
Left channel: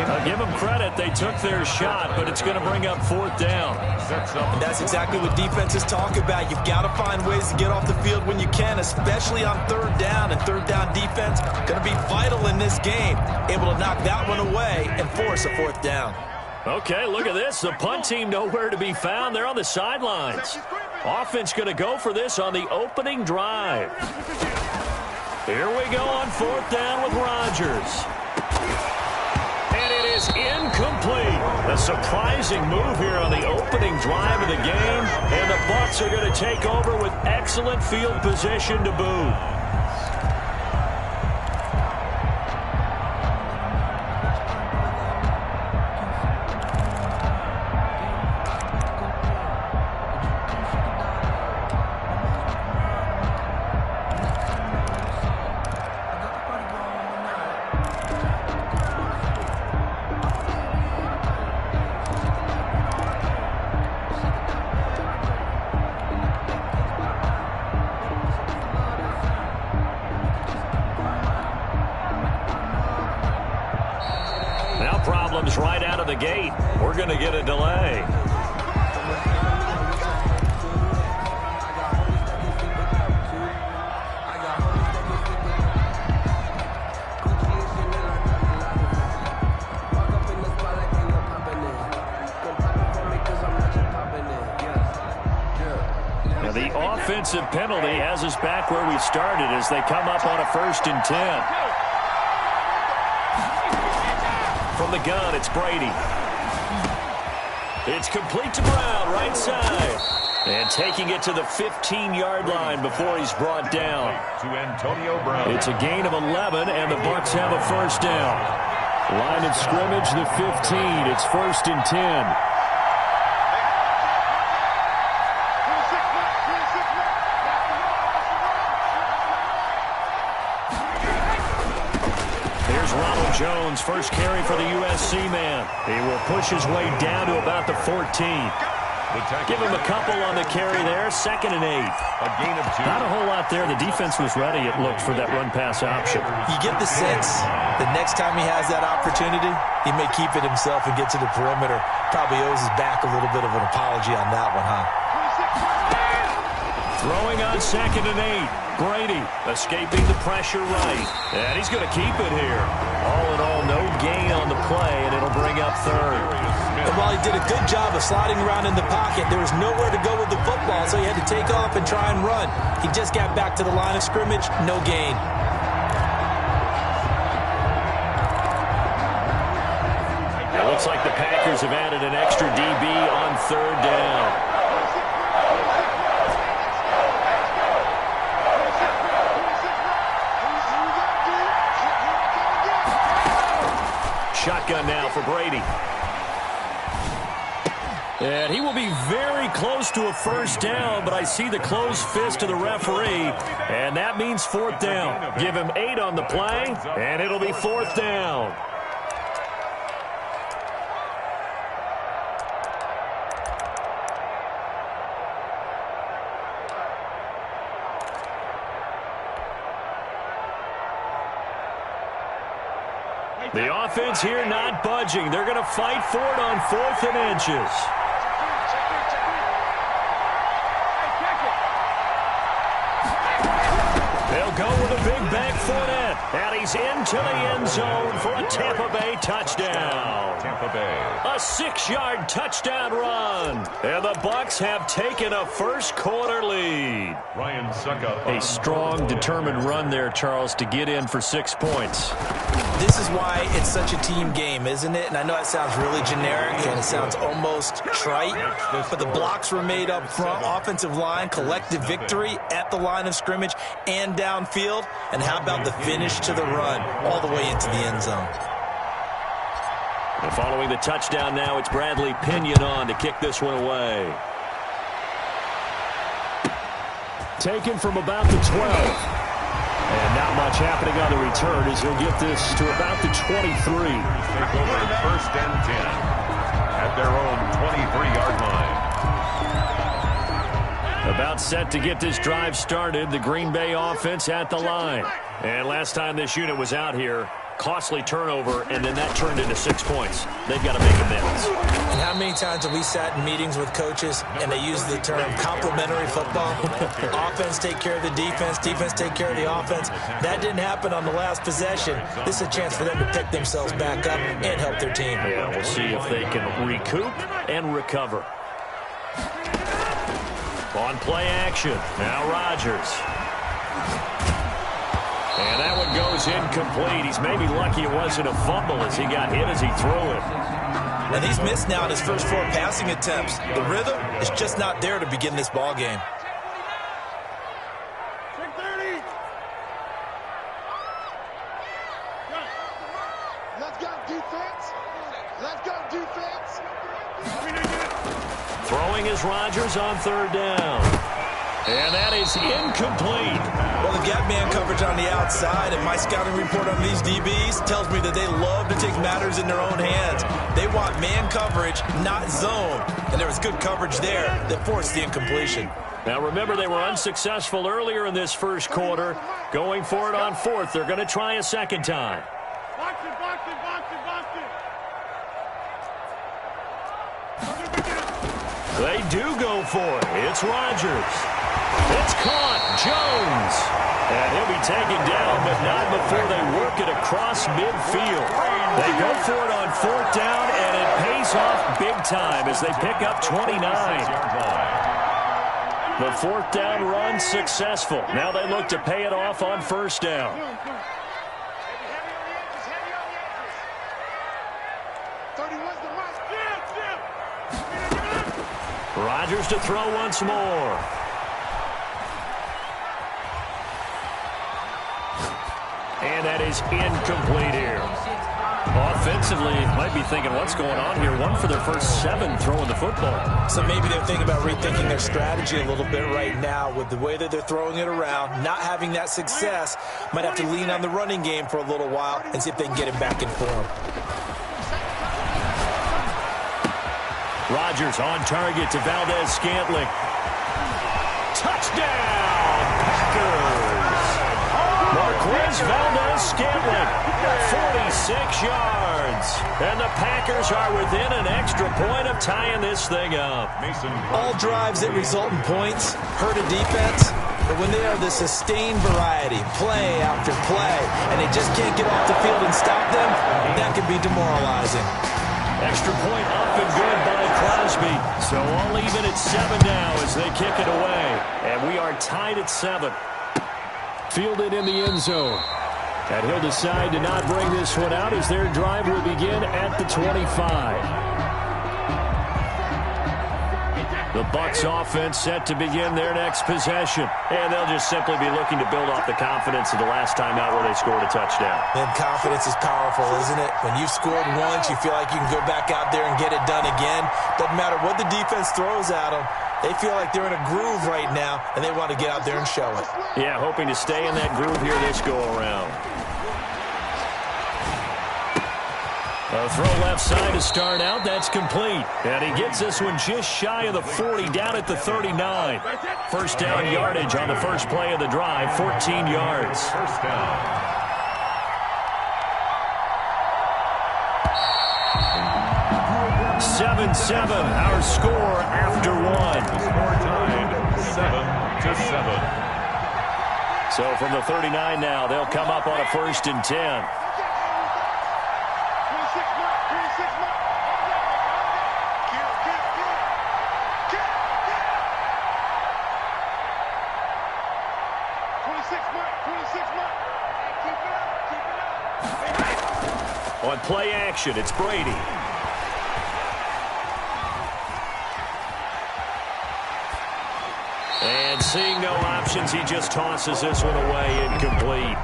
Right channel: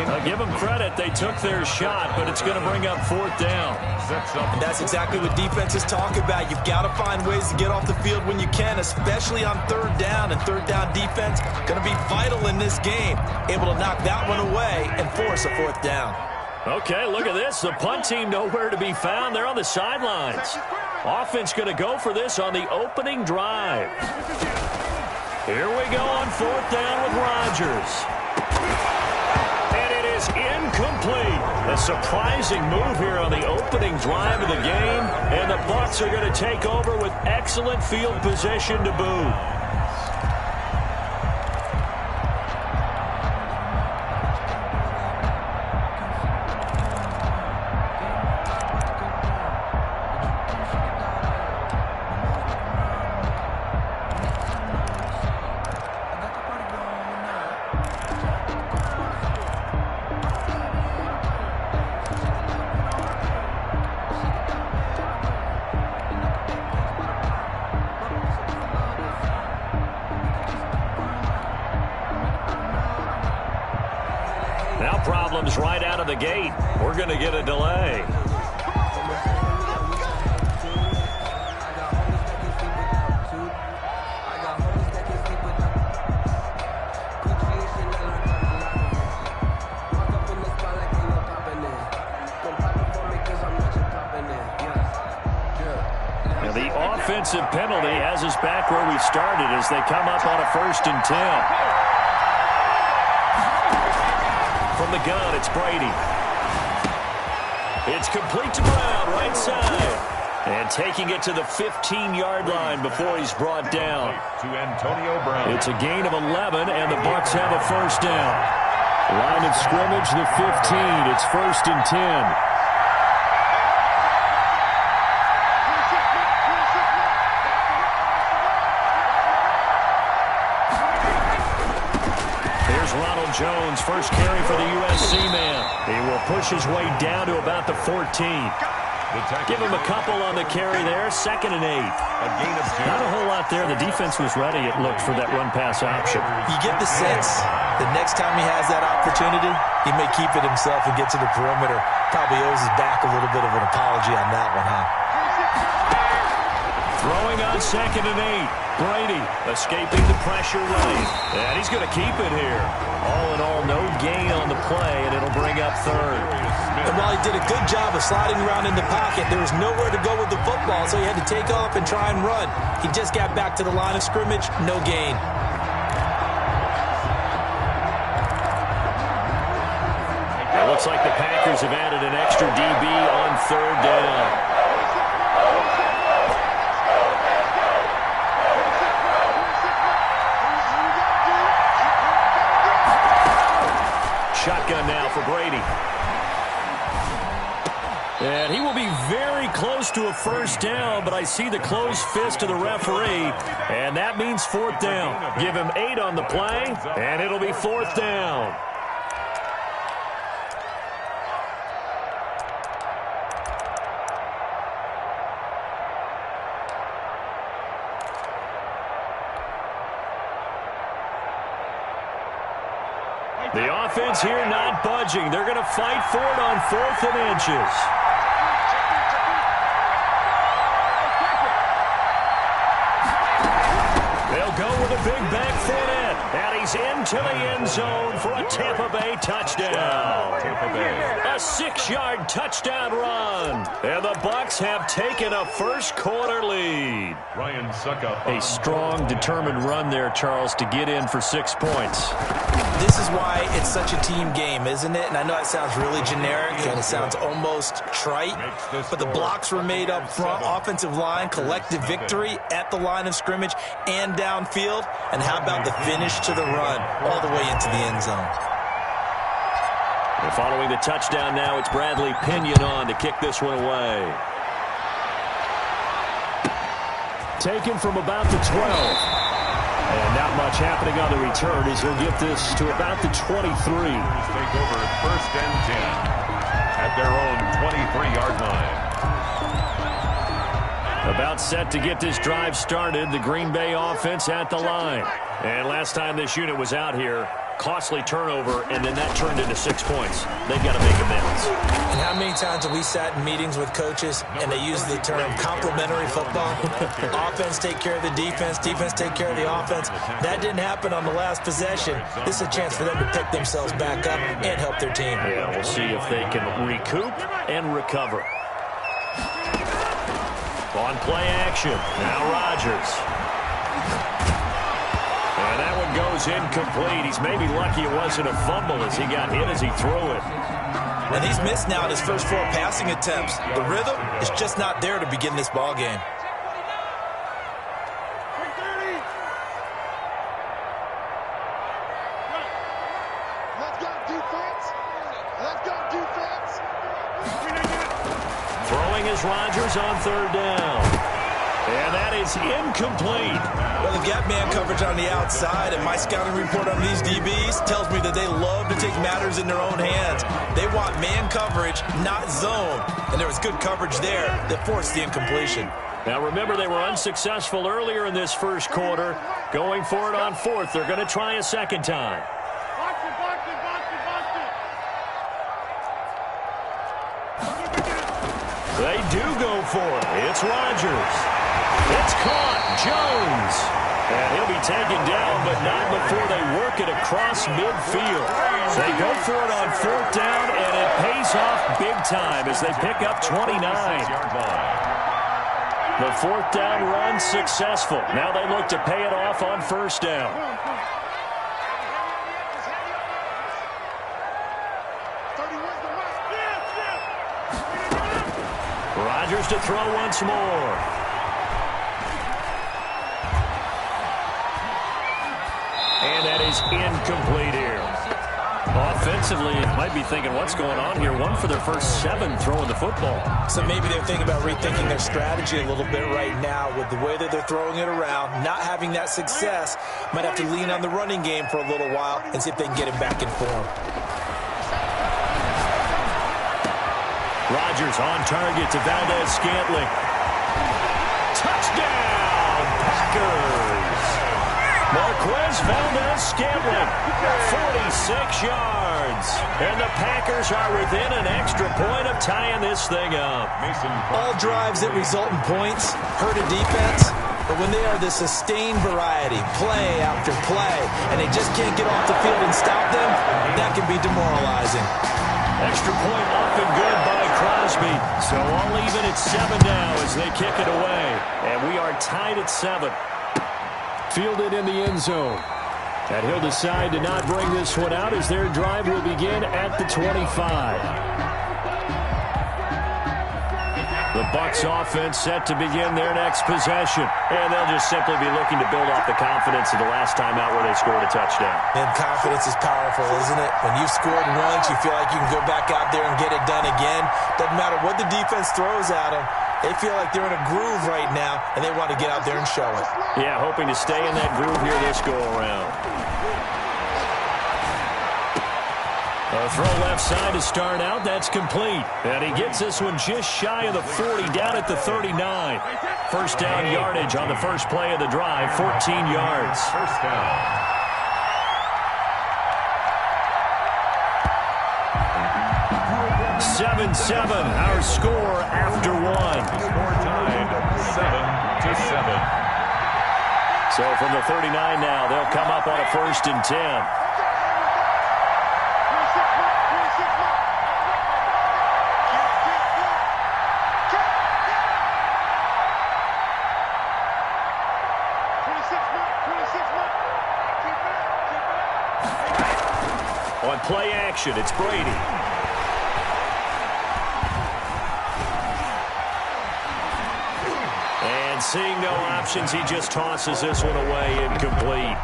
I'll give them credit. They took their shot, but it's going to bring up 4th down. And that's exactly what defenses talk about. You've got to find ways to get off the field when you can, especially on 3rd down. And 3rd down defense going to be vital in this game. Able to knock that one away and force a 4th down. Okay, look at this. The punt team nowhere to be found. They're on the sidelines. Offense going to go for this on the opening drive. Here we go on 4th down with Rodgers. And it is incomplete. A surprising move here on the opening drive of the game. And the Bucs are going to take over with excellent field position to boot. problems right out of the gate. We're going to get a delay. Now the offensive penalty has us back where we started as they come up on a 1st and 10. From the gun, it's Brady. It's complete to Brown, right side. And taking it to the 15-yard line before he's brought down. To Antonio Brown. It's a gain of 11, and the Bucs have a 1st down. Line of scrimmage, the 15. It's 1st and 10. Jones, first carry for the USC man. He will push his way down to about the 14. Give him a couple on the carry there. 2nd and 8. A gain of 2. Not a whole lot there. The defense was ready, it looked, for that run-pass option. You get the sense the next time he has that opportunity, he may keep it himself and get to the perimeter. Probably owes his back a little bit of an apology on that one, huh? Throwing on 2nd and 8. Brady escaping the pressure right. And he's going to keep it here. All in all, no gain on the play, and it'll bring up 3rd. And while he did a good job of sliding around in the pocket, there was nowhere to go with the football, so he had to take off and try and run. He just got back to the line of scrimmage, no gain. It looks like the Packers have added an extra DB on 3rd down. Shotgun now for Brady. And he will be very close to a 1st down, but I see the closed fist of the referee, and that means 4th down. Give him 8 on the play, and it'll be 4th down. The offense here not budging. They're going to fight for it on 4th and inches. They'll go with a big back Fournette. And he's into the end zone for a Tampa Bay touchdown. Tampa Bay. A 6-yard touchdown run. And the Bucs have taken a first-quarter lead. Ryan Suckup. A strong, determined run there, Charles, to get in for 6 points. This is why it's such a team game, isn't it? And I know it sounds really generic and it sounds almost trite, but the blocks were made up front, offensive line, collective victory at the line of scrimmage and downfield. And how about the finish to the run all the way into the end zone? And following the touchdown now, it's Bradley Pinion on to kick this one away. Taken from about the 12. And not much happening on the return as he'll get this to about the 23. Take over 1st and 10 at their own 23-yard line. About set to get this drive started. The Green Bay offense at the line. And last time this unit was out here, costly turnover, and then that turned into 6 points. They've got to make amends. And how many times have we sat in meetings with coaches and they use the term complementary football? Offense take care of the defense, defense take care of the offense. That didn't happen on the last possession. This is a chance for them to pick themselves back up and help their team. Yeah, we'll see if they can recoup and recover. On play action, now Rodgers. And that one goes incomplete. He's maybe lucky it wasn't a fumble as he got hit as he threw it. And he's missed now in his first 4 passing attempts. The rhythm is just not there to begin this ball game. Let's go defense. Let's go defense. Throwing is Rodgers on 3rd down. And that is incomplete. Well, the gap man coverage on the outside, and my scouting report on these DBs tells me that they love to take matters in their own hands. They want man coverage, not zone. And there was good coverage there that forced the incompletion. Now, remember, they were unsuccessful earlier in this first quarter. Going for it on 4th. They're going to try a second time. Box it, box it, box it, box it. They do go for it. It's Rodgers. It's caught. Jones. And he'll be taken down, but not before they work it across midfield. They go for it on 4th down, and it pays off big time as they pick up 29. The 4th down run successful. Now they look to pay it off on 1st down. Rodgers to throw once more. And that is incomplete here. Offensively, you might be thinking, what's going on here? 1 for their first 7 throwing the football. So maybe they're thinking about rethinking their strategy a little bit right now with the way that they're throwing it around, not having that success. Might have to lean on the running game for a little while and see if they can get it back in form. Rodgers on target to Valdez-Scantling. Touchdown, Packers! Marquez Valdez-Scantling, 46 yards. And the Packers are within an extra point of tying this thing up. All drives that result in points hurt a defense, but when they are the sustained variety, play after play, and they just can't get off the field and stop them, that can be demoralizing. Extra point up and good by Crosby. So all even at 7 now as they kick it away. And we are tied at 7. Fielded in the end zone. And he'll decide to not bring this one out as their drive will begin at the 25. The Bucs offense set to begin their next possession. And they'll just simply be looking to build off the confidence of the last time out where they scored a touchdown. And confidence is powerful, isn't it? When you've scored once, you feel like you can go back out there and get it done again. Doesn't matter what the defense throws at them. They feel like they're in a groove right now, and they want to get out there and show it. Yeah, hoping to stay in that groove here this go-around. A throw left side to start out. That's complete. And he gets this one just shy of the 40, down at the 39. First down yardage on the first play of the drive, 14 yards. First down. (7-7), our score after 1. Score tied 7-7. So from the 39 now, they'll come up on a 1st and 10. On play action, it's Brady. And seeing no options, he just tosses this one away, incomplete.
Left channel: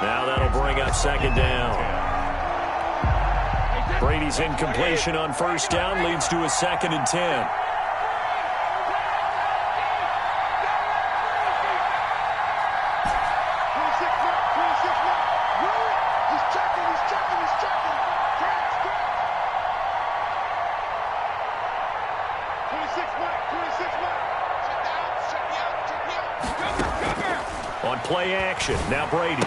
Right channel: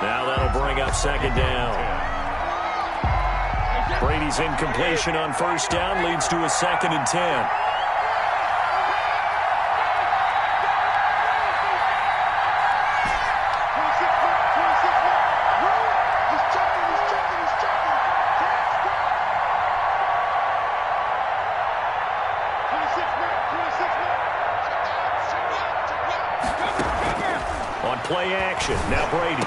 Now that'll bring up 2nd down. Brady's incompletion on 1st down leads to a 2nd and 10. On play action, now Brady.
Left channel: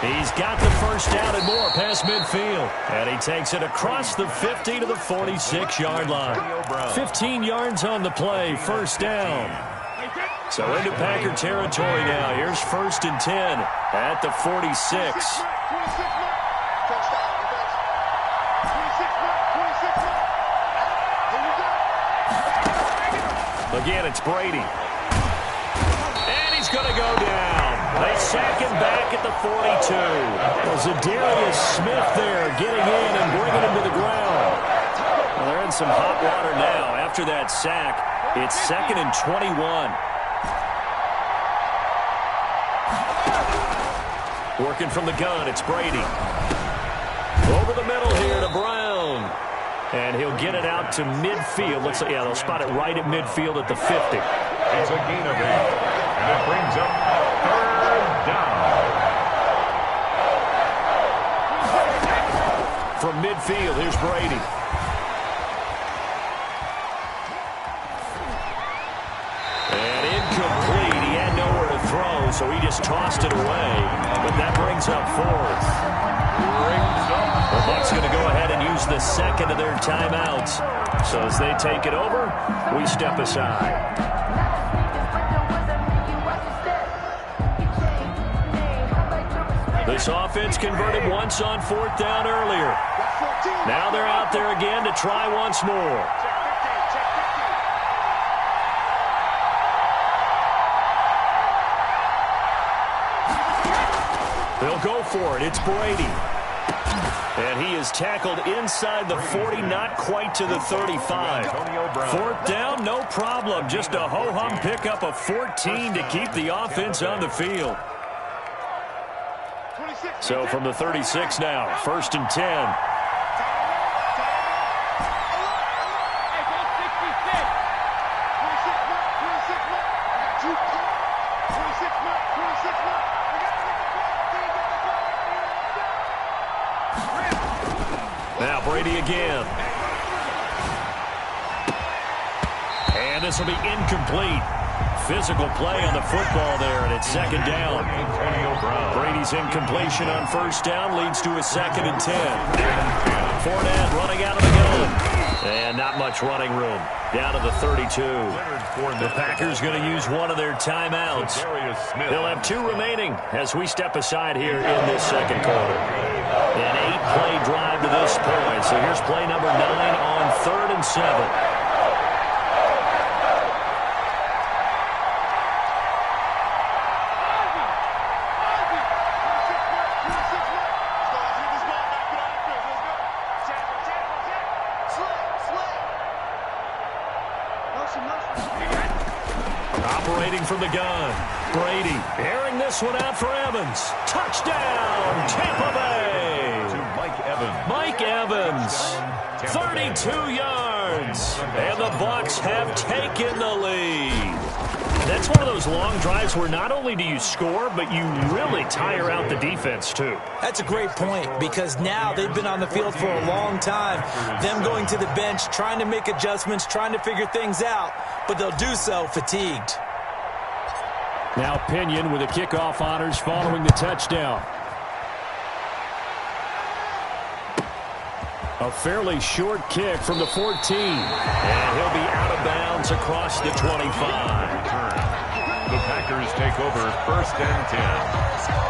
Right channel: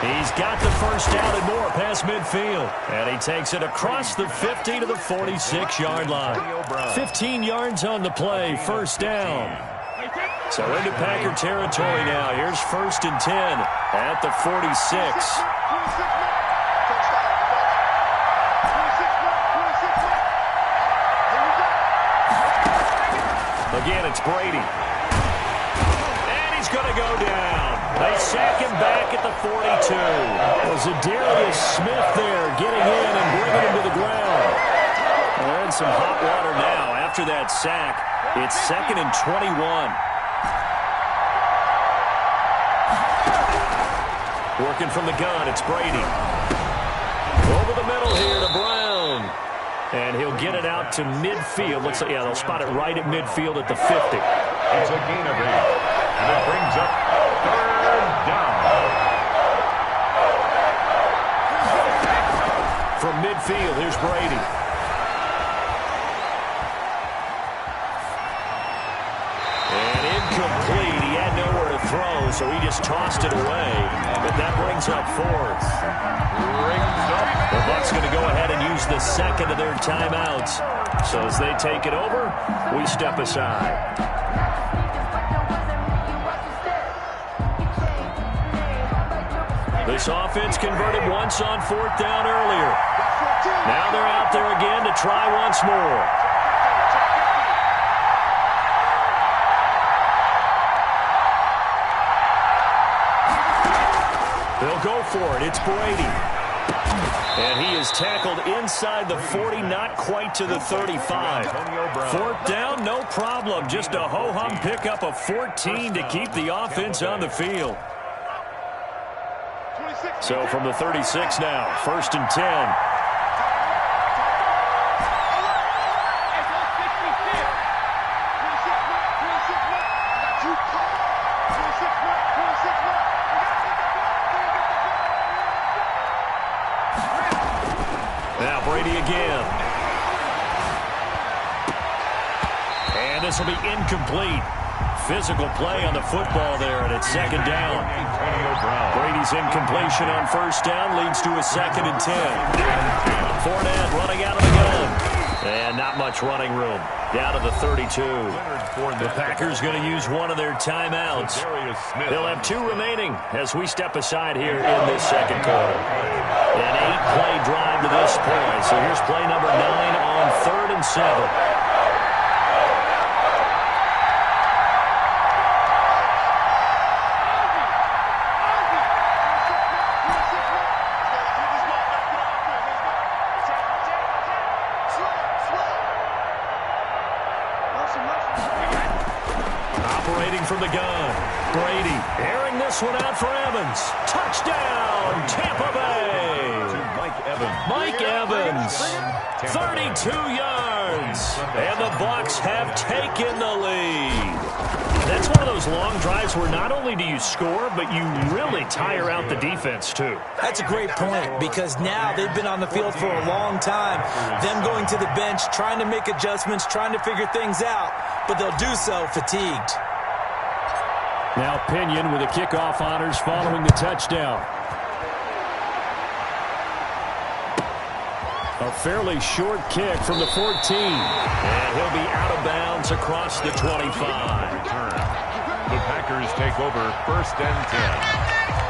He's got the first down and more past midfield. And he takes it across the 50 to the 46-yard line. 15 yards on the play, 1st down. So into Packer territory now. Here's 1st and 10 at the 46. Again, it's Brady. And he's going to go down. They sack him back at the 42. Well, Zadarius Smith there getting in and bringing him to the ground. Well, they're in some hot water now. After that sack, it's 2nd and 21. Working from the gun, it's Brady. Over the middle here to Brown. And he'll get it out to midfield. Looks like, yeah, they'll spot it right at midfield at the 50. It's a gain of 8. And it brings up 3rd down. From midfield, here's Brady. And incomplete. He had nowhere to throw, so he just tossed it away. But that brings up fourth. The Bucs going to go ahead and use the second of their timeouts. So as they take it over, we step aside. This offense converted once on fourth down earlier. Now they're out there again to try once more. They'll go for it. It's Brady. And he is tackled inside the 40, not quite to the 35. Fourth down, no problem. Just a ho-hum pickup of 14 to keep the offense on the field. So from the 36 now, 1st and 10. Now Brady again. And this will be incomplete. Physical play on the football there, and it's 2nd down. Brady's incompletion on 1st down leads to a 2nd and 10. Fournette running out of the gun. And not much running room. Down to the 32. The Packers going to use one of their timeouts. They'll have 2 remaining as we step aside here in this 2nd quarter. An 8-play drive to this point. So here's play number 9 on 3rd and 7. Operating from the gun. Brady airing this one out for Evans. Touchdown, Tampa Bay. Mike Evans, 32 yards. And the Bucs have taken the lead. That's one of those long drives where not only do you score, but you really tire out the defense, too. That's a great point, because now they've been on the field for a long time. Them going to the bench, trying to make adjustments, trying to figure things out, but they'll do so fatigued. Now Pinion with the kickoff honors following the touchdown. A fairly short kick from the 14. And he'll be out of bounds across the 25. The Packers take over 1st and 10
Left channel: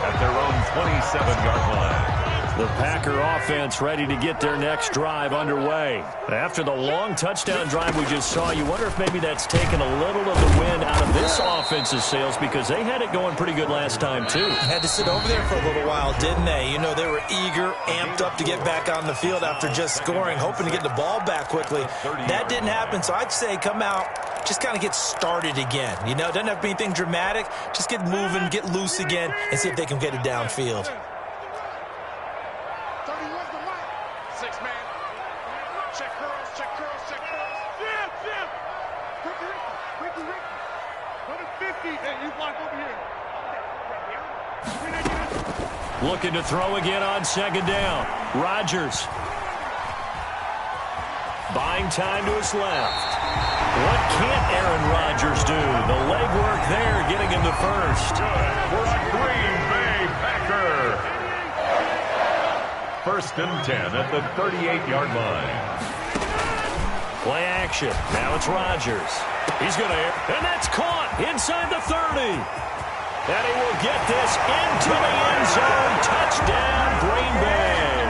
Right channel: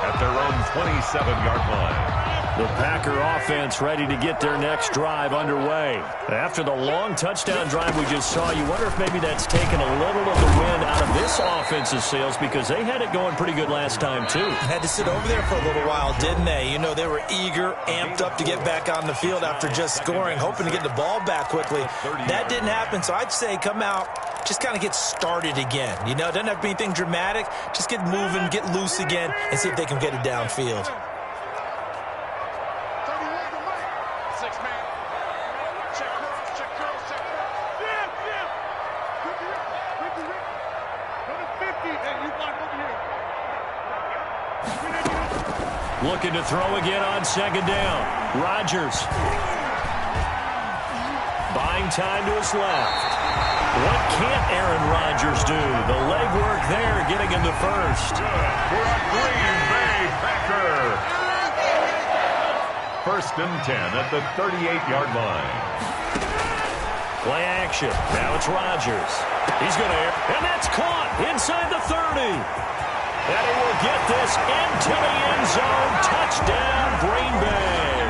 at their own 27-yard line. The Packer offense ready to get their next drive underway. After the long touchdown drive we just saw, you wonder if maybe that's taken a little of the wind out of this offense's sails, because they had it going pretty good last time, too. Had to sit over there for a little while, didn't they? You know, they were eager, amped up to get back on the field after just scoring, hoping to get the ball back quickly. That didn't happen, so I'd say come out, just kind of get started again. You know, it doesn't have to be anything dramatic. Just get moving, get loose again, and see if they can get it downfield. Looking to throw again on 2nd down. Rodgers. Buying time to his left. What can't Aaron Rodgers do? The legwork there getting him the first. Good for a Green Bay Packer. 1st and 10 at the 38-yard line. Play action. Now it's Rodgers. He's going to air. And that's caught inside the 30. And he will get this into the end zone. Touchdown, Green Bay.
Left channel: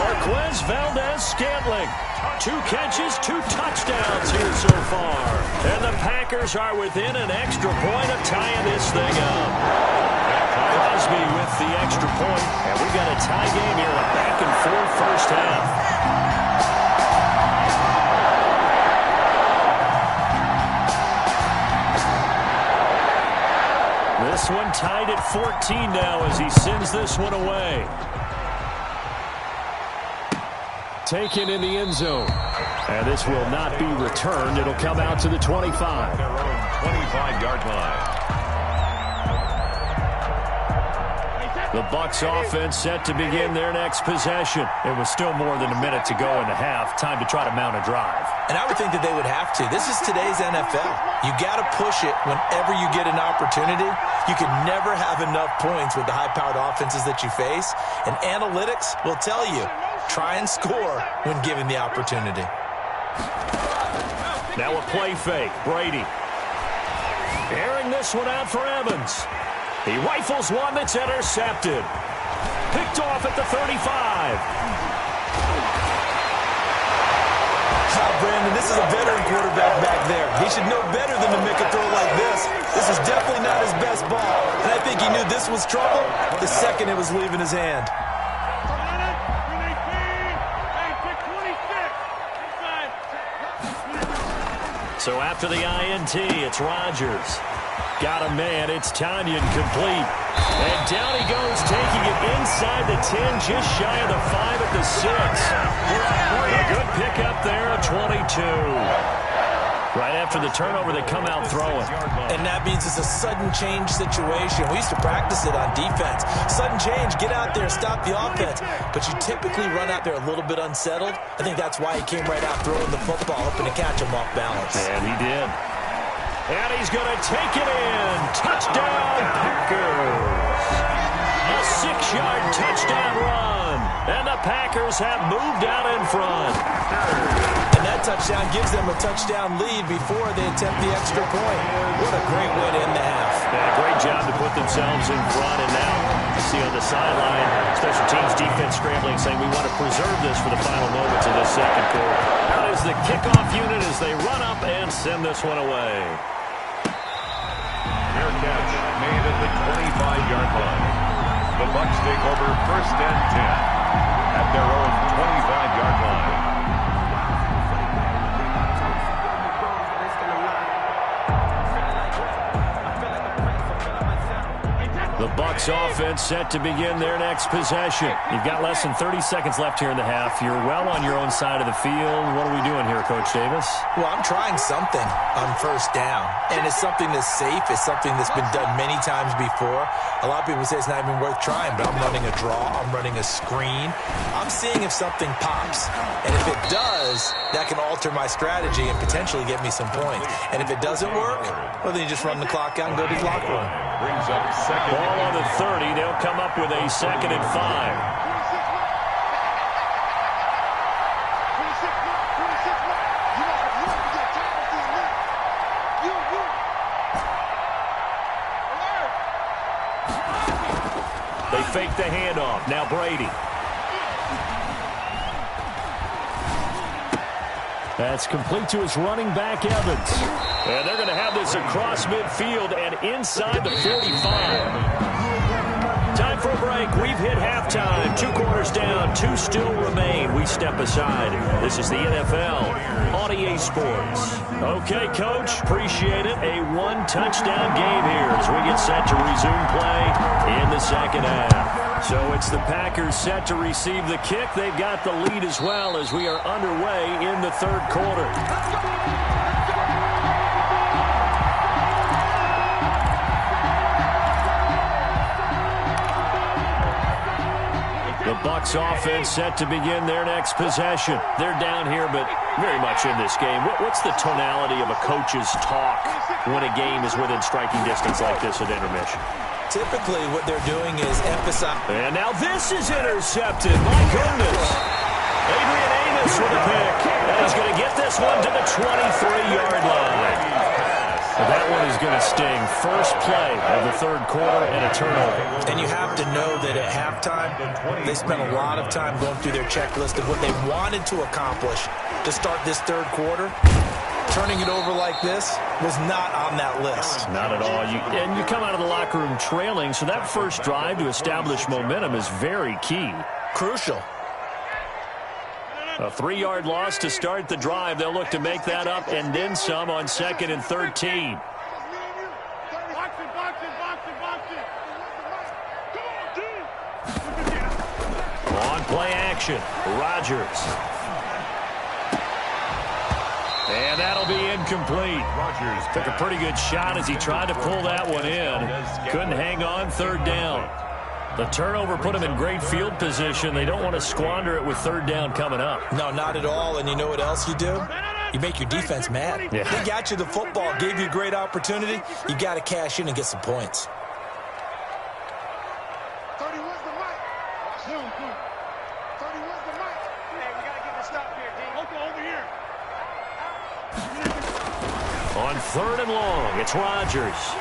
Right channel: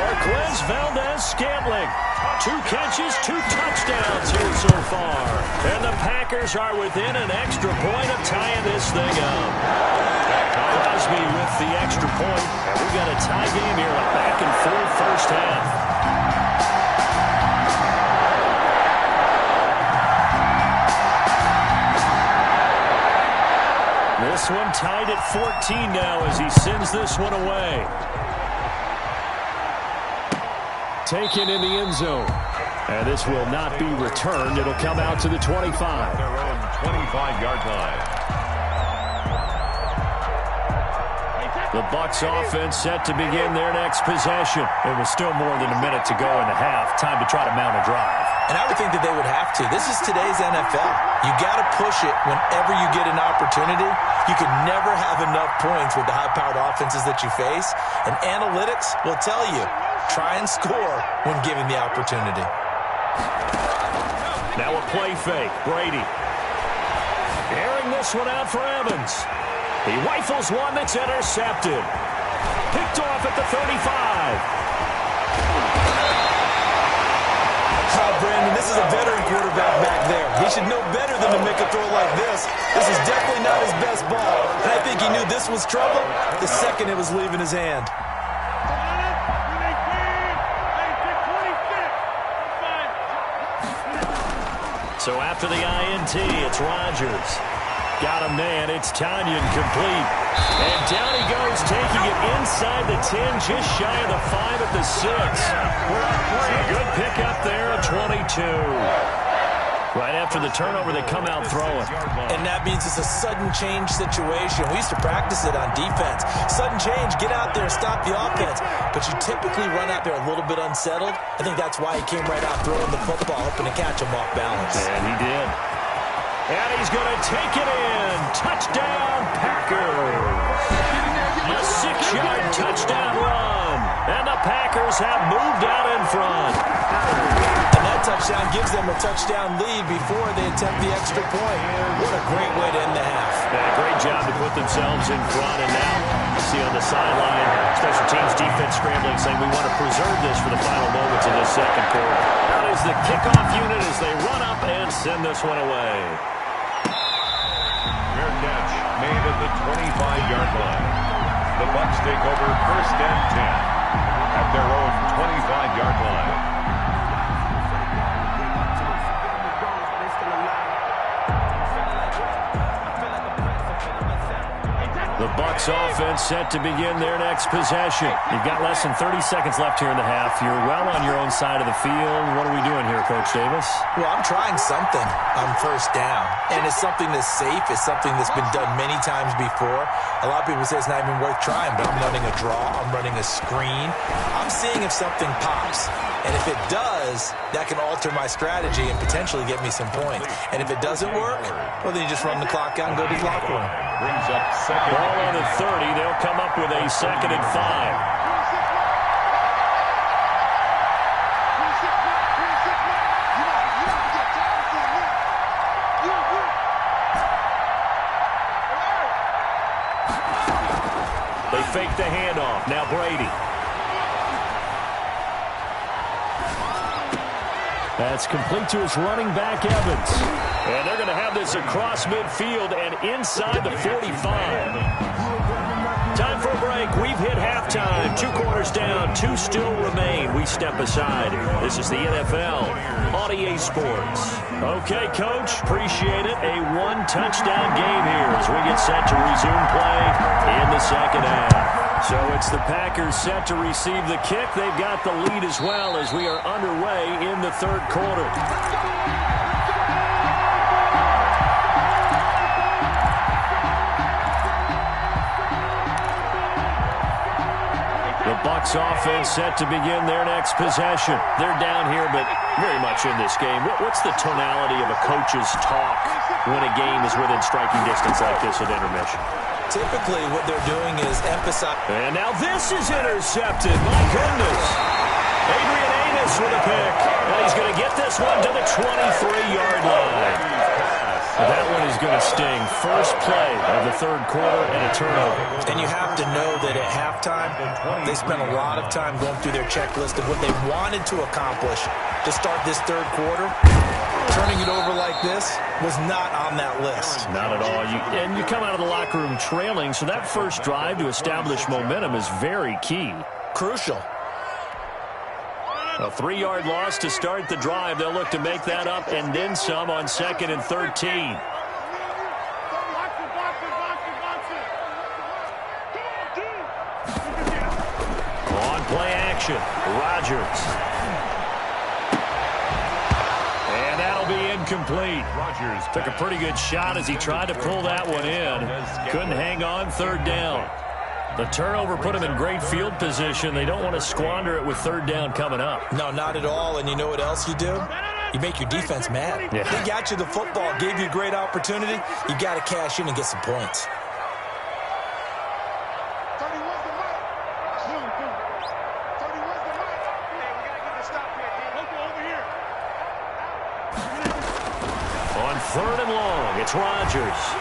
Marquez Valdez-Scantling. 2 catches, 2 touchdowns here so far. And the Packers are within an extra point of tying this thing up. Crosby with the extra point. And we've got a tie game here, a back-and-forth first half. This one tied at 14 now as he sends this one away. Taken in the end zone. And this will not be returned. It'll come out to the 25. Their own 25-yard line. The Bucs offense set to begin their next possession. It was still more than a minute to go in the half. Time to try to mount a drive. And I would think that they would have to. This is today's NFL. You got to push it whenever you get an opportunity. You can never have enough points with the high-powered offenses that you face. And analytics will tell you, try and score when given the opportunity. Now a play fake. Brady. Airing this one out for Evans. He rifles one that's intercepted. Picked off at the 35. Brandon, this is a veteran quarterback back there. He should know better than to make a throw like this. This is definitely not his best ball. And I think he knew this was trouble the second it was leaving his hand. So after the INT, it's Rodgers. Got a man. It's Tanyan complete. And down he goes, taking it inside the 10, just shy of the 5 at the 6. A good pickup there, a 22. Right after the turnover, they come out throwing. And that means it's a sudden change situation. We used to practice it on defense. Sudden change, get out there, stop the offense. But you typically run out there a little bit unsettled. I think that's why he came right out throwing the football, hoping to catch him off balance. And he did. And he's going to take it in. Touchdown, Packers. A 6-yard touchdown run. And the Packers have moved out in front. And that touchdown gives them a touchdown lead before they attempt the extra point. What a great way to end the half. Yeah, great job to put themselves in front. And now you see on the sideline, special teams defense scrambling, saying we want to preserve this for the final moments of this second quarter. Out is the kickoff unit as they run up and send this one away. Fair catch made at the 25-yard line. The Bucs take over 1st and 10 at their own 25-yard line. The Bucs offense set to begin their next possession. You've got less than 30 seconds left here in the half. You're well on your own side of the field. What are we doing here, Coach Davis? Well, I'm trying something on 1st down. And it's something that's safe. It's something that's been done many times before. A lot of people say it's not even worth trying, but I'm running a draw. I'm running a screen. I'm seeing if something pops. And if it does, that can alter my strategy and potentially get me some points. And if it doesn't work, well, then you just run the clock out and go to the locker room. Brings up second. Ball on the 30. They'll come up with a 2nd and 5. They fake the handoff. Now Brady. That's complete to his running back, Evans. And they're going to have this across midfield and inside the 45. Time for a break. We've hit halftime. 2 quarters down. 2 still remain. We step aside. This is the NFL on EA Sports. Okay, Coach. Appreciate it. A 1-touchdown game here as we get set to resume play in the second half. So it's the Packers set to receive the kick. They've got the lead as well as we are underway in the 3rd quarter. The Bucs offense set to begin their next possession. They're down here, but very much in this game. What's the tonality of a coach's talk when a game is within striking distance like this at intermission? Typically, what they're doing is emphasize. And now this is intercepted. My goodness. Adrian Amos with a pick. And he's going to get this one to the 23-yard line. That one is going to sting. First play of the 3rd quarter and a turnover. And you have to know that at halftime, they spent a lot of time going through their checklist of what they wanted to accomplish to start this 3rd quarter. Turning it over like this was not on that list. Not at all. And you come out of the locker room trailing, so that first drive to establish momentum is very key. Crucial. A 3-yard loss to start the drive. They'll look to make that up and then some on 2nd and 13. On play action, Rodgers. And that'll be incomplete. Rodgers took a pretty good shot as he tried to pull that one in. Couldn't hang on 3rd down. The turnover put them in great field position. They don't want to squander it with third down coming up. No, not at all. And you know what else you do? You make your defense mad. Yeah. They got you the football, gave you a great opportunity. You got to cash in and get some points. 30 was the mic. 30 was the mic. Hey, we got to get this stop here, D. Local over here. On 3rd and long, it's Rodgers.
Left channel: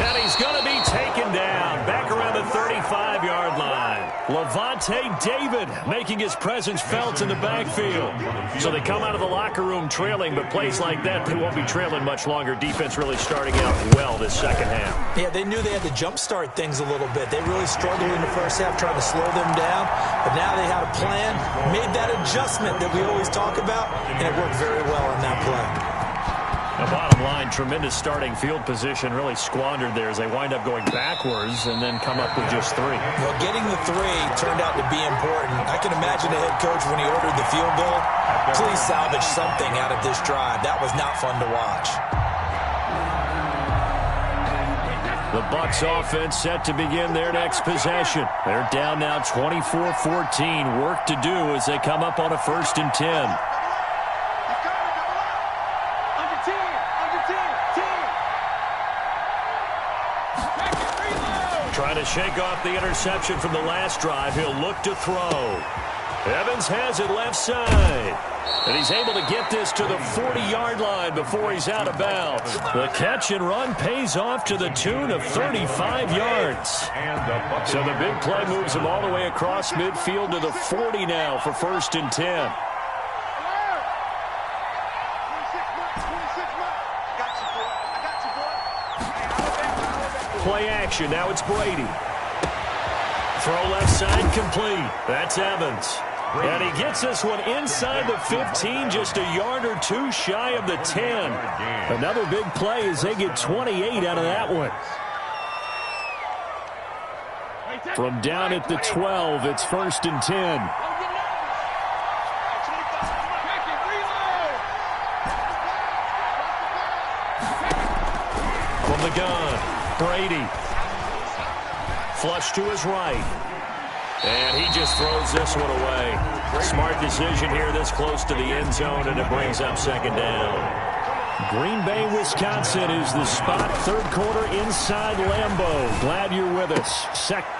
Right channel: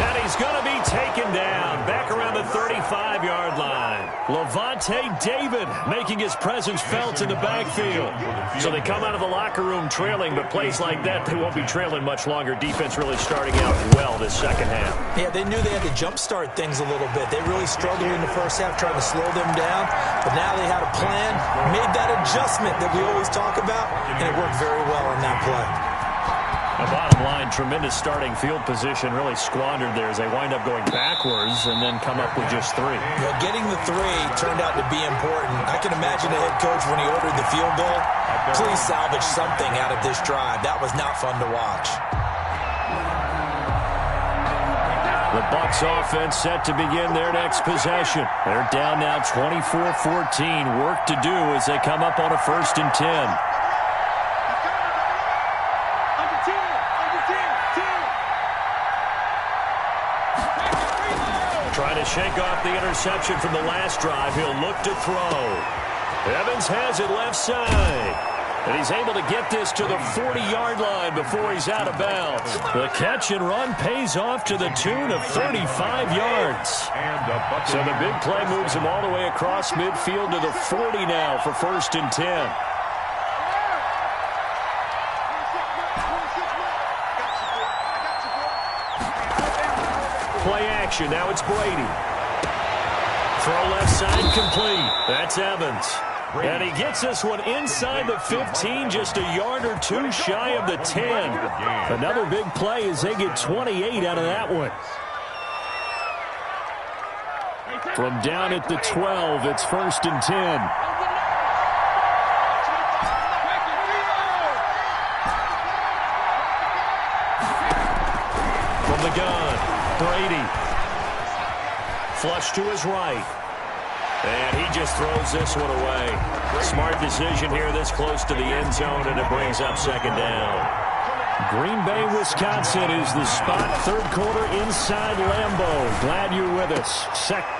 And he's going to be taken down back around the 35-yard line. Levante David making his presence felt in the backfield. So they come out of the locker room trailing, but plays like that, they won't be trailing much longer. Defense really starting out well this second half. Yeah, they knew they had to jumpstart things a little bit. They really struggled in the first half trying to slow them down, but now they had a plan, made that adjustment that we always talk about, and it worked very well on that play. The bottom line, tremendous starting field position, really squandered there as they wind up going backwards and then come up with just 3. Well, getting the 3 turned out to be important. I can imagine the head coach when he ordered the field goal. Please salvage something out of this drive. That was not fun to watch. The Bucs offense set to begin their next possession. They're down now 24-14. Work to do as they come up on a 1st and 10. Trying to shake off the interception from the last drive. He'll look to throw. Evans has it left side. And he's able to get this to the 40-yard line before he's out of bounds. The catch and run pays off to the tune of 35 yards. So the big play moves him all the way across midfield to the 40 now for 1st and 10. Play action. Now it's Brady. Throw left side complete. That's Evans. And he gets this one inside the 15, just a yard or 2 shy of the 10. Another big play as they get 28 out of that one. From down at the 12, it's 1st and 10. From the gun, Brady. Flush to his right. And he just throws this one away. Smart decision here this close to the end zone, and it brings up 2nd down. Green Bay, Wisconsin is the spot. 3rd quarter inside Lambeau. Glad you're with us.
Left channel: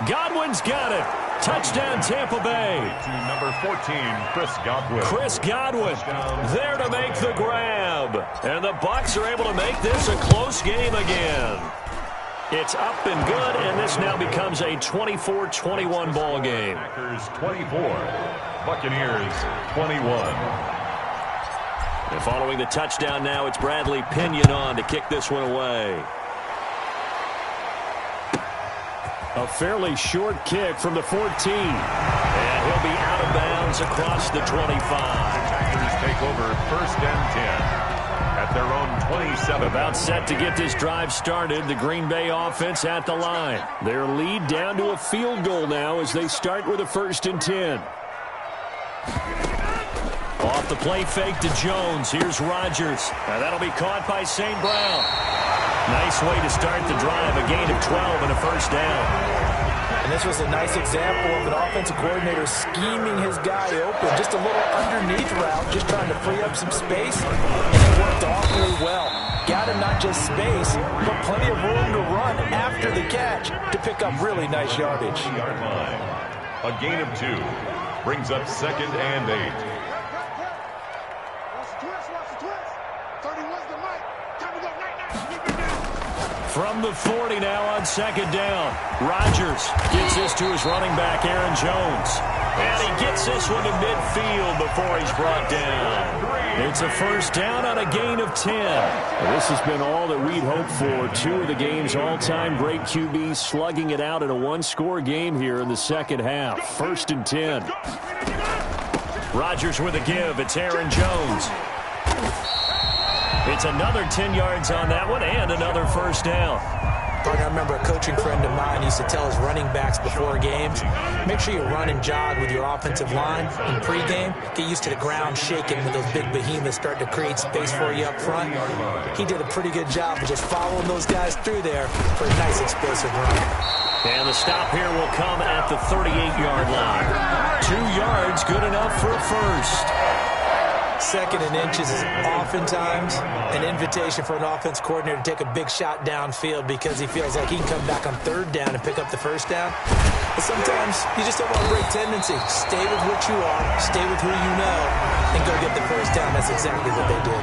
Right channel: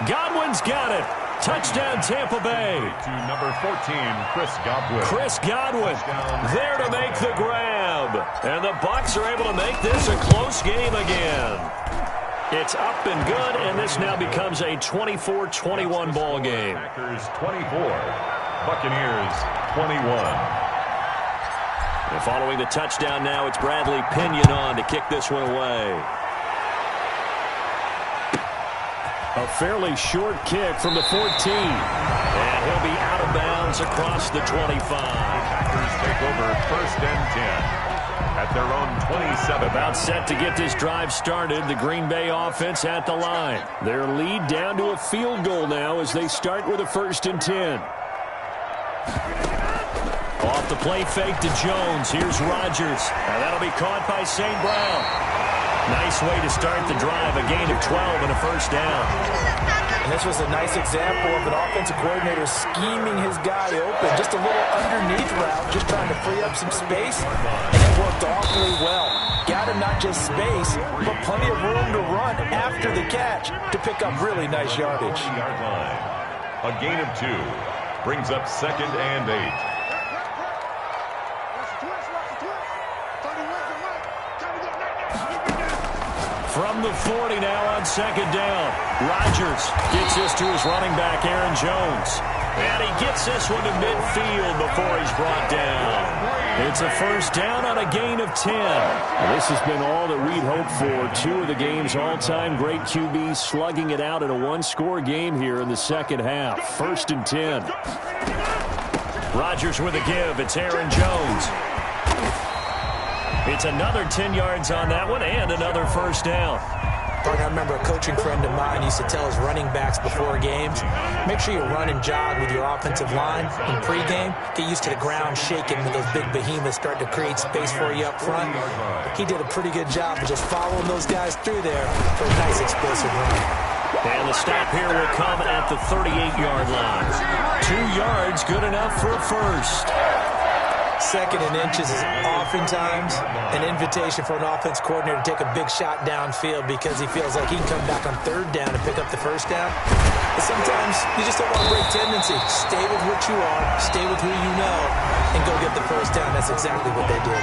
Godwin's got it. Touchdown, Tampa Bay. To number 14, Chris Godwin. Chris Godwin there to make the grab. And the Bucs are able to make this a close game again. It's up and good, and this now becomes a 24-21 ball game. Packers 24, Buccaneers 21. And following the touchdown now, it's Bradley Pinion on to kick this one away. A fairly short kick from the 14. And he'll be out of bounds across the 25. Packers take over 1st and 10. At their own 27. About set to get this drive started. The Green Bay offense at the line. Their lead down to a field goal now as they start with a 1st and 10. Off the play fake to Jones. Here's Rodgers. Now that'll be caught by St. Brown. Nice way to start the drive. A gain of 12 and a 1st down. And this was a nice example of an offensive coordinator scheming his guy open. Just a little underneath route, just trying to free up some space. And it worked awfully well. Got him not just space, but plenty of room to run after the catch to pick up really nice yardage. A gain of 2 brings up 2nd and 8. From the 40 now on 2nd down. Rodgers gets this to his running back, Aaron Jones. And he gets this one to midfield before he's brought down. It's a 1st down on a gain of 10. Well, this has been all that we'd hoped for. 2 of the game's all-time great QBs slugging it out in a 1-score game here in the 2nd half. 1st and 10. Rodgers with a give. It's Aaron Jones. It's another 10 yards on that one and another 1st down. I remember a coaching friend of mine used to tell his running backs before games, make sure you run and jog with your offensive line in pregame. Get used to the ground shaking when those big behemoths start to create space for you up front. He did a pretty good job of just following those guys through there for a nice explosive run. And the stop here will come at the 38-yard line. 2 yards, good enough for a first. 2nd and inches is oftentimes an invitation for an offense coordinator to take a big shot downfield because he feels like he can come back on 3rd down and pick up the first down. But sometimes you just don't want to break tendency. Stay with what you are, stay with who you know, and go get the first down. That's exactly what they did.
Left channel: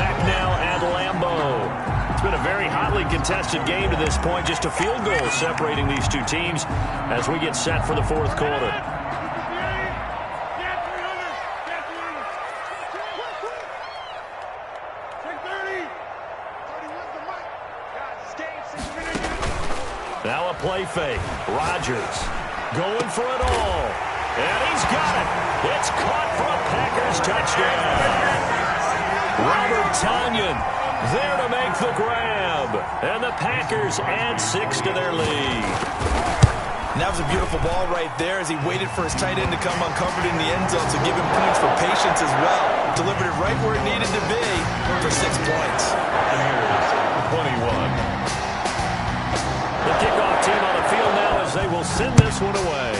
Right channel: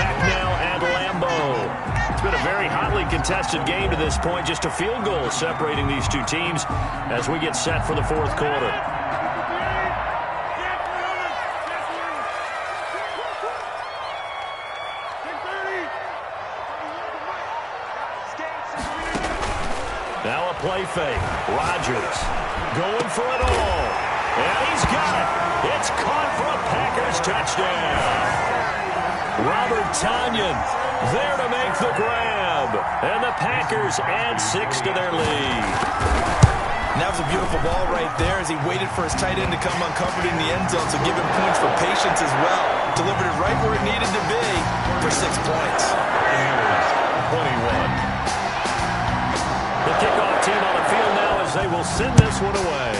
Back now at Lambeau. It's been a very hotly contested game to this point. Just a field goal separating these two teams as we get set for the 4th quarter. Now a play fake. Rodgers going for it all. And he's got it. It's caught for a Packers touchdown. Robert Tonyan there to make the grab. And the Packers add 6 to their lead. And that was a beautiful ball right there as he waited for his tight end to come uncovered in the end zone, so give him points for patience as well. Delivered it right where it needed to be for 6 points. Here's 21. The kickoff team on the field now as they will send this one away.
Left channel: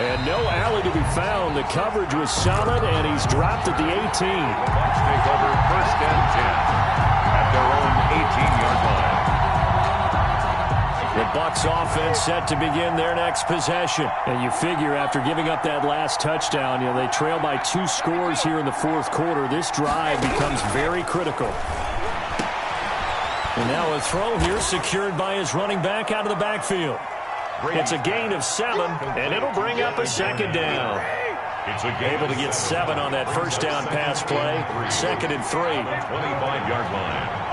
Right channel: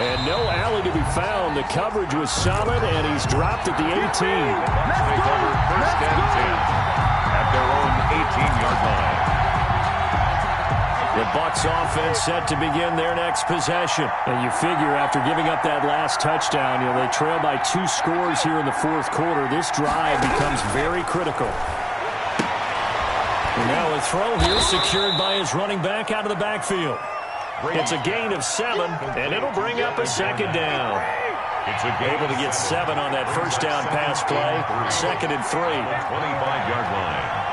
And no alley to be found. The coverage was solid, and he's dropped at the 18. The Bucs take over 1st and 10 at their own 18-yard line. The Bucs offense set to begin their next possession. And you figure after giving up that last touchdown, they trail by 2 scores here in the 4th quarter. This drive becomes very critical. And now a throw here secured by his running back out of the backfield. It's a gain of 7, and it'll bring up a 2nd down. It's able to get 7 on that first down pass play. 2nd and 3. 25-yard line.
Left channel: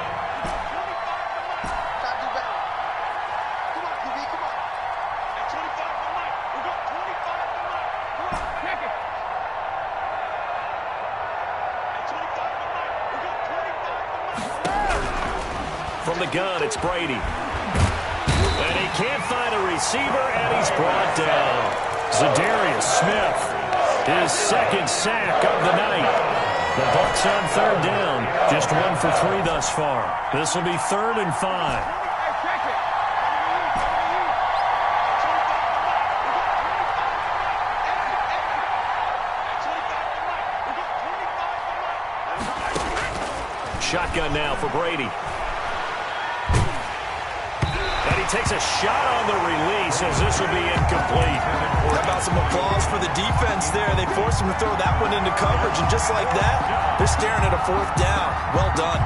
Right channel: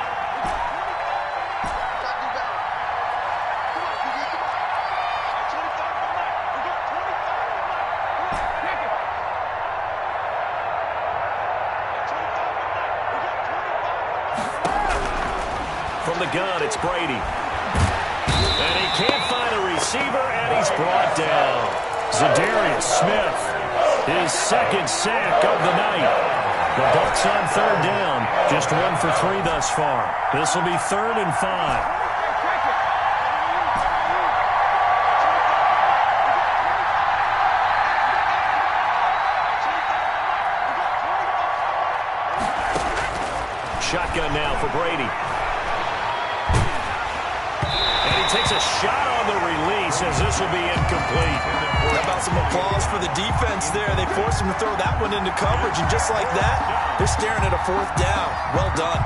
From the gun, it's Brady. And he can't find a receiver, and he's brought down. Zadarius Smith, his 2nd sack of the night. The Bucs on 3rd down, just 1 for 3 thus far. This will be 3rd and 5. Shotgun now for Brady. And he takes a shot on the release as this will be incomplete. How about some applause for the defense there? They forced him to throw that one into coverage, and just like that, they're staring at a 4th down. Well done.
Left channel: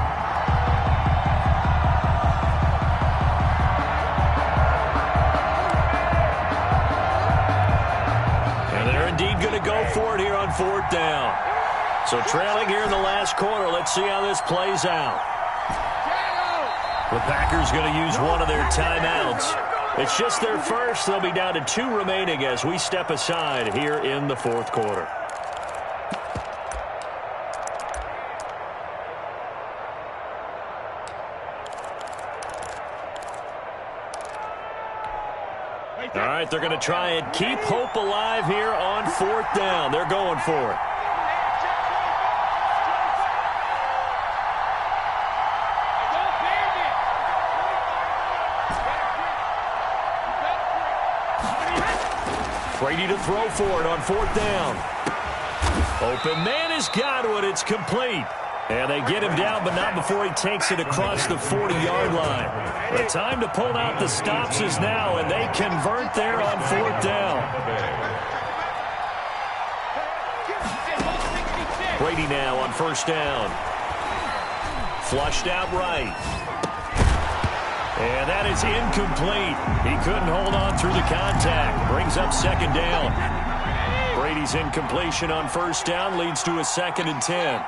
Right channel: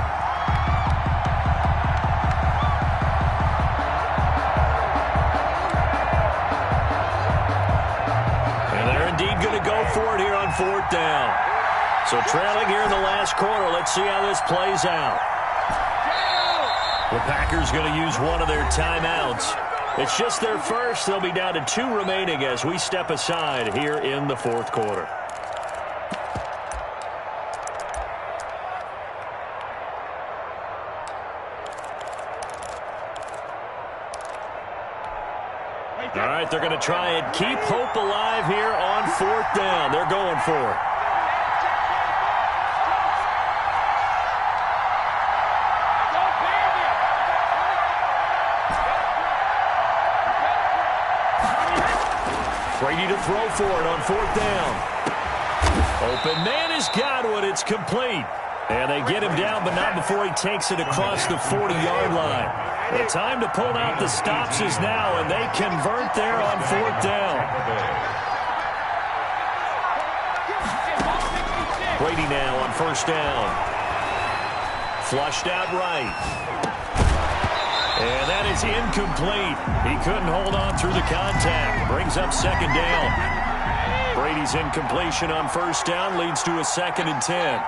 And they're indeed going to go for it here on 4th down. So trailing here in the last quarter, let's see how this plays out. The Packers going to use one of their timeouts. It's just their first. They'll be down to 2 remaining as we step aside here in the 4th quarter. All right, they're going to try and keep hope alive here on 4th down. They're going for it. Brady to throw for it on 4th down. Open man has got one. It's complete. And they get him down, but not before he takes it across the 40-yard line. The time to pull out the stops is now, and they convert there on 4th down. Brady now on 1st down. Flushed out right. And that is incomplete. He couldn't hold on through the contact. Brings up 2nd down. Brady's incompletion on 1st down leads to a 2nd and 10.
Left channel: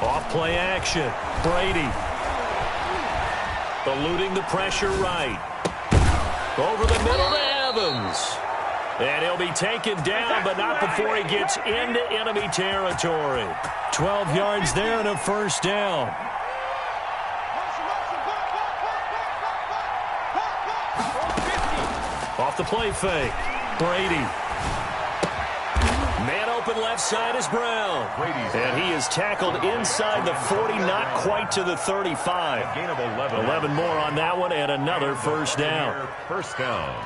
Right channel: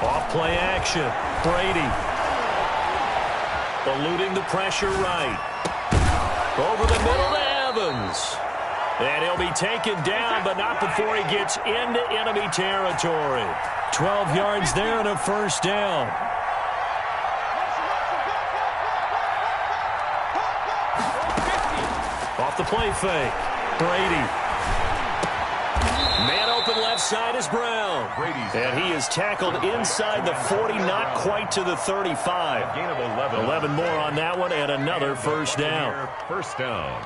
Off-play action. Brady. Eluding the pressure right. Over the middle to Evans. And he'll be taken down, but not before he gets into enemy territory. 12 yards there and a first down. Off the play fake. Brady. Man open left side is Brown. And he is tackled inside the 40, not quite to the 35. Gain of 11. 11 more on that one and another first down. First down.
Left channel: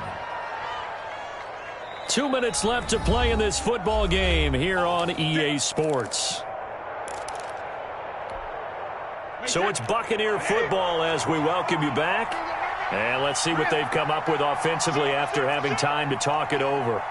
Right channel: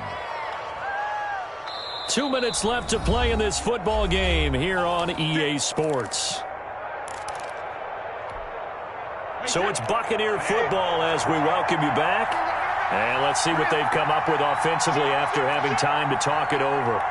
2 minutes left to play in this football game here on EA Sports. So it's Buccaneer football as we welcome you back. And let's see what they've come up with offensively after having time to talk it over.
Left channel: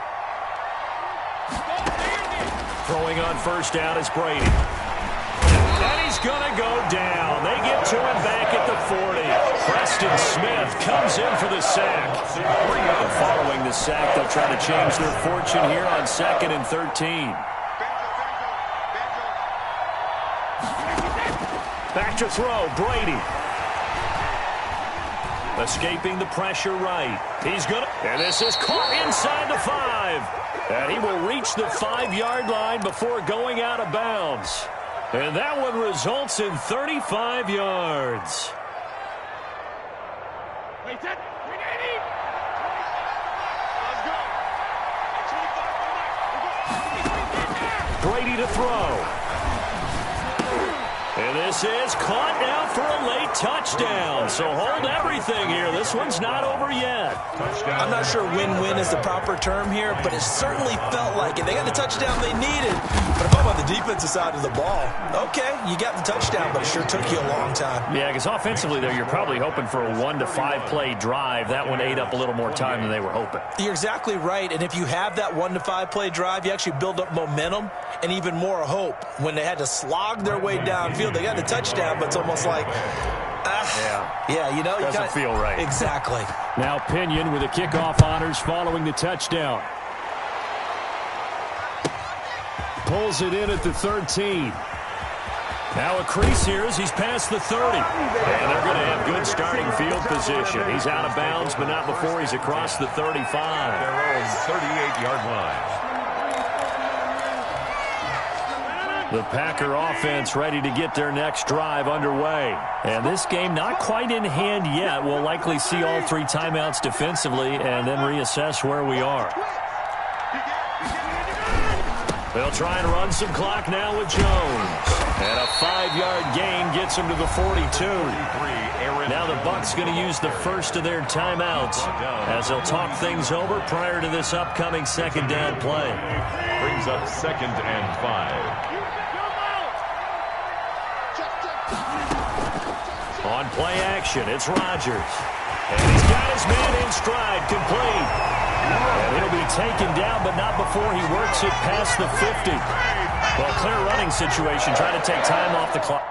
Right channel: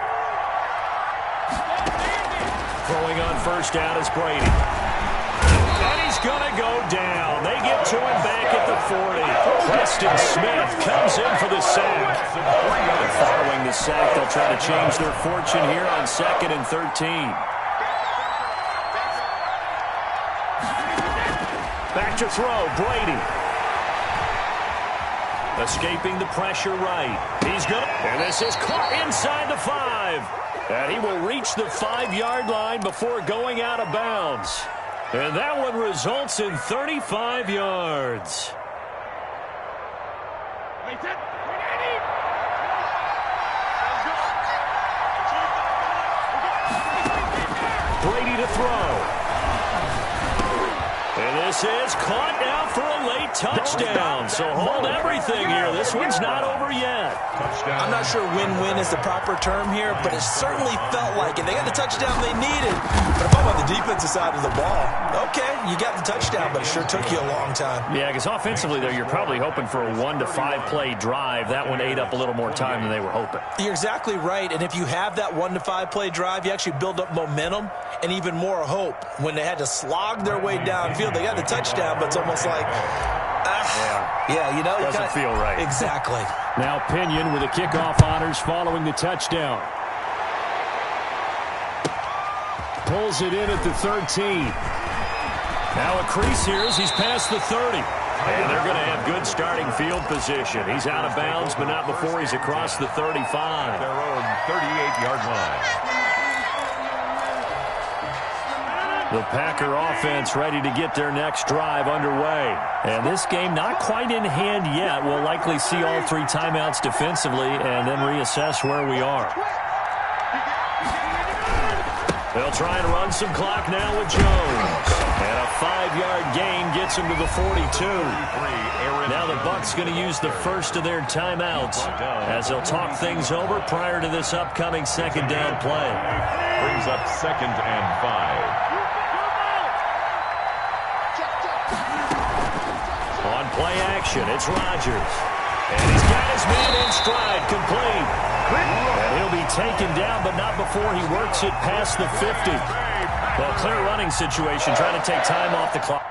Throwing on first down is Brady. And he's going to go down. They get to him back at the 40. Preston Smith comes in for the sack. And following the sack, they'll try to change their fortune here on 2nd and 13. Back to throw, Brady. Escaping the pressure right. He's going to, and this is caught inside the 5. And he will reach the 5-yard line before going out of bounds. And that one results in 35 yards. Brady to throw. And this is caught now for a late touchdown. So hold everything here. This one's not over yet. Touchdown. I'm not sure win-win is the proper term here, but it certainly felt like it. They got the touchdown they needed. But if I'm on the defensive side of the ball, okay, you got the touchdown, but it sure took you a long time. Yeah, because offensively there, you're probably hoping for a 1 to 5 play drive. That one ate up a little more time than they were hoping. You're exactly right. And if you have that 1 to 5 play drive, you actually build up momentum and even more hope. When they had to slog their way downfield, they got the touchdown, but it's almost like, yeah, you know, doesn't feel right. Exactly. Now Pinion with the kickoff honors following the touchdown. Pulls it in at the 13. Now a crease here as he's past the 30. And they're going to have good starting field position. He's out of bounds, but not before he's across the 35. Their own 38-yard line. The Packer offense ready to get their next drive underway. And this game not quite in hand yet. We'll likely see all 3 timeouts defensively and then reassess where we are. They'll try and run some clock now with Jones. And a 5-yard gain gets him to the 42. Now the Bucs going to use the first of their timeouts as they'll talk things over prior to this upcoming 2nd down play. Brings up 2nd and 5. On play action, it's Rodgers. And he's got his man in stride, complete. And he'll be taken down, but not before he works it past the 50. Well, clear running situation, trying to take time off the clock.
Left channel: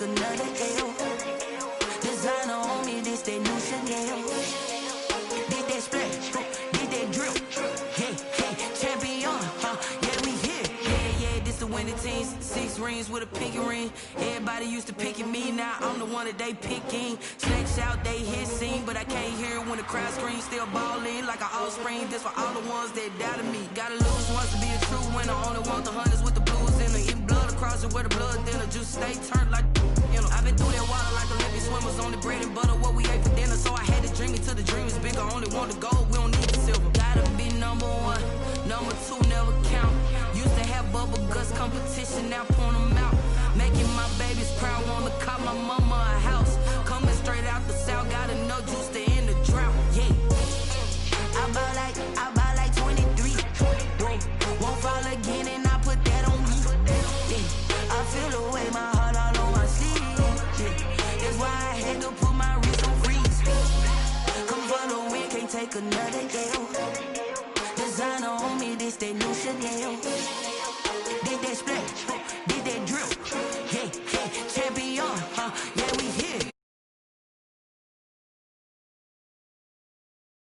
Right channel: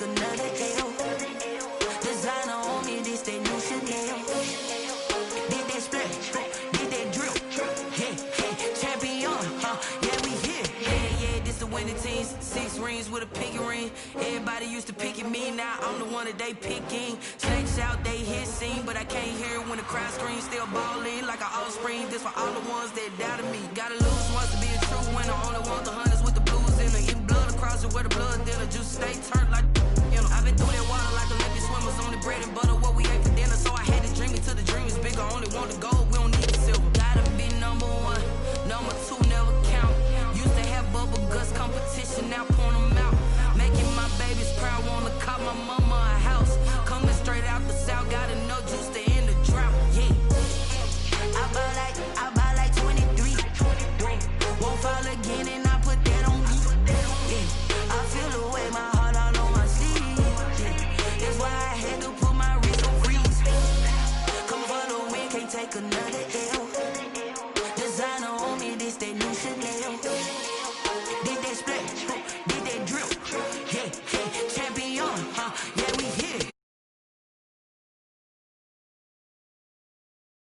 Another L. Designer on me, this that new Chanel. Did that splash, did that drip. Yeah, champion, yeah, we here. Yeah, this the winning team. 6 rings with a pinky ring. Everybody used to pick at me, now I'm the one that they picking. Snakes out, they hit scene, but I can't hear it when the crowd screams. Still ballin' like an offspring. This for all the ones that doubted me. Gotta lose once to be a true winner. Only want the hunters with the blues in the eating blood across it where the blood dinner. Juice stay turned like, you know. I've been through that water like Olympic swimmers. Only bread and butter what we ate for dinner. So I had to dream it till the dream is bigger. Only want the gold, we don't need the silver. Gotta be number 1, number 2 never count. Used to have bubble guts competition, now point them out. Making my babies proud, wanna cop my mama a house. Coming straight out the south, gotta know juice to end the drought. Yeah, I buy like 23. Won't fall again and I put that on me. Yeah, I take another L. Designer on me, this that new Chanel.